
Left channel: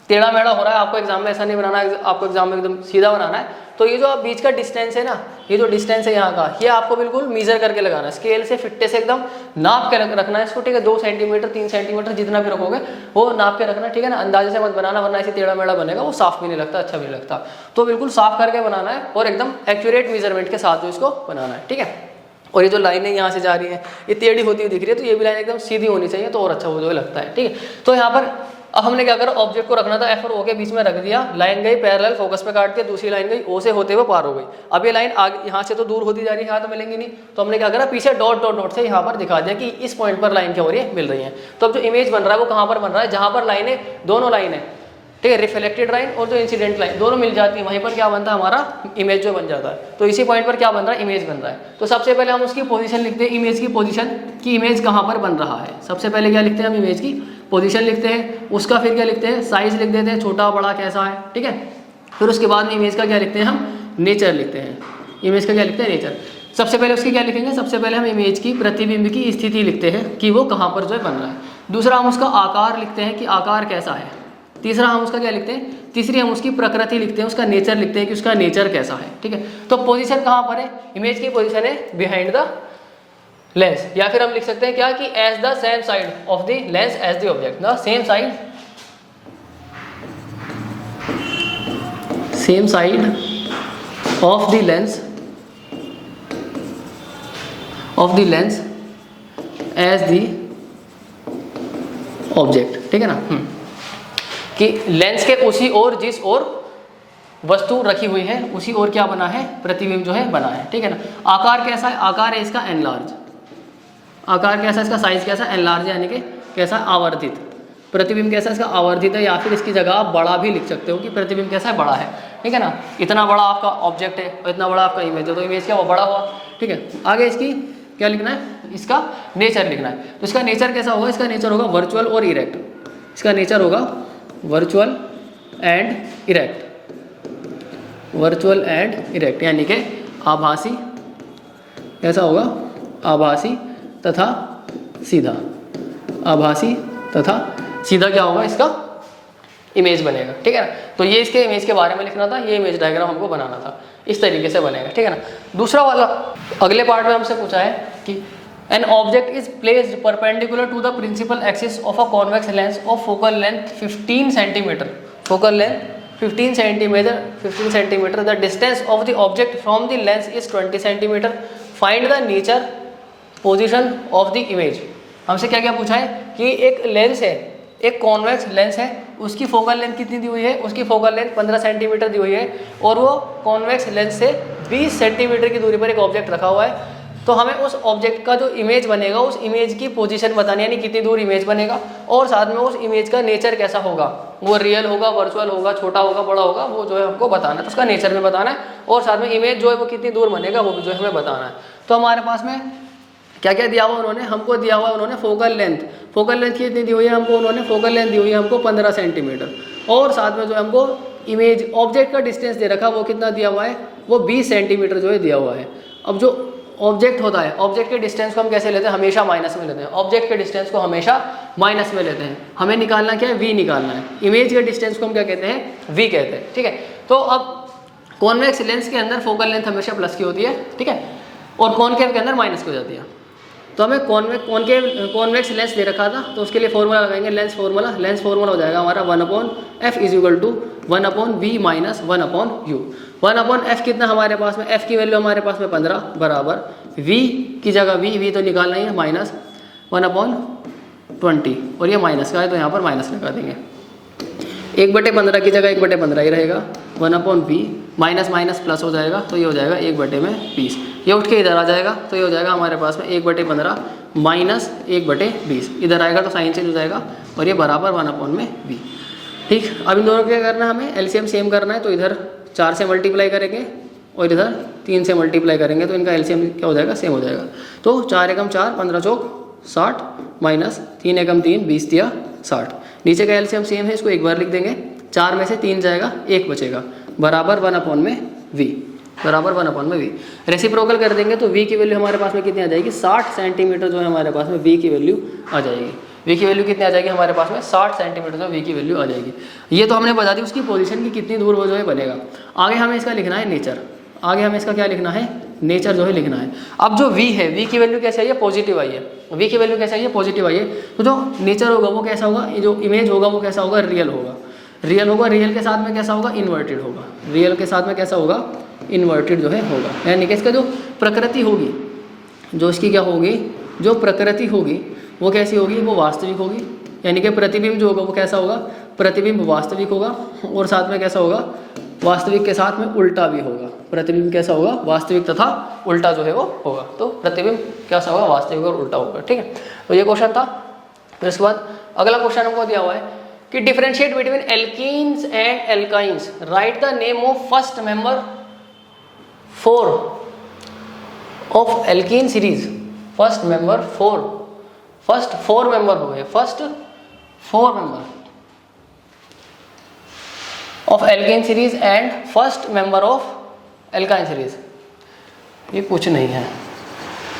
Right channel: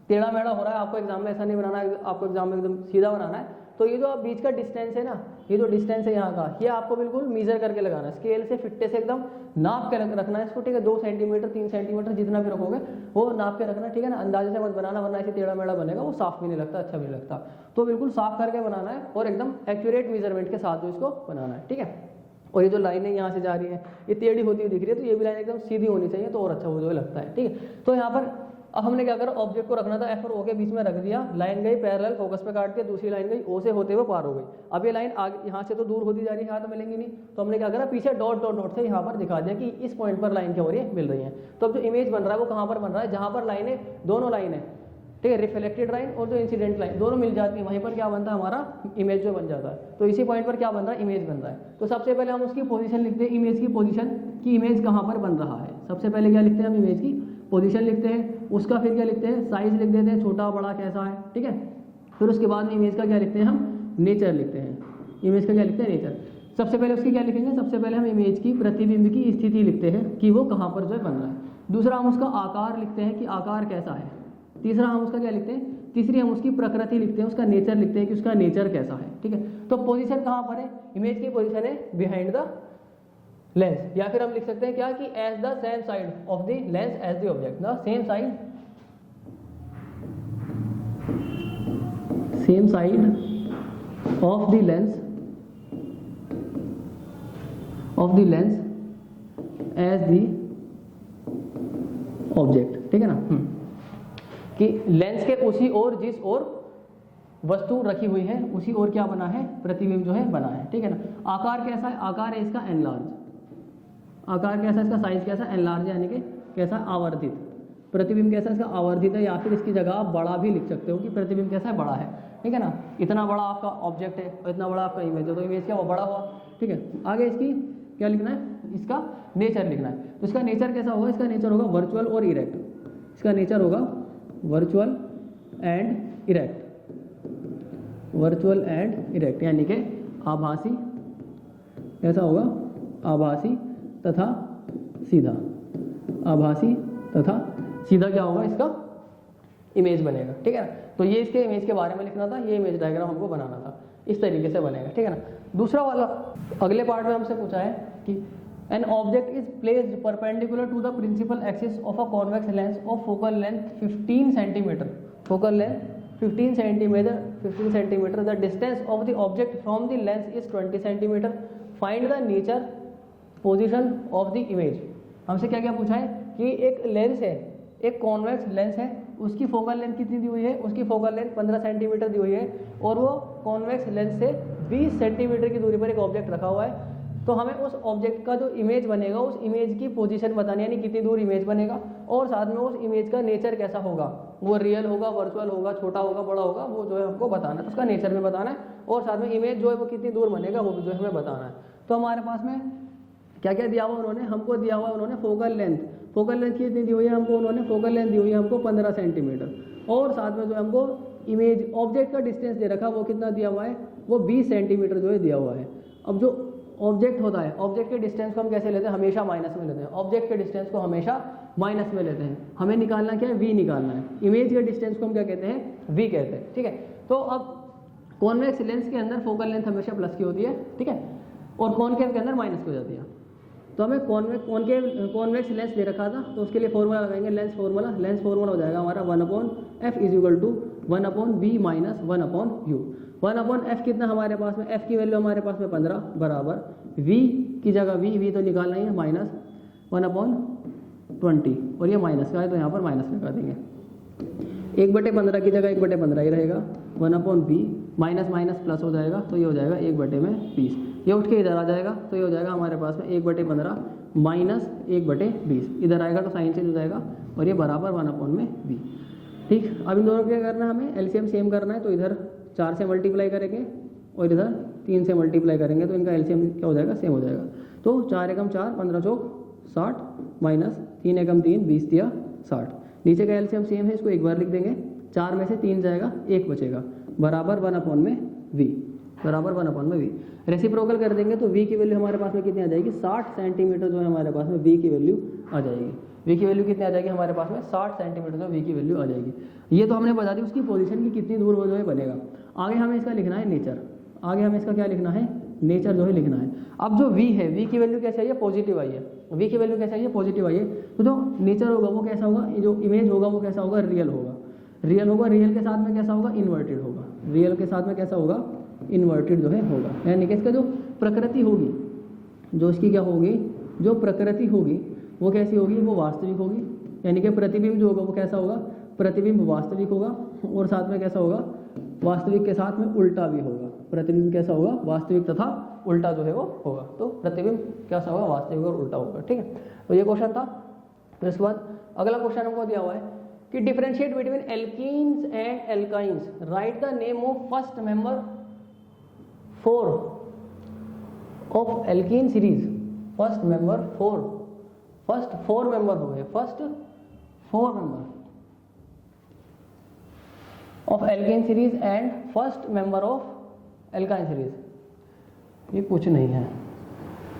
टेढ़ा मेढ़ा हो रहा है, आपको एग्जाम में ऐसा नहीं बनाना है, आपको एग्जाम में एकदम सीधा बनाना है। तो ये जो आप बीच का डिस्टेंस है ना, ये जो डिस्टेंस है यहाँ का, ये आपको बिल्कुल मेजर करके लगाना है, स्केल से फिट्टे से एकदम नाप के रखना है इसको, ठीक है। 2 सेंटीमीटर 3 सेंटीमीटर जितना भी रखोगे वो नाप के रखना है, ठीक है ना। अंदाजे से मत बनाना, वरना ऐसे टेढ़ा मेढ़ा बनेगा, वो साफ भी नहीं लगता, अच्छा भी नहीं लगता। तो बिल्कुल साफ करके बनाना है और एकदम एक्यूरेट मेजरमेंट के साथ जो इसको बनाना है, ठीक है। और ये जो लाइनें यहाँ से जा रही है ये टेढ़ी होती हुई दिख रही है, तो ये भी लाइन एकदम सीधी होनी चाहिए, तो और अच्छा वो जो लगता है, ठीक है। तो यहाँ पर अब हमने क्या करा, ऑब्जेक्ट को रखना था एफ और ओ के बीच में रख दिया, लाइन गई पैरेलल फोकस पे काट के, दूसरी लाइन गई ओ से होते हुए पार हो गई। अब ये लाइन आगे यहाँ से तो दूर होती जा रही है, यहाँ तो मिलेंगी नहीं, तो हमने क्या करा पीछे डॉट डॉट डॉट से यहाँ पर दिखा दिया कि इस पॉइंट पर लाइन क्या हो रही है, मिल रही है। तो अब जो इमेज बन रहा है वो कहाँ पर बन रहा है, जहाँ पर लाइनें दोनों लाइन है, ठीक है, रिफ्लेक्टेड लाइन और जो इंसिडेंट लाइन दोनों मिल जाती है, वहीं पर क्या बनता है हमारा इमेज जो बन जाता है। तो इसी पॉइंट पर क्या बन रहा है, इमेज बन रहा है। तो सबसे पहले हम उसकी पोजीशन लिखते हैं, इमेज की पोजीशन कि इमेज कहाँ पर बन रहा है। सबसे पहले क्या लिखते हैं हम, इमेज की पोजीशन लिखते हैं, उसका फिर क्या लिखते हैं, साइज लिख देते हैं, छोटा बड़ा कैसा है, ठीक है। फिर उसके बाद में इमेज का क्या लिखते हैं हम, नेचर लिखते हैं। इमेज का क्या लिखते हैं, नेचर। सबसे पहले उसकी क्या लिखेंगे, सबसे पहले हम इमेज की प्रतिबिंब की स्थिति लिखते हैं कि वो कहाँ पर जो है बन रहा है। दूसरा हम उसका आकार लिखते हैं कि आकार कैसा है। तीसरा हम उसका क्या लिखते हैं, तीसरी हम उसकी प्रकृति लिखते हैं, उसका नेचर लिखते हैं कि उसका नेचर कैसा है, ठीक है। तो पोजीशन कहाँ पर है, इमेज की पोजीशन है बिहाइंड द लेंस, या फिर हम लिख सकते हैं क्या कि as the same side of the lens as the object, the same side of the lens as the object, ठीक है ना। कि लेंस के उसी ओर जिस ओर वस्तु रखी हुई है उसी ओर क्या बना है, प्रतिबिंब जो है बना है, ठीक है ना। आकार कैसा है, आकार है इसका एनलार्ज। आकार कैसा है इसका, साइज कैसा, एनलार्ज यानी कि कैसा, आवर्धित। प्रतिबिंब कैसा है इसका, आवर्धित है, या फिर इसकी जगह आप बड़ा भी लिख सकते हो कि प्रतिबिंब कैसा है, बड़ा है, ठीक है ना। इतना बड़ा आपका ऑब्जेक्ट है और इतना बड़ा आपका इमेज है, तो इमेज क्या वो बड़ा हुआ, ठीक है। आगे इसकी क्या लिखना है, इसका नेचर लिखना है। तो इसका नेचर कैसा होगा, इसका नेचर होगा वर्चुअल और इरेक्ट। इसका नेचर होगा virtual and erect, virtual and erect यानी कि आभासी, कैसा होगा, आभासी तथा सीधा। आभासी तथा सीधा क्या होगा, इसका इमेज बनेगा, ठीक है ना। तो ये इसके इमेज के बारे में लिखना था, ये इमेज डायग्राम हमको बनाना था, इस तरीके से बनेगा, ठीक है ना। दूसरा वाला अगले पार्ट में हमसे पूछा है कि an object is placed perpendicular to the principal axis of a convex lens of focal length 15 centimeter, focal length 15 centimeter, the distance of the object from the lens is 20 centimeter, find the nature position of the image। हमसे क्या क्या पूछा है कि एक lens है, एक convex lens है, उसकी फोकल लेंथ कितनी दी हुई है, उसकी फोकल लेंथ 15 सेंटीमीटर दी हुई है और वो कॉन्वेक्स लेंस से 20 सेंटीमीटर की दूरी पर एक ऑब्जेक्ट रखा हुआ है। तो हमें उस ऑब्जेक्ट का जो इमेज बनेगा उस इमेज की पोजीशन बतानी, यानी कितनी दूर इमेज बनेगा और साथ में उस इमेज का नेचर कैसा होगा, वो रियल होगा, वर्चुअल होगा, छोटा होगा, बड़ा होगा, वो जो है हमको बताना है। तो उसका नेचर में बताना है और साथ में इमेज जो है वो कितनी दूर बनेगा वो भी जो है हमें बताना है। तो हमारे पास में क्या क्या दिया हुआ उन्होंने, हमको दिया हुआ उन्होंने फोकल लेंथ, फोकल लेंथ कितनी दी हुई है हमको, उन्होंने फोकल लेंथ दी हुई है हमको 15 सेंटीमीटर और साथ में जो हमको इमेज ऑब्जेक्ट का डिस्टेंस दे रखा वो कितना दिया हुआ है, वो 20 सेंटीमीटर जो है दिया हुआ है। अब जो ऑब्जेक्ट होता है, ऑब्जेक्ट के डिस्टेंस को हम कैसे लेते हैं, हमेशा माइनस में लेते हैं। ऑब्जेक्ट के डिस्टेंस को हमेशा माइनस में लेते हैं। हमें निकालना क्या है, वी निकालना है। इमेज के डिस्टेंस को हम क्या कहते हैं, वी कहते हैं, ठीक है। तो अब कॉन्वेक्स लेंस के अंदर फोकल लेंथ हमेशा प्लस की होती है, ठीक है, और कॉनकेव के अंदर माइनस की हो जाती है। तो हमें कॉन्वेक्स लेंस दे रखा था, तो उसके लिए फॉर्मूला लगाएंगे, लेंस फार्मूला हो जाएगा हमारा 1/f is equal to 1/v minus 1/u। 1/f कितना हमारे पास में, f की वैल्यू हमारे पास में 15 बराबर v की जगह v तो निकालना ही है, माइनस 1/20 और ये माइनस का है तो यहाँ पर माइनस लगा देंगे। 1/15 की जगह 1/15 ही रहेगा, 1/v माइनस माइनस प्लस हो जाएगा तो ये हो जाएगा 1/20। ये उठ के इधर आ जाएगा तो ये हो जाएगा हमारे पास में 1/15 माइनस 1/20, इधर आएगा तो साइन चेंज हो जाएगा और ये बराबर 1/v। ठीक, अब इन दोनों को क्या करना है, हमें एलसीएम सेम करना है। तो इधर 4 से मल्टीप्लाई करेंगे और इधर 3 से मल्टीप्लाई करेंगे तो इनका एलसीएम क्या हो जाएगा, सेम हो जाएगा। तो 4 एकम 4, 15 चौक 60 माइनस 3 एकम 3, 20 दिया 60। नीचे का एलसीएम सेम है, इसको एक बार लिख देंगे। 4 में से 3 जाएगा, 1 बचेगा, बराबर 1/v। बराबर 1/v। रेसिप्रोकल कर देंगे तो v की वैल्यू हमारे पास में कितनी आ जाएगी, 60 सेंटीमीटर जो है हमारे पास में v की वैल्यू आ जाएगी। v की वैल्यू कितनी आ जाएगी हमारे पास में, 60 सेंटीमीटर जो v की वैल्यू आ जाएगी। ये तो हमने बता दी उसकी पोजीशन की कितनी दूर वो जो है बनेगा। आगे हमें इसका लिखना है नेचर, आगे हमें इसका क्या लिखना है, नेचर जो है लिखना है। अब जो v है, v की वैल्यू कैसे आई है, पॉजिटिव आई है, v की वैल्यू कैसे आई है, पॉजिटिव आई है। तो जो नेचर होगा वो कैसा होगा, ये जो इमेज होगा वो कैसा होगा, रियल होगा। रियल होगा, रियल के साथ में कैसा होगा, इन्वर्टेड होगा। रियल के साथ में कैसा होगा, इन्वर्टेड जो है होगा। यानी कि इसका जो प्रकृति होगी, जो इसकी क्या होगी, जो प्रकृति होगी वो कैसी होगी, वो वास्तविक होगी। यानी कि प्रतिबिंब जो होगा वो कैसा होगा, प्रतिबिंब वास्तविक होगा। और साथ में कैसा होगा, वास्तविक के साथ में उल्टा भी होगा। प्रतिबिंब कैसा होगा, वास्तविक तथा उल्टा जो है वो होगा। तो प्रतिबिंब कैसा होगा, वास्तविक और उल्टा होगा। ठीक है, तो ये क्वेश्चन था। फिर उसके बाद अगला क्वेश्चन हमको दिया हुआ है कि differentiate between alkenes and alkynes, right the name of first member 4 of alkene series. First member 4, first 4 member हो गए, first 4 member of alkene series and first member of alkyne series. ये कुछ नहीं है,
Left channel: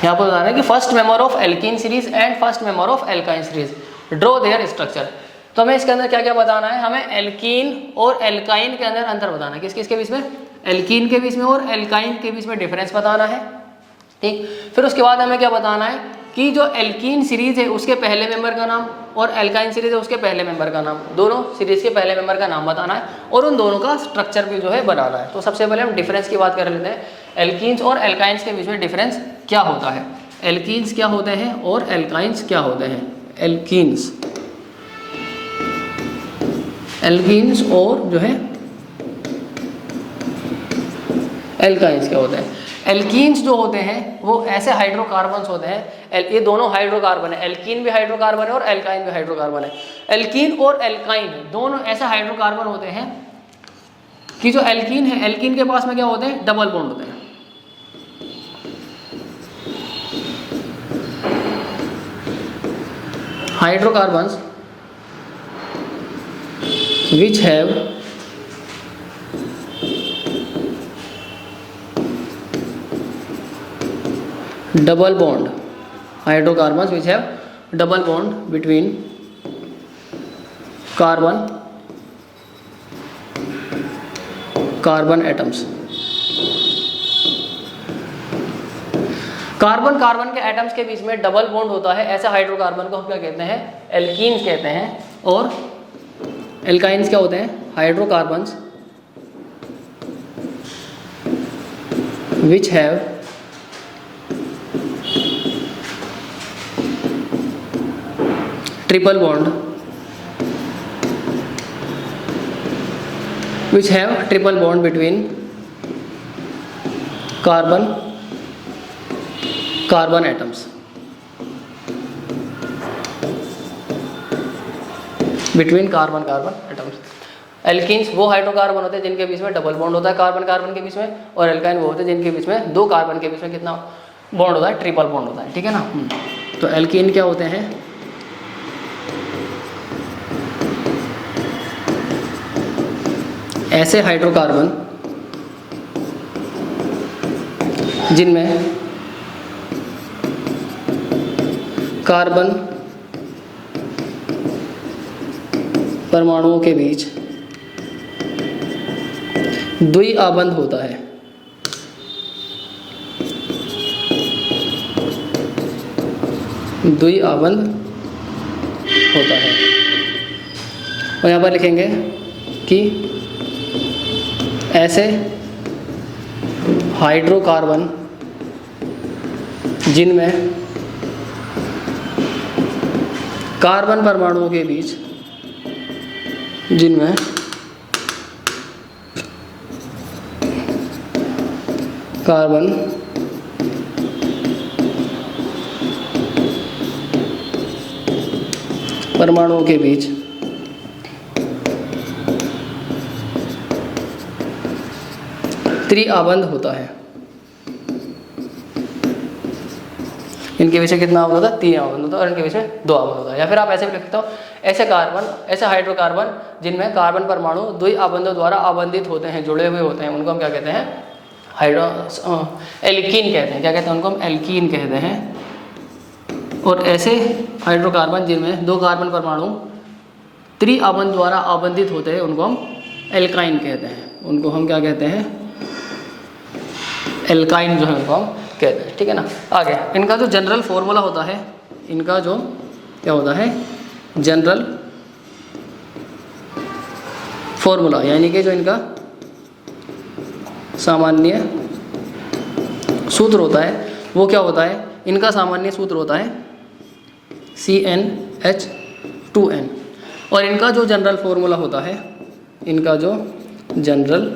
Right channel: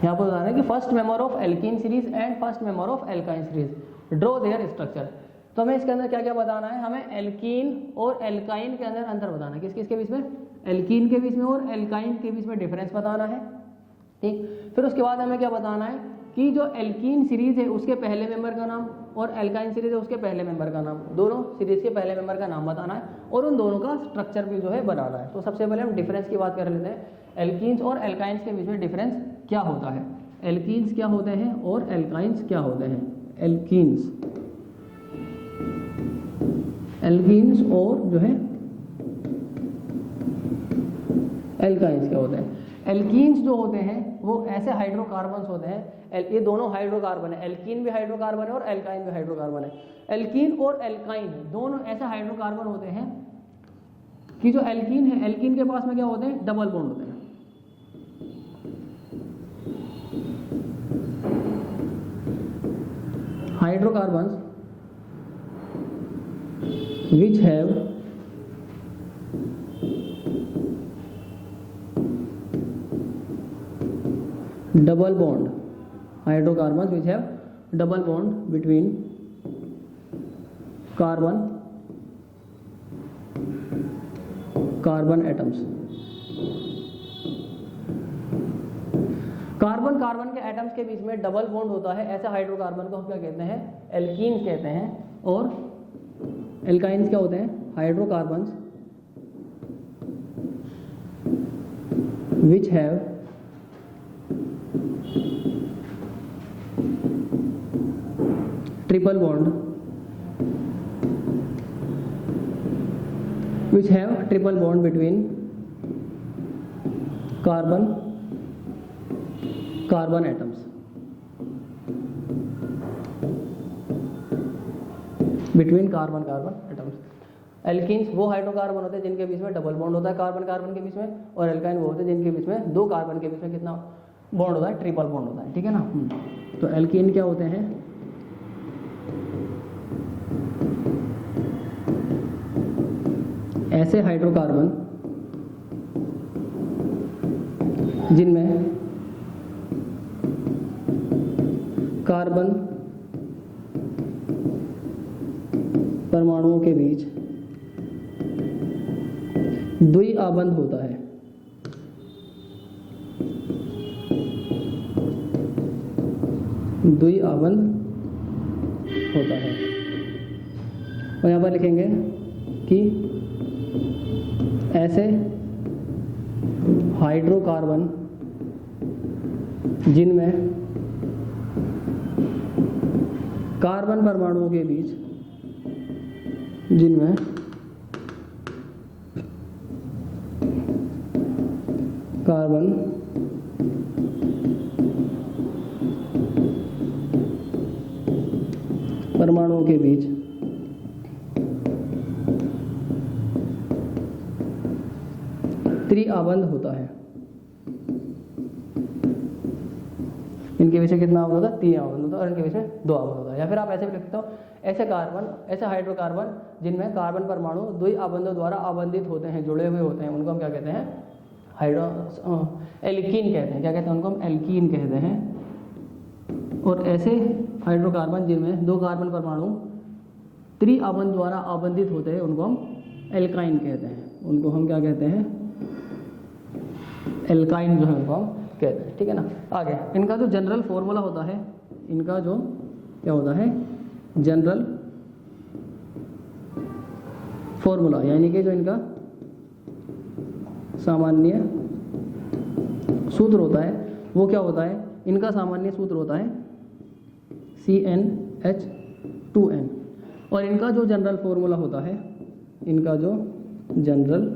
यहाँ पर बताना है कि first member of alkene series and first member of alkyne series, draw there structure. तो हमें इसके अंदर क्या क्या बताना है, हमें एल्कीन और एल्काइन के अंदर अंतर बताना है। किस किस के बीच में, एल्कीन के बीच में और एल्काइन के बीच में डिफरेंस बताना है। ठीक, फिर उसके बाद हमें क्या बताना है कि जो एल्कीन सीरीज है उसके पहले मेंबर का नाम और एल्काइन सीरीज है उसके पहले मेंबर का नाम, दोनों सीरीज के पहले मेंबर का नाम बताना है और उन दोनों का स्ट्रक्चर भी जो है बनाना है। तो सबसे पहले हम डिफरेंस की बात कर लेते हैं। एल्कीन्स और एल्काइंस के बीच में डिफरेंस क्या होता है, एल्कीन्स क्या होते हैं और एल्काइंस क्या होते हैं। एल्कीन्स, एल्कीन्स और जो है एल्काइंस क्या होते हैं। एल्कीन्स जो होते हैं वो ऐसे हाइड्रोकार्बन्स होते हैं, ये दोनों हाइड्रोकार्बन है, एल्कीन भी हाइड्रोकार्बन है और एल्काइन भी हाइड्रोकार्बन है। एल्कीन और एल्काइन दोनों ऐसे हाइड्रोकार्बन होते हैं कि जो एल्कीन है, एल्कीन के पास में क्या होते हैं, डबल बॉन्ड होते हैं। Hydrocarbons which have double bond, hydrocarbons which have double bond between carbon atoms। Carbon carbon के एटम्स के बीच में डबल बॉन्ड होता है, ऐसे हाइड्रोकार्बन को हम क्या कहते हैं, एल्कीन्स कहते हैं। और एल्काइंस क्या होते हैं, hydrocarbons which have triple bond, which have triple bond between carbon atoms, between carbon atoms. Alkenes वो हाइड्रोकार्बन होते हैं जिनके बीच में डबल बॉन्ड होता है कार्बन कार्बन के बीच में, और एल्काइन वो होते हैं जिनके बीच में दो कार्बन के बीच में कितना बॉन्ड होता है, ट्रिपल बॉन्ड होता है। ठीक है ना। तो एल्कीन क्या होते हैं, ऐसे हाइड्रोकार्बन जिनमें कार्बन परमाणुओं के बीच द्विआबंध होता है। द्विआबंध होता है। और यहाँ पर लिखेंगे कि ऐसे हाइड्रोकार्बन जिनमें कार्बन परमाणुओं के बीच कार्बन परमाणुओं के बीच त्रिआबंध होता है। इनके बीच में कितना आबंध होता है, 3 आबंध होता है, और इनके बीच में 2 आबंध होता है। या फिर आप ऐसे भी लिख सकते हो, ऐसे हाइड्रोकार्बन जिनमें कार्बन परमाणु द्विआबंधों द्वारा आबंधित होते हैं, जुड़े हुए होते हैं, उनको हम क्या कहते हैं, एल्कीन कहते हैं। क्या कहते हैं उनको? हम एल्कीन कहते हैं। और ऐसे हाइड्रोकार्बन जिनमें 2 कार्बन परमाणु त्रिआबंध द्वारा आबंधित होते हैं उनको हम एल्काइन कहते हैं। उनको हम क्या कहते हैं? एल्काइन जो है उनको हम कहते हैं। ठीक है ना। आगे इनका जो जनरल फॉर्मूला होता है, इनका जो क्या होता है जनरल फॉर्मूला, यानी कि जो इनका सामान्य सूत्र होता है वो क्या होता है? इनका सामान्य सूत्र होता है CnH2n। और इनका जो जनरल फॉर्मूला होता है, इनका जो जनरल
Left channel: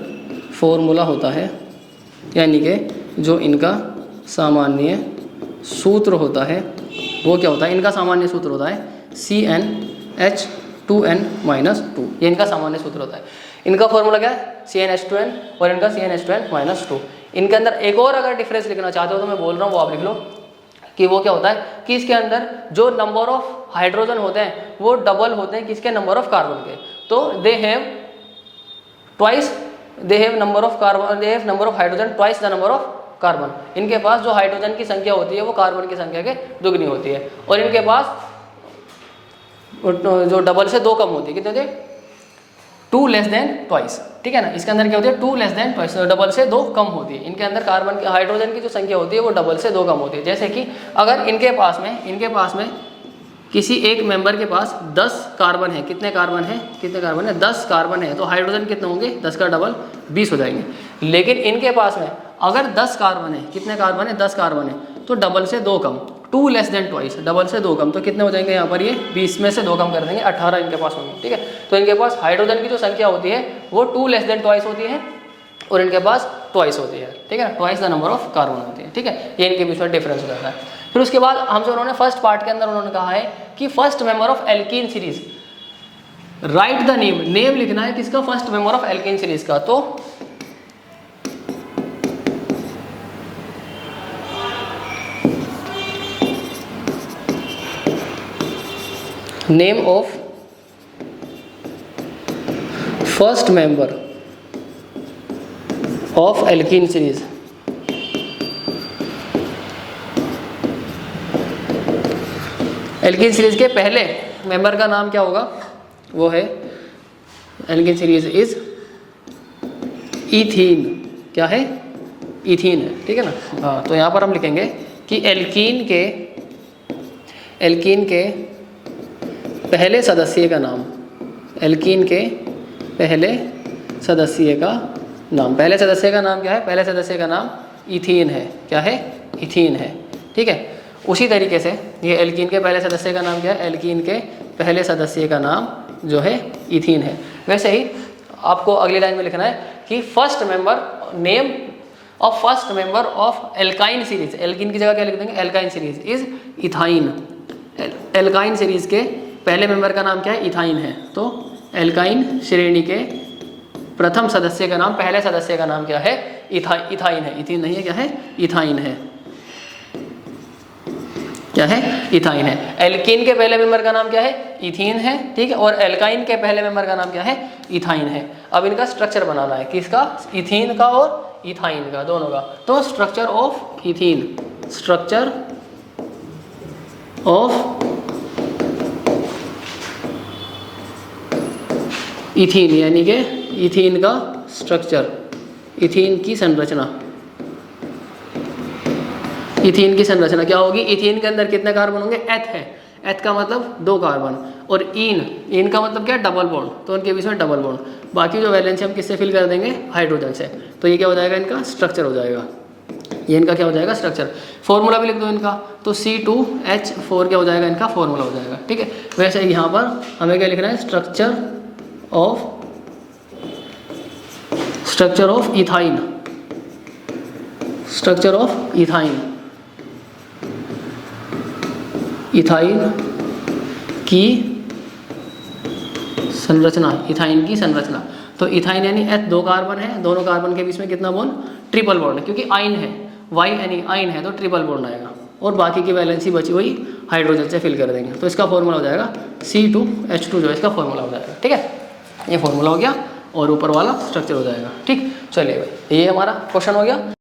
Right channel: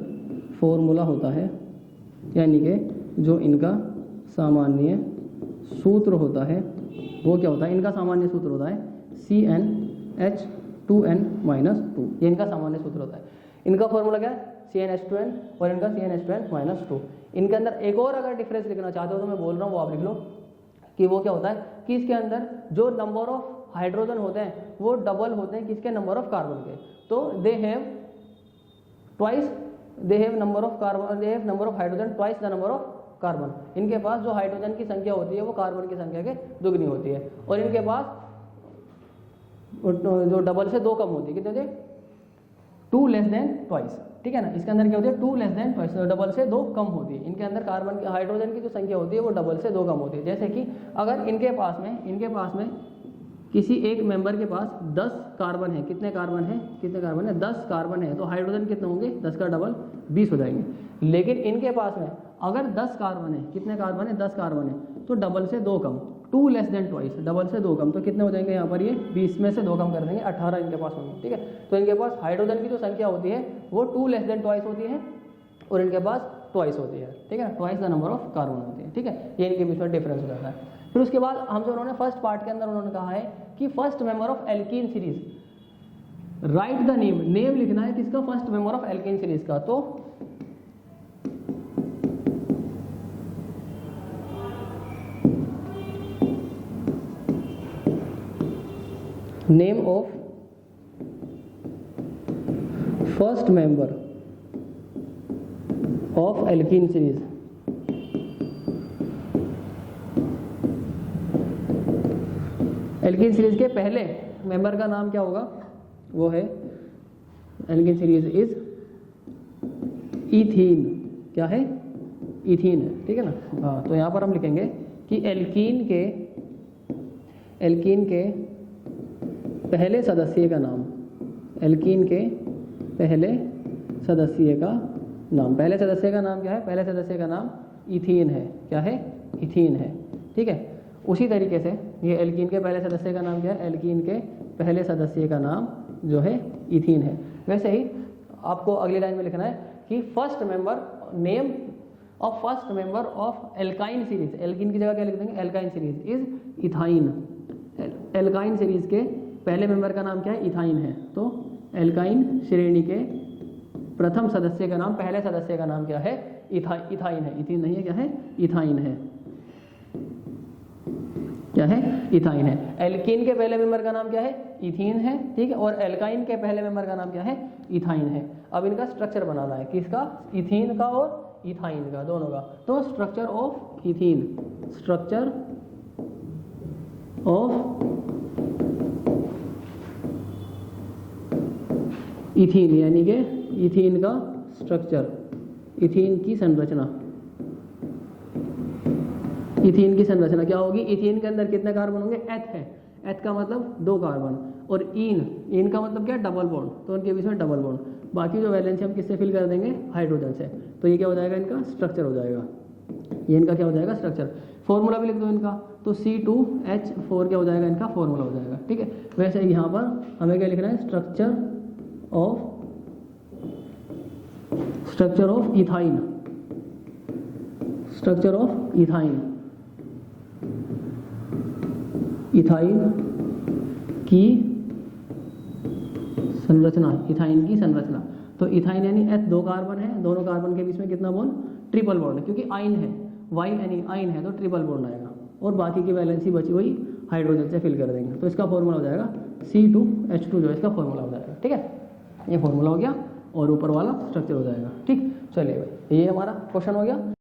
फॉर्मूला होता है, यानी कि जो इनका सामान्य सूत्र होता है वो क्या होता है? इनका सामान्य सूत्र होता है CnH2n-2। ये इनका सामान्य सूत्र होता है। इनका फॉर्मूला क्या है? CnH2n और इनका CnH2n-2। इनके अंदर एक और अगर डिफरेंस लिखना चाहते हो तो मैं बोल रहा हूँ वो आप लिख लो कि वो क्या होता है कि इसके अंदर जो नंबर ऑफ हाइड्रोजन होते हैं वो डबल होते हैं किसके? नंबर ऑफ कार्बन के। तो they have number of hydrogen twice the number of carbon. इनके पास जो हाइड्रोजन की संख्या होती है वो कार्बन की संख्या के दुगनी होती है। और इनके पास जो डबल से 2 कम होती है, कितने होते हैं? 2 लेस देन ट्वाइस। ठीक है ना। इसके अंदर क्या होती है? 2 लेस देन ट्वाइस, डबल से 2 कम होती है। इनके अंदर कार्बन की हाइड्रोजन की जो संख्या होती है वो डबल से 2 कम होती है। जैसे कि अगर इनके पास में किसी एक मेंबर के पास 10 कार्बन है, कितने कार्बन है? 10 कार्बन है, तो हाइड्रोजन कितने होंगे? 10 का डबल 20 हो जाएंगे। लेकिन इनके पास में अगर 10 कार्बन है, कितने कार्बन है? 10 कार्बन है, तो डबल से 2 कम, 2 लेस देन ट्वाइस, डबल से 2 कम, तो कितने हो जाएंगे यहाँ पर? ये 20 में से 2 कम कर देंगे, 18 इनके पास होंगे। ठीक है। तो इनके पास हाइड्रोजन की जो संख्या होती है वो 2 लेस देन ट्वाइस होती है और इनके पास ट्वाइस होती है। ठीक है। Twice the number of carbon होती है। ठीक है। ये इनके बीच में डिफरेंस हो जाता है। फिर उसके बाद हमसे उन्होंने फर्स्ट पार्ट के अंदर उन्होंने कहा है कि first member of alkene series, right the name लिखना है किसका? First member of alkene series का। तो name of first member of alkene series, alkene series के पहले मेंबर का नाम क्या होगा? वो है एल्कीन सीरीज इज इथीन। क्या है? इथीन है। ठीक है ना। हाँ, तो यहाँ पर हम लिखेंगे कि एल्कीन के पहले सदस्य का नाम, एल्कीन के पहले सदस्य का नाम, पहले सदस्य का नाम क्या है? पहले सदस्य का नाम इथीन है। क्या है? इथीन है। ठीक है। उसी तरीके से ये एल्कीन के पहले सदस्य का नाम क्या है? एल्कीन के पहले सदस्य का नाम जो है इथीन है। वैसे ही आपको अगली लाइन में लिखना है कि first member, name of first member of alkyne series, alkene की जगह क्या लिख देंगे? Alkyne series is ethyne. Alkyne series के पहले मेंबर का नाम क्या है? इथाइन है। तो एल्काइन श्रेणी के प्रथम सदस्य का नाम, पहले सदस्य का नाम क्या है? इथाइन है। इथीन नहीं है, क्या है? इथाइन है। क्या है? इथाइन है। एल्कीन के पहले मेंबर का नाम क्या है? इथीन है। ठीक है। और एल्काइन के पहले मेंबर का नाम क्या है? इथाइन है। अब इनका स्ट्रक्चर बनाना है, किसका? इथीन का और इथाइन का, दोनों का। तो structure of ethene, structure of ethene, यानी कि इथीन का स्ट्रक्चर, इथीन की संरचना। इथीन की संरचना क्या होगी? इथीन के अंदर कितने कार्बन होंगे? एथ है। एथ का मतलब 2 कार्बन, और इन का मतलब क्या? डबल बॉन्ड, तो उनके बीच में डबल बॉन्ड। बाकी जो वैलेंसी हम किससे फिल कर देंगे? हाइड्रोजन से। तो ये क्या हो जाएगा? इनका स्ट्रक्चर हो जाएगा। ये इनका क्या हो जाएगा? स्ट्रक्चर। फॉर्मूला भी लिख दो इनका, तो C2H4 क्या हो जाएगा? इनका फॉर्मूला हो जाएगा। ठीक है। वैसे यहाँ पर हमें क्या लिखना है? Structure of ethyne, structure of ethyne, ethyne की संरचना, इथाइन की संरचना। तो इथाइन यानी एथ 2 कार्बन है, दोनों कार्बन के बीच में कितना बॉन्ड? ट्रिपल बॉन्ड है, क्योंकि आइन है, वाई यानी आइन है तो ट्रिपल बॉन्ड आएगा, और बाकी की वैलेंसी बची हुई हाइड्रोजन से फिल कर देंगे। तो इसका फॉर्मूला हो जाएगा C2H2 जो है इसका फॉर्मूला हो जाएगा। ठीक है। ये फॉर्मूला हो गया। और ऊपर वाला स्ट्रक्चर हो जाएगा। ठीक, चलिए भाई ये हमारा क्वेश्चन हो गया।